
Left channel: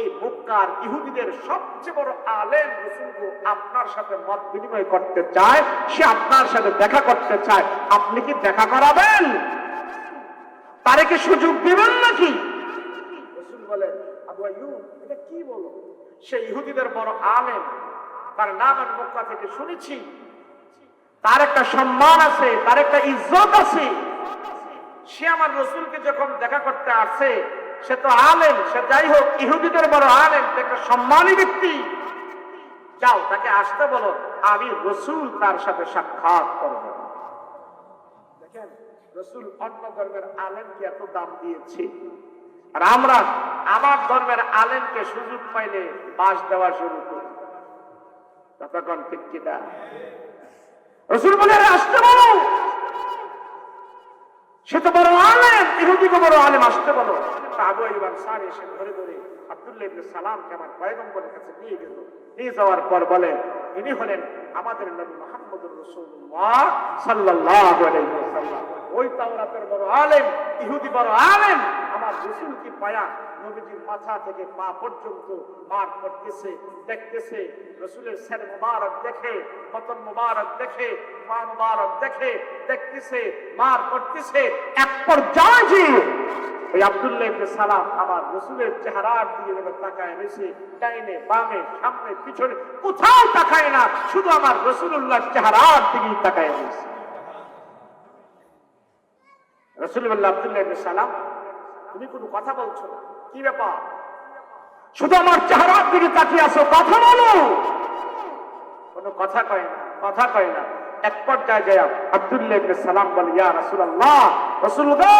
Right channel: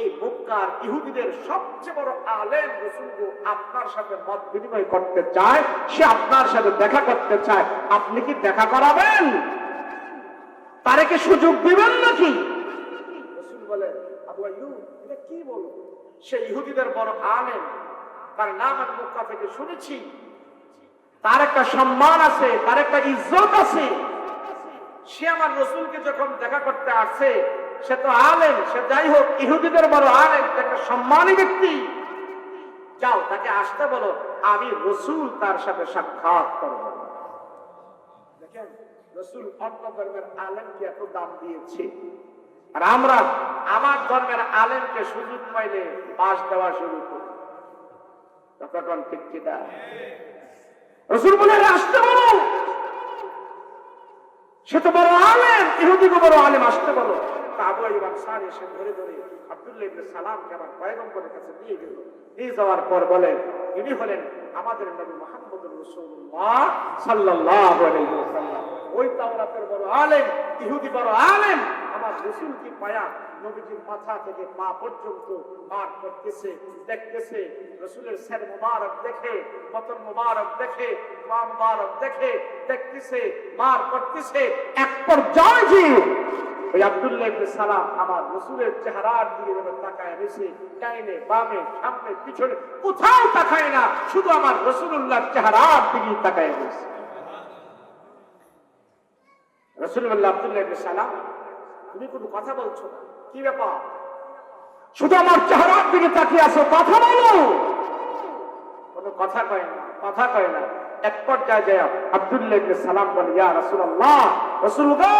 এই মক্কার ইহুদিদের সবচেয়ে বড় আলেম রাসূল আপনার সাথে মত বিনিময় করতে চায়, সে আপনার সাথে দেখা করতে চায়, আপনি কি দেখা করাবেন? তারে কি সুযোগ দিবেন নাকি? রাসূল বলে, আবু আইয়ুব এটা কি বলো, সে ইহুদিদের বড় আলেম, তার নাম আমি মক্কা থেকে শুনেছি, তার একটা সম্মান আছে, তার একটা ইজ্জত আছে, সে আমার রাসূলকে যখন দেখা করতে আসে, সে তো আলেম, সে যাই হোক ইহুদিদের বড় আলেম, একটা সম্মানী ব্যক্তি, যাও তাকে আসতে বলো, আমি রাসূল তার সাথে সাক্ষাৎ করব। দেখেন রাসূল অন্য ধর্মের আলেমকে এত দাম দিয়েছে, আর আমরা আমার ধর্মের আলেমকে সুযোগ পাইলে বাস দেওয়া শুরু করি। তখন ঠিক কি না? রাসূল বলে, আসতে বলো, সে তো বড় আলেম, ইহুদিকে বড় আলেম, আসতে বলো। আবু আইয়ুব আনসারী এসে ধরে ধরে আব্দুল্লাহ ইবনে সালামকে আমার পয়গম্বরের কাছে নিয়ে গেল। নিয়ে যাওয়ার পর বলেন, ইনি হলেন আমাদের নবী মুহাম্মদুর রাসূলুল্লাহ সাল্লাল্লাহু আলাইহি ওয়াসাল্লাম। ওই তাওরাতের বড় আলেম, ইহুদি বড় আলেম, আমার রাসূলকে পায়া নবীজির মাথা থেকে পা পর্যন্ত মার করতেছে, দেখতেছে, রাসূলের সির মুবারক দেখে, বদন মুবারক দেখে, পা মুবারক দেখে, দেখতেছে, মার করতেছে। এক পর্যায়ে ওই আব্দুল্লাহ ইবনে সালাম আমার রাসূলের চেহারার দিকে তাকায় রয়েছে, ডাইনে বামে সামনে পিছনে কোথাও তাকায় না, শুধু আমার রাসূলুল্লাহর চেহারার দিকে তাকায় রয়েছে। রাসূল বললেন, আব্দুল্লাহ ইবনে সালাম তুমি কোনো কথা বলছো না, কি ব্যাপার? শুধু আমার চেহারার দিকে তাকিয়ে আছো, কথা বলো। কোনো কথা কয় না, কথা কয় না। এক পর্যায়ে যায় আব্দুল্লাহ ইবনে সালাম বলে, ইয়া রাসূলুল্লাহ, রাসূল গো,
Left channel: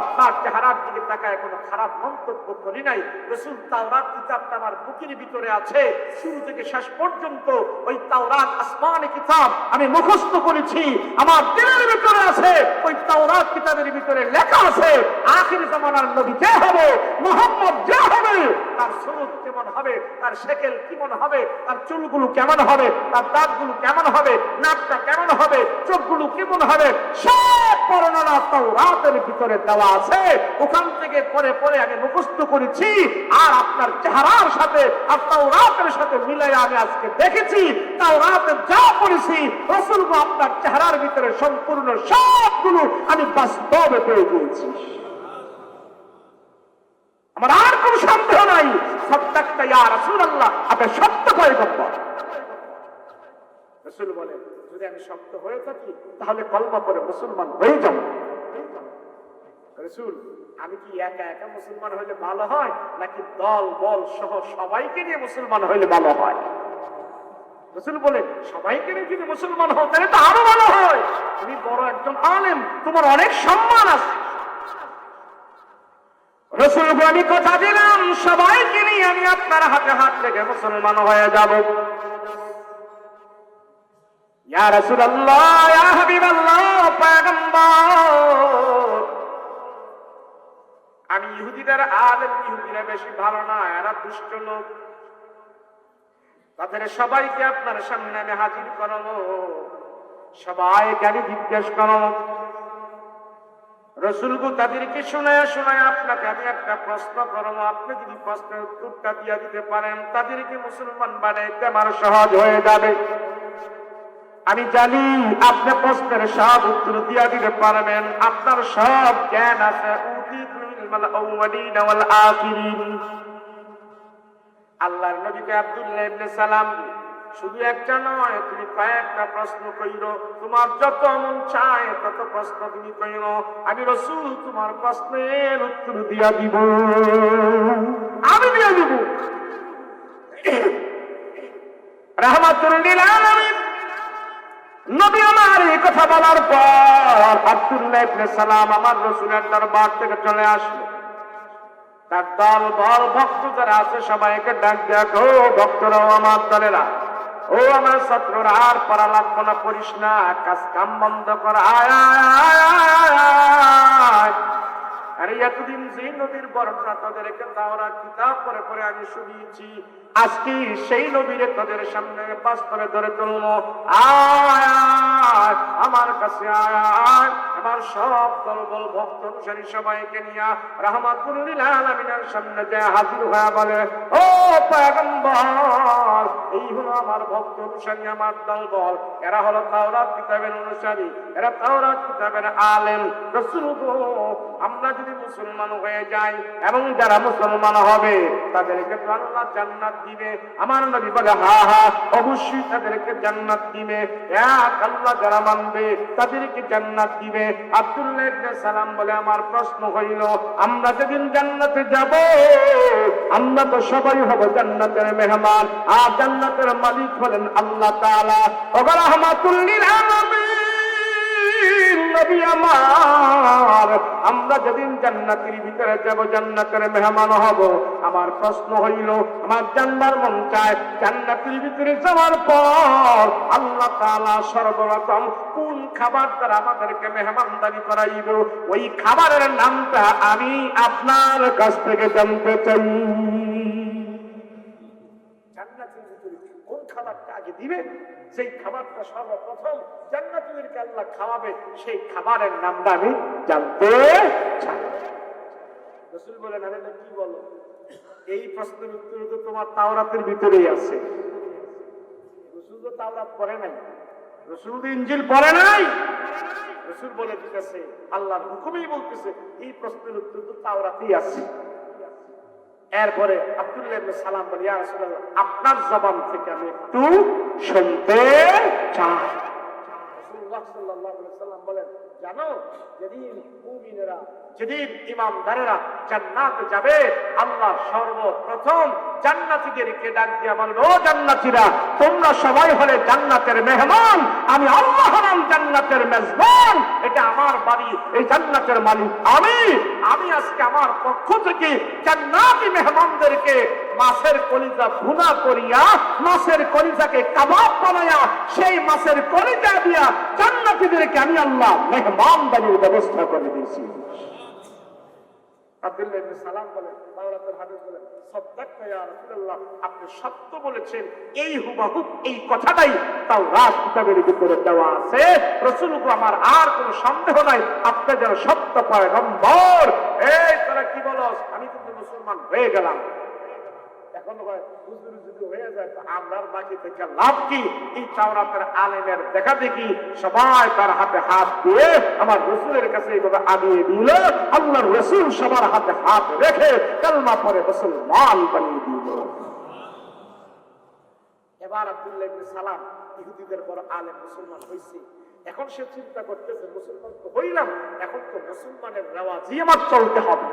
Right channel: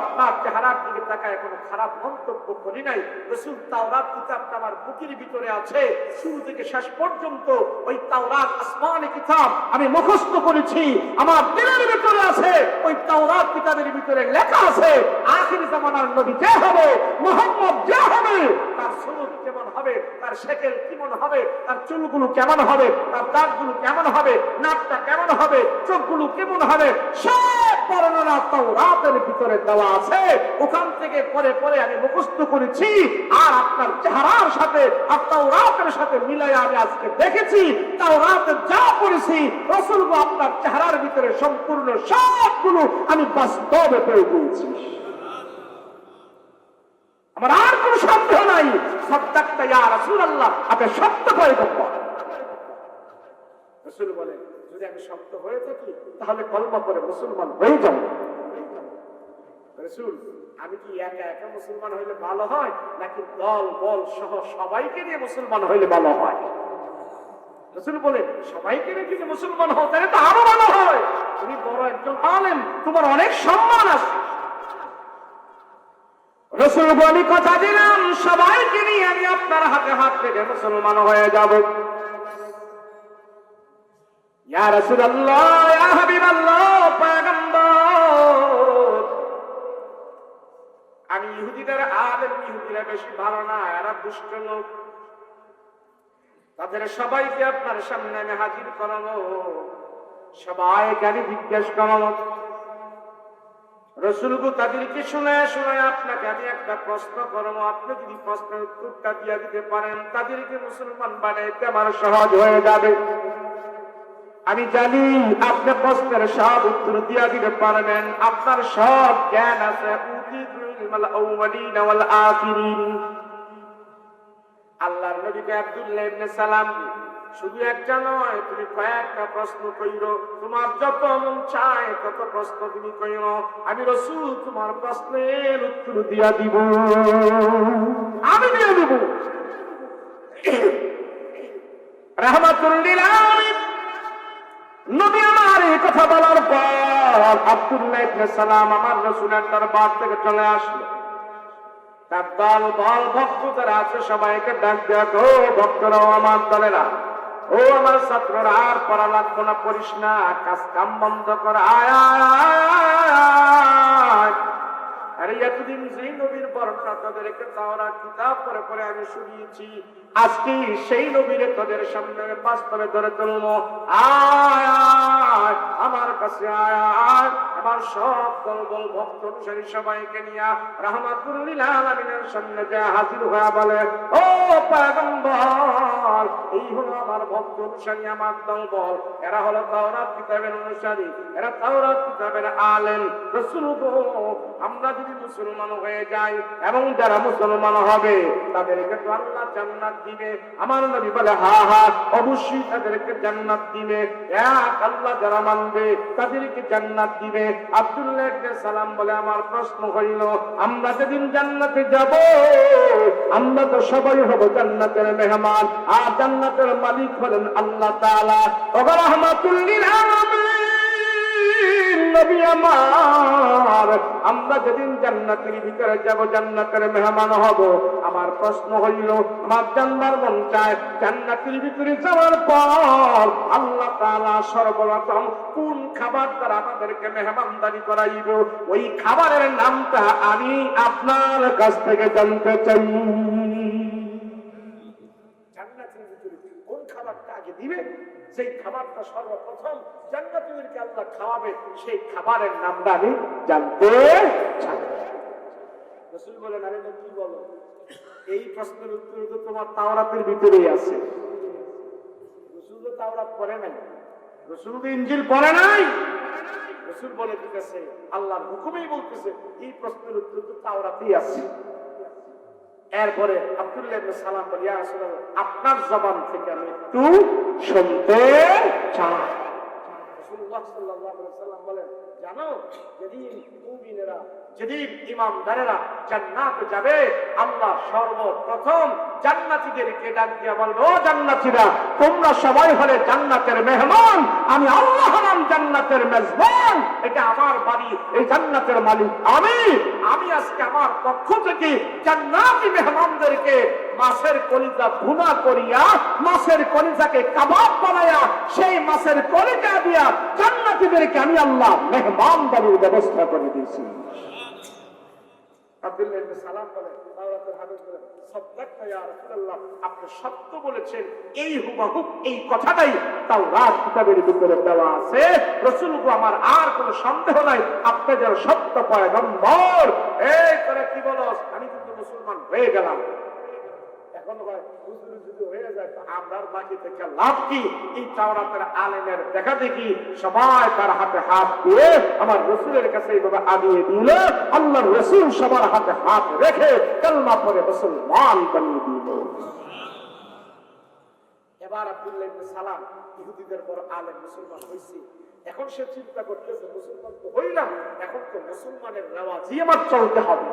আপনার চেহারার দিকে তাকায় কোনো খারাপ মন্তব্য করি নাই। রাসূল তাওরাত কিতাবটা আমার বুকের ভিতরে আছে, শুরু থেকে শেষ পর্যন্ত ওই তাওরাত আসমানি কিতাব আমি মুখস্থ করেছি, আমার দিলের ভিতরে আছে। ওই তাওরাত কিতাবের ভিতরে লেখা আছে আখির জামানার নবী কে হবে, মুহাম্মদ যে হবে, তার সুরত কেমন হবে, তার শেকেল কেমন হবে, তার চুলগুলো কেমন হবে, তার দাঁতগুলো কেমন হবে, নাকটা কেমন হবে, চোখগুলো কেমন হবে, সব বর্ণনা তাওরাতের ভিতরে দেওয়া আছে। ওখান থেকে পরে পরে আমি মুখস্থ করেছি, আর আপনার চেহারার সাথে আর তাওরাতের সাথে মিলাই আমি আজকে দেখেছি, তাওরাতে যা পড়েছি রাসূলগো আপনার চেহারার ভিতরে সম্পূর্ণ সবগুলো আমি বাস্তবে পেয়ে গিয়েছি। আমার আর কোন সন্দেহ নাই, সাদ্দাক্তা ইয়া রাসূলুল্লাহ, আপনি সত্য পয়গম্বর। রাসূল বলেন, যদি আমি সত্য হয়ে থাকি তাহলে কলমা করে মুসলমান হয়ে যাব। রাসূল, আমি কি একা একা মুসলমান হইলে ভালো হয়, নাকি দল বল সহ সবাইকে নিয়ে মুসলমান হইলে ভালো হয়? রাসূল বলে, সবাইকে নিয়ে যদি মুসলমান হও তাহলে তো আরো ভালো হয়, তুমি বড় একজন আলেম, তোমার অনেক সম্মান আছে। রাসূল বলে, আমি কথা দিলাম সবাইকে নিয়ে আমি আপনার হাতে হাত থেকে মুসলমান হয়ে যাব। ইয়া রাসূলুল্লাহ, ইয়া হাবিবাল্লাহ, পয়গম্বর, আমি ইহুদিদের আলেম, ইহুদিরা বেশি ভালো না, এরা দুষ্ট লোক। তাদের সবাইকে আপনার সামনে আমি হাজির করাবো, সবাইকে আমি জিজ্ঞেস করাবো। রসুলগু তাদেরকে শোনায় শোনায় আপনাকে আমি একটা প্রশ্ন করবো, আপনি যদি প্রশ্নের উত্তরটা দিয়ে দিতে পারেন তাদেরকে মুসলমান বানাইতে আমার সহজ হয়ে যাবে। আমি জানি আপনি প্রশ্নের সব উত্তর দিয়ে দিতে পারবেন, আপনার সব জ্ঞান আছে। আল্লাহর নবীকে আব্দুল্লাহ ইবনে সালাম শুধু একটা নয়, তুমি কয়েকটা প্রশ্ন কইরো, তোমার যত মন চায় তত প্রশ্ন তুমি কইরো, আমি রাসূল তোমার প্রশ্নের উত্তর দিয়া দিব, আমি দিয়ে দিব। রাহমাতুল লিল আলামিন নবী আমার এই কথা বলার পর আব্দুল্লাহ ইবনে সালাম আমার রাসূলের দরবার থেকে চলে আসলো। তার দল বল ভক্ত যারা আছে সবাইকে ডাক দেখো, ভক্তরা আমার দলেরা, ও আমার ছাত্ররা, আর পড়া লাগবো না, পড়িস না, কাজ কাম বন্ধ কর, আরে এতদিন যে নবীর বর্ণনা তাদেরকে তাওরাত কিতাব পড়ে পড়ে আমি শুনিয়েছি, আজকে সেই নবীরে তাদের সামনে বাস্তবে ধরে তুলবো। আয় আমার কাছে, আয় আমার সব দলবল ভক্ত অনুসারী সবাইকে নিয়ে রাহমাতুল লিল আলামিনের সামনে যা হাজির হয়ে বলে, ও পয়গম্বর, এই হলো আমার ভক্ত অনুসারী, আমার দলবল, এরা হলো তাওরাত কিতাবের অনুসারী, এরা তাওরাত কিতাবের আলেম। রাসূল গো, আমরা যদি মুসলমান হয়ে যাই এবং যারা মুসলমান হবে তাদেরকে আল্লাহ জান্নাত দিবে। আমার নবী বলে, হ্যাঁ হ্যাঁ অবশ্যই তাদেরকে জান্নাত দিবে, এক আল্লাহ যারা মানবে তাদেরকে জান্নাত দিবে। আব্দুল্লাহ ইবনে সালাম বলে, আমার প্রশ্ন হইল, আমরা যেদিন জান্নাতে যাব আমরা তো সবাই হব জান্নাতের মেহমান, আর জান্নাতের মালিক হলেন আল্লাহ তাআলা। ওগো রাহমাতুল লিল আলামিন নবী আমার, আমরা যেদিন জান্নাতের ভিতরে যাব, জান্নাতের মেহমান হব, আমার প্রশ্ন হইল, আমার জান্নার মন চায়, জান্নাতের ভিতরে যাওয়ার পর আল্লাহ তাআলা সর্বপ্রথম কোন খাবার দ্বারা আমাদেরকে মেহমানদারি করাইব, ওই খাবারের নামটা আমি আপনার কাছ থেকে জানতে চাই। জান্নাতের ভিতরে কোন খাবারটা আগে দিবে, সেই খাবারটা সর্বপ্রথম জান্নাতীদেরকে আল্লাহ খাওয়াবে, সেই খাবারের নামটা আমি জানতে চাই। রাসূল বলেন, আরে কি বলো, এই প্রশ্নের উত্তর তো তোমার তাওরাতের ভিতরেই আছে। রাসূল তো তাওরাত পড়ে নাই, রাসূল তো ইনজিল পড়ে নাই। রাসূল বলে দিতেছে, আল্লাহর হুকুমেই বলতেছে, এই প্রশ্নের উত্তর তো তাওরাতেই আছে। এরপরে আব্দুল্লাহ ইবনে সালাম বলে, ইয়া রাসূলুল্লাহ, আপনার জবান থেকে আমি একটু শুনতে চাই। রাসূলুল্লাহ সাল্লাল্লাহু আলাইহি ওয়াসাল্লাম বলেন, জানো, যেদিন মুমিনেরা, যেদিন ঈমানদারেরা জান্নাতে যাবে, আল্লাহ সর্বপ্রথম জান্নাতীদেরকে ডাক দিয়ে বলবে, ও জান্নাতীরা, তোমরা সবাই হলে জান্নাতের মেহমান, আমি আল্লাহ হলাম জান্নাতের মেজবান, এটা আমার বাড়ি, এই জান্নাতের মালিক আমি আজকে আমার পক্ষ থেকে জান্নাতি মেহমানদেরকে মাছের কলিজা ভুনা করিয়া, মাছের কলিজাকে কাবাব বানায়া, সেই মাছের কলিজা দিয়া জান্নাতীদেরকে আমি আল্লাহ মেহমানদারির ব্যবস্থা করে দিয়েছি। আব্দুল্লাহ ইবনে সালাম বলেন, তাওরাতের হাদিস বলেন, সাদাক্তা ইয়া রাসূলুল্লাহ, আপনি সত্য বলেছেন, এই হুবহু এই কথাটাই তাওরাত কিতাবের ভিতরে দেওয়া আছে। রাসূল গো, আমার আর কোনো সন্দেহ নাই, আপনি যেন সত্য পয়গম্বর। এই তোরা কি বলস, আমি কিন্তু মুসলমান হয়ে গেলাম। এখন হুজুর যদি হয়ে যায় তো আমরা বাকি থেকে লাভ কি? এই তাওরাতের আলেমের দেখা দেখি সবাই তার হাতে হাত দিয়ে আমার রাসূলের কাছে এইভাবে আগিয়ে দিল। আল্লাহর রাসূল সবার হাতে হাত রেখে কালমা পড়ে মুসলমান বানিয়ে দিল। এবার আব্দুল্লাহ ইবনে সালাম ইহুদিদের বড় আলেম, মুসলমান হয়েছে। এখন সে চিন্তা করতেছে, মুসলমান তো হইলাম, এখন তো মুসলমানের রেওয়াজই আমার চলতে হবে,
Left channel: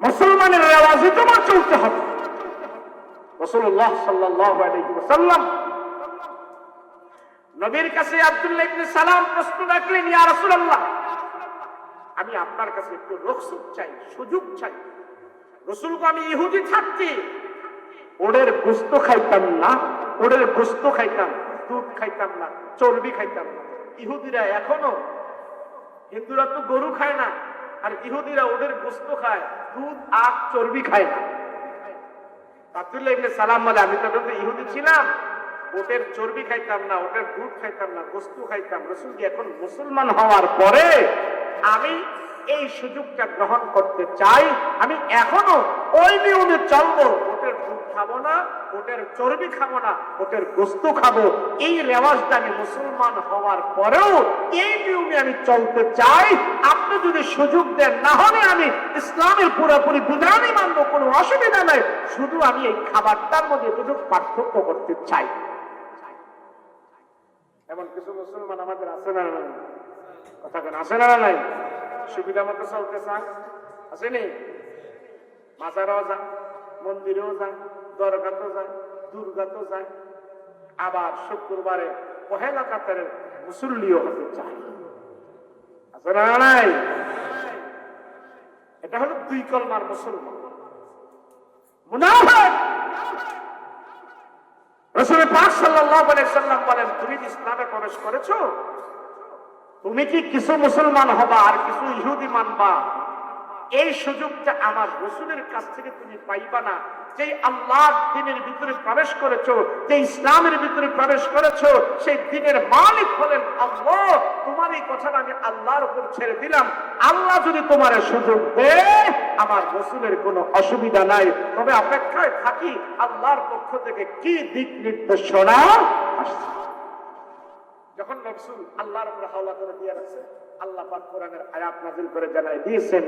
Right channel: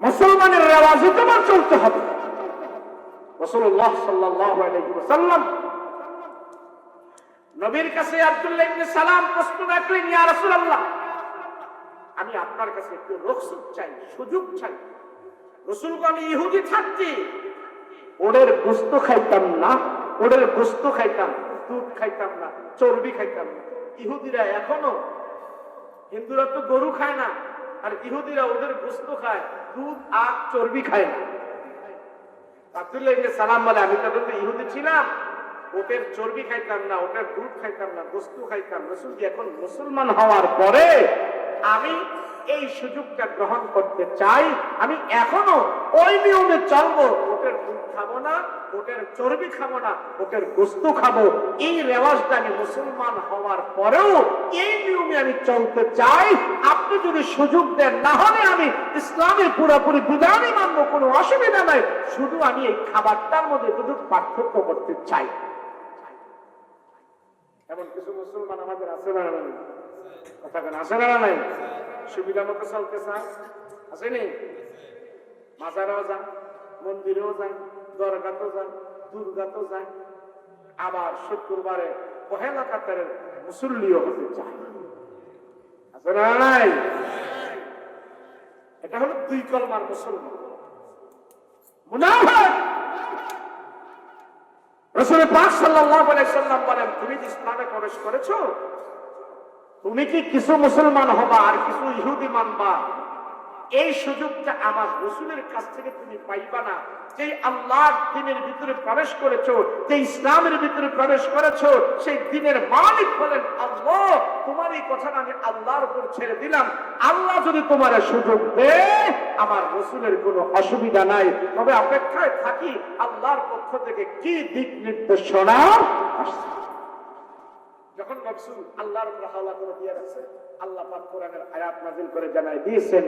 মুসলমানের রেওয়াজে তোমার চলতে হবে। রাসূলুল্লাহ সাল্লাল্লাহু আলাইহি ওয়াসাল্লাম নবীর কাছে আব্দুল্লাহ ইবনে সালাম প্রশ্ন রাখলেন, ইয়া রাসূলুল্লাহ, আমি আপনার কাছে একটু রুখসত চাই, সুযোগ চাই। রাসূল গো, আমি ইহুদি থাকতি ওদের গোশত খাইতাম না, ওদের গোশত খাইতাম, দুধ খাইতাম না, চর্বি খাইতাম না। ইহুদিরা এখনো, হিন্দুরা তো গরু খায় না, আর ইহুদিরা ওদের গোস্ত খায়, দুধ আর চর্বি খায় না। আব্দুল্লাহ ইবনে সালাম বলে, আমি তখন তো ইহুদি ছিলাম, ওদের চর্বি খাইতাম না, ওদের দুধ খাইতাম না, গোস্ত খাইতাম। রাসূল এখন মুসলমান হওয়ার পরে আমি এই সুযোগটা গ্রহণ করতে চাই, আমি এখনো ওই নিয়মে চলবো, ওদের দুধ খাবো না, ওদের চর্বি খাবো না, ওদের গোস্ত খাবো। এই রেওয়াজটা আমি মুসলমান হওয়ার পরেও এই নিয়মে আমি চলতে চাই। আপনি যদি সুযোগ দেন, না হলে আমি ইসলামের পুরোপুরি বিধানই মানবো, কোনো অসুবিধা নাই, শুধু আমি এই খাবারটার মধ্যে একটু পার্থক্য করতে চাই। এমন কিছু মুসলমান আমাদের আছে না নাই? কথা কেন আছে না নাই? সুবিধা মতো চলতে চায়, আসেনি? মাজারও যান, মন্দিরেও যান, দরগাতেও যান, দুর্গাতেও যান, আবার শুক্রবারে পহেলা কাতারের মুসল্লিও হতে চায়, আছে না নাই? এটা হলো দুই কলমার মুসলমান, মুনাফিক। রাসূল পাক সাল্লাল্লাহু আলাইহি সাল্লাম বলেন, তুমি কি ইসলামে প্রবেশ করেছো? তুমি কি কিছু মুসলমান হবা আর কিছু ইহুদি মানবা? এই সুযোগটা আমার রাসূলের কাছ থেকে তুমি পাইবা না। যে আল্লাহর দ্বীনের ভিতরে প্রবেশ করেছো, যে ইসলামের ভিতরে প্রবেশ করেছো, সেই দ্বীনের মালিক হলেন আল্লাহ। তোমার এই কথাটা আমি আল্লাহর উপর ছেড়ে দিলাম। আল্লাহ যদি তোমার সুযোগ দেয়, আমার রাসূলের কোনো অসুবিধা নাই, তবে অপেক্ষায় থাকি আল্লাহর পক্ষ থেকে কি দিক নির্দেশনা আসছে। যখন রাসূল আল্লাহর উপর হাওলা করে দিয়ে রাখছে, আল্লাহ পাক কোরআনের আয়াত নাযিল করে জানায় দিয়েছেন,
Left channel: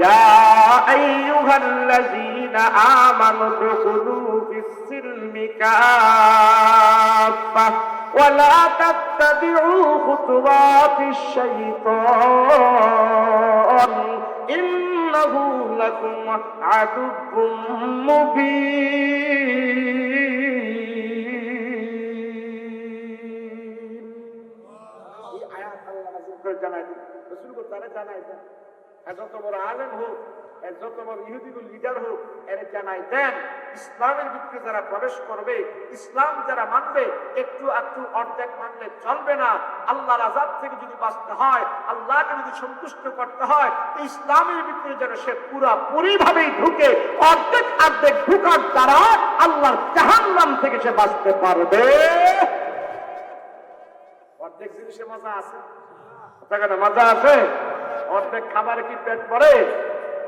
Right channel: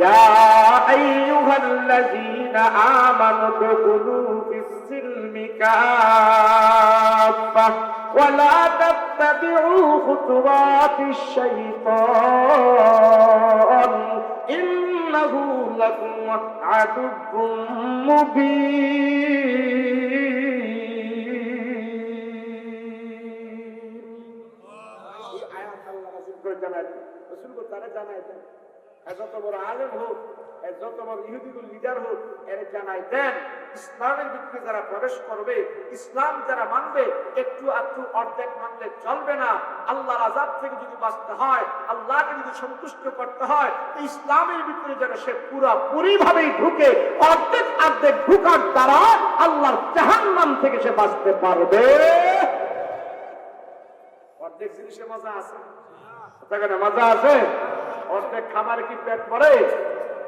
ইয়া আইয়ুহাল্লাযীনা আমানু দুখুলু ফিস-সিলমি কাফা ওয়া লা তাত্তাবিউ খুতুওয়াতিশ শাইতান ইন্নাহু লাকুম আদুব্বুম মুবিন। যত বড় আলেম হোক, যত বড় ইহুদিগুল লিডার হোক, এর জানাই দেন, ইসলামের ভিতরে যারা প্রবেশ করবে, ইসলাম যারা মানবে, একটু একটু অর্ধেক মানলে চলবে না। আল্লাহর আযাব থেকে যদি বাঁচতে হয়, আল্লাহকে যদি সন্তুষ্ট করতে হয়, ইসলামের ভিতরে যেন সে পুরোপুরি ভাবেই ঢুকে, অর্ধেক অর্ধেক ঢুকার দ্বারা আল্লাহর জাহান্নাম থেকে সে বাঁচতে পারবে। অর্ধেক জিনিসে মজা আছে, মজা আছে। অর্ধেক খাবারে কি পেট ভরে?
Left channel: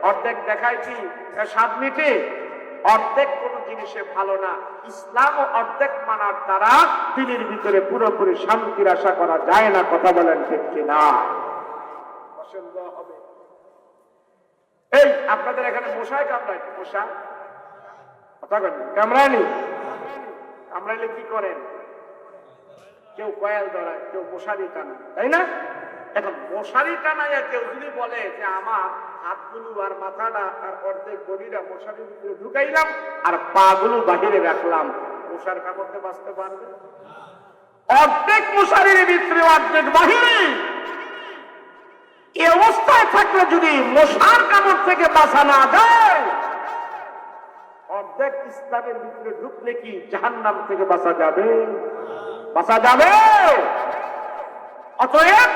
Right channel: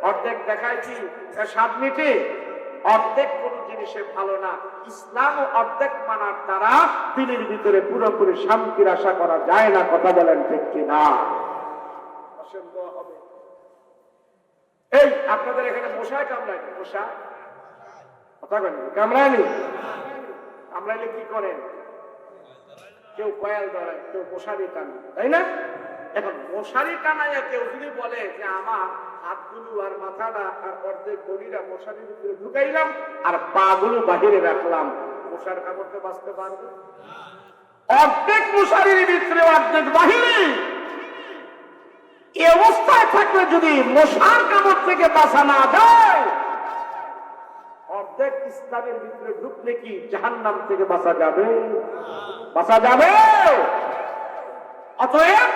অর্ধেক দেখায় কি স্বাদ মিটে? অর্ধেক কোন জিনিসে ভালো না। ইসলাম ও অর্ধেক মানার দ্বারা দিনের ভিতরে পুরোপুরি শান্তির আশা করা যায় না। কথা বলেন ঠিক কিনা? অসম্ভব হবে। এই আপনাদের এখানে মশায় কামড়ায়, মশা কথা বলেন, কামড়ানি? কামড়াইলে কি করেন? কেউ কয়েল ধরায়, কেউ মশারি টানে, তাই না? এখন মশারি টানায় কেউ যদি বলে যে আমার হাতগুলো আর মাথাটা আর অর্ধেক গলিরা মশারির ভিতরে ঢুকাইলাম আর পা গুলো বাহিরে রাখলাম, মশার কামড়তে বাঁচতে পারবে? অর্ধেক মশারির ভিতরে অর্ধেক বাহিরে, এই অবস্থায় থাকলে যদি মশার কামড় থেকে বাঁচা না যায়, অর্ধেক ইসলামের ভিতরে ঢুকলে কি জাহান্নাম থেকে বাঁচা যাবে? বাঁচা যাবে? অতএব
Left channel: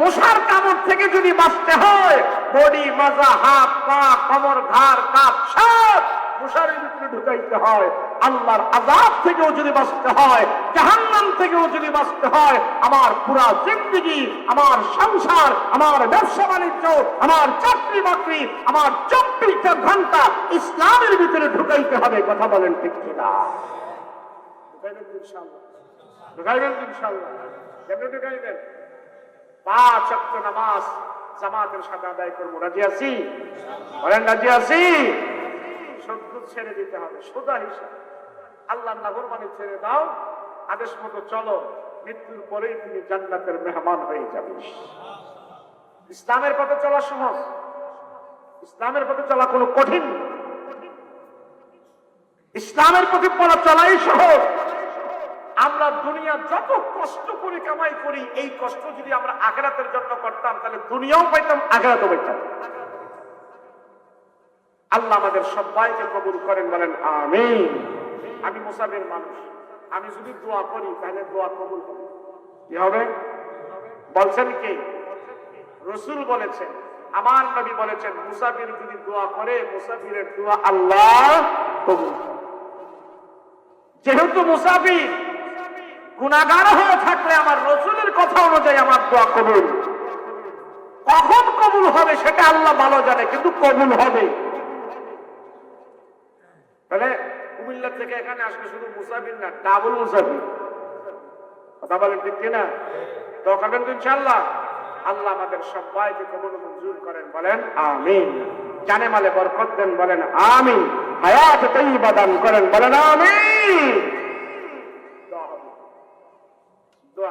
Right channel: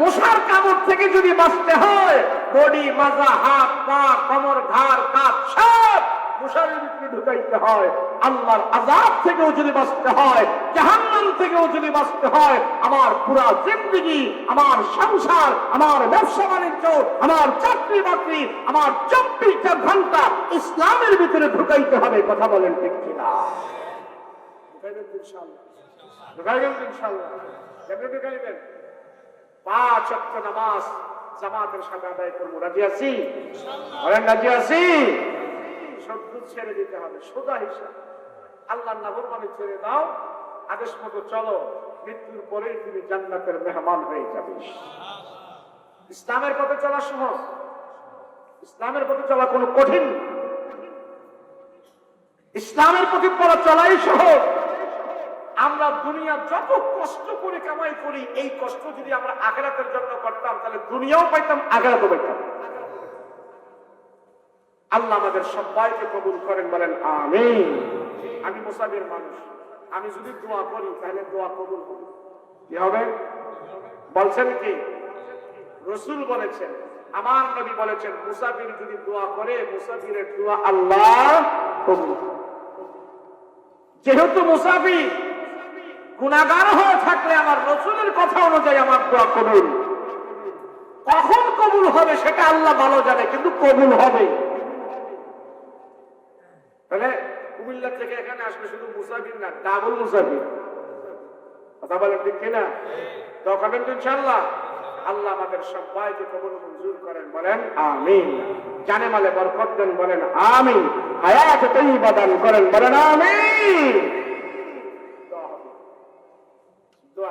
মশার কামড় থেকে যদি বাঁচতে হয়, বডি, মাজা, হাত, পা, কোমর, ঘাড়, কাঁধ সব মশারির ভিতরে ঢুকাইতে হয়। আল্লাহর আযাব থেকেও যদি বাঁচতে হয়, জাহান্নাম থেকেও যদি বাঁচতে হয়, আমার পুরা জিন্দেগি, আমার সংসার, আমার ব্যবসা বাণিজ্য, আমার চাকরি বাকরি, আমার 24টা ঘন্টা ইসলামের ভিতরে ঢুকাইতে হবে। কথা বলেন ঠিক কিনা? ঢুকাইবেন ইনশাআল্লাহ? ঢুকাইবেন ইনশাআল্লাহ? কেমনে ঢুকাইবেন? 5 ওয়াক্ত নামাজ জামাতের সাথে আদায় করবো। রাজি আছি? বলেন রাজি আছি? সব ছেড়ে দিতে হবে, সোজা হিসাব। আল্লাহর নাফরমানি ছেড়ে দাও, আদেশ মতো চলো, মৃত্যুর পরেই তুমি জান্নাতের মেহমান হয়ে যাবে। ইসলামের পথে চলা সহজ, ইসলামের পথে চলা কোনো কঠিন, ইসলামের পথে চলাই সহজ। আমরা দুনিয়া যত কষ্ট করে কামাই করি, এই কষ্ট যদি আমরা আখিরাতের জন্য করতাম, তাহলে দুনিয়াও পাইতাম, আখিরাতও পাইতাম। আল্লাহ আমাদের সবাইকে কবুল করেন, বলেন আমিন। আমি মুসাফির মানুষ, আমি যদি দোয়া করি তাহলে দোয়া কবুল হবে। কি হবে? বলছেন কি? রাসূল বলেছেন, আমার নবী বলেছেন মুসাফির যদি দোয়া করে মুসাফিরের দোয়া আল্লাহ কবুল করে। যেহেতু মুসাফির গুনাহগার হয়ে থাকলে আমার রাসূলের কথা অনুযায়ী আমার দোয়া কবুল। কখন কবুল হবে সেটা আল্লাহ ভালো জানে, কিন্তু কবুল হবে। তাহলে কুমিল্লা থেকে এখানে আসলে শুধু মুসাফির না, ডাবল মুসাফির। কথা বলেন ঠিক কিনা? তো করবেন তো ইনশাআল্লাহ। আল্লাহ আমাদের সবাইকে কবুল মঞ্জুর করেন, বলেন আমিন। জানে মালে বরকত দেন, বলেন আমিন। হায়াত তাইয়্যিবা দান করেন, বলেন আমিন। দোয়া হবে, দোয়া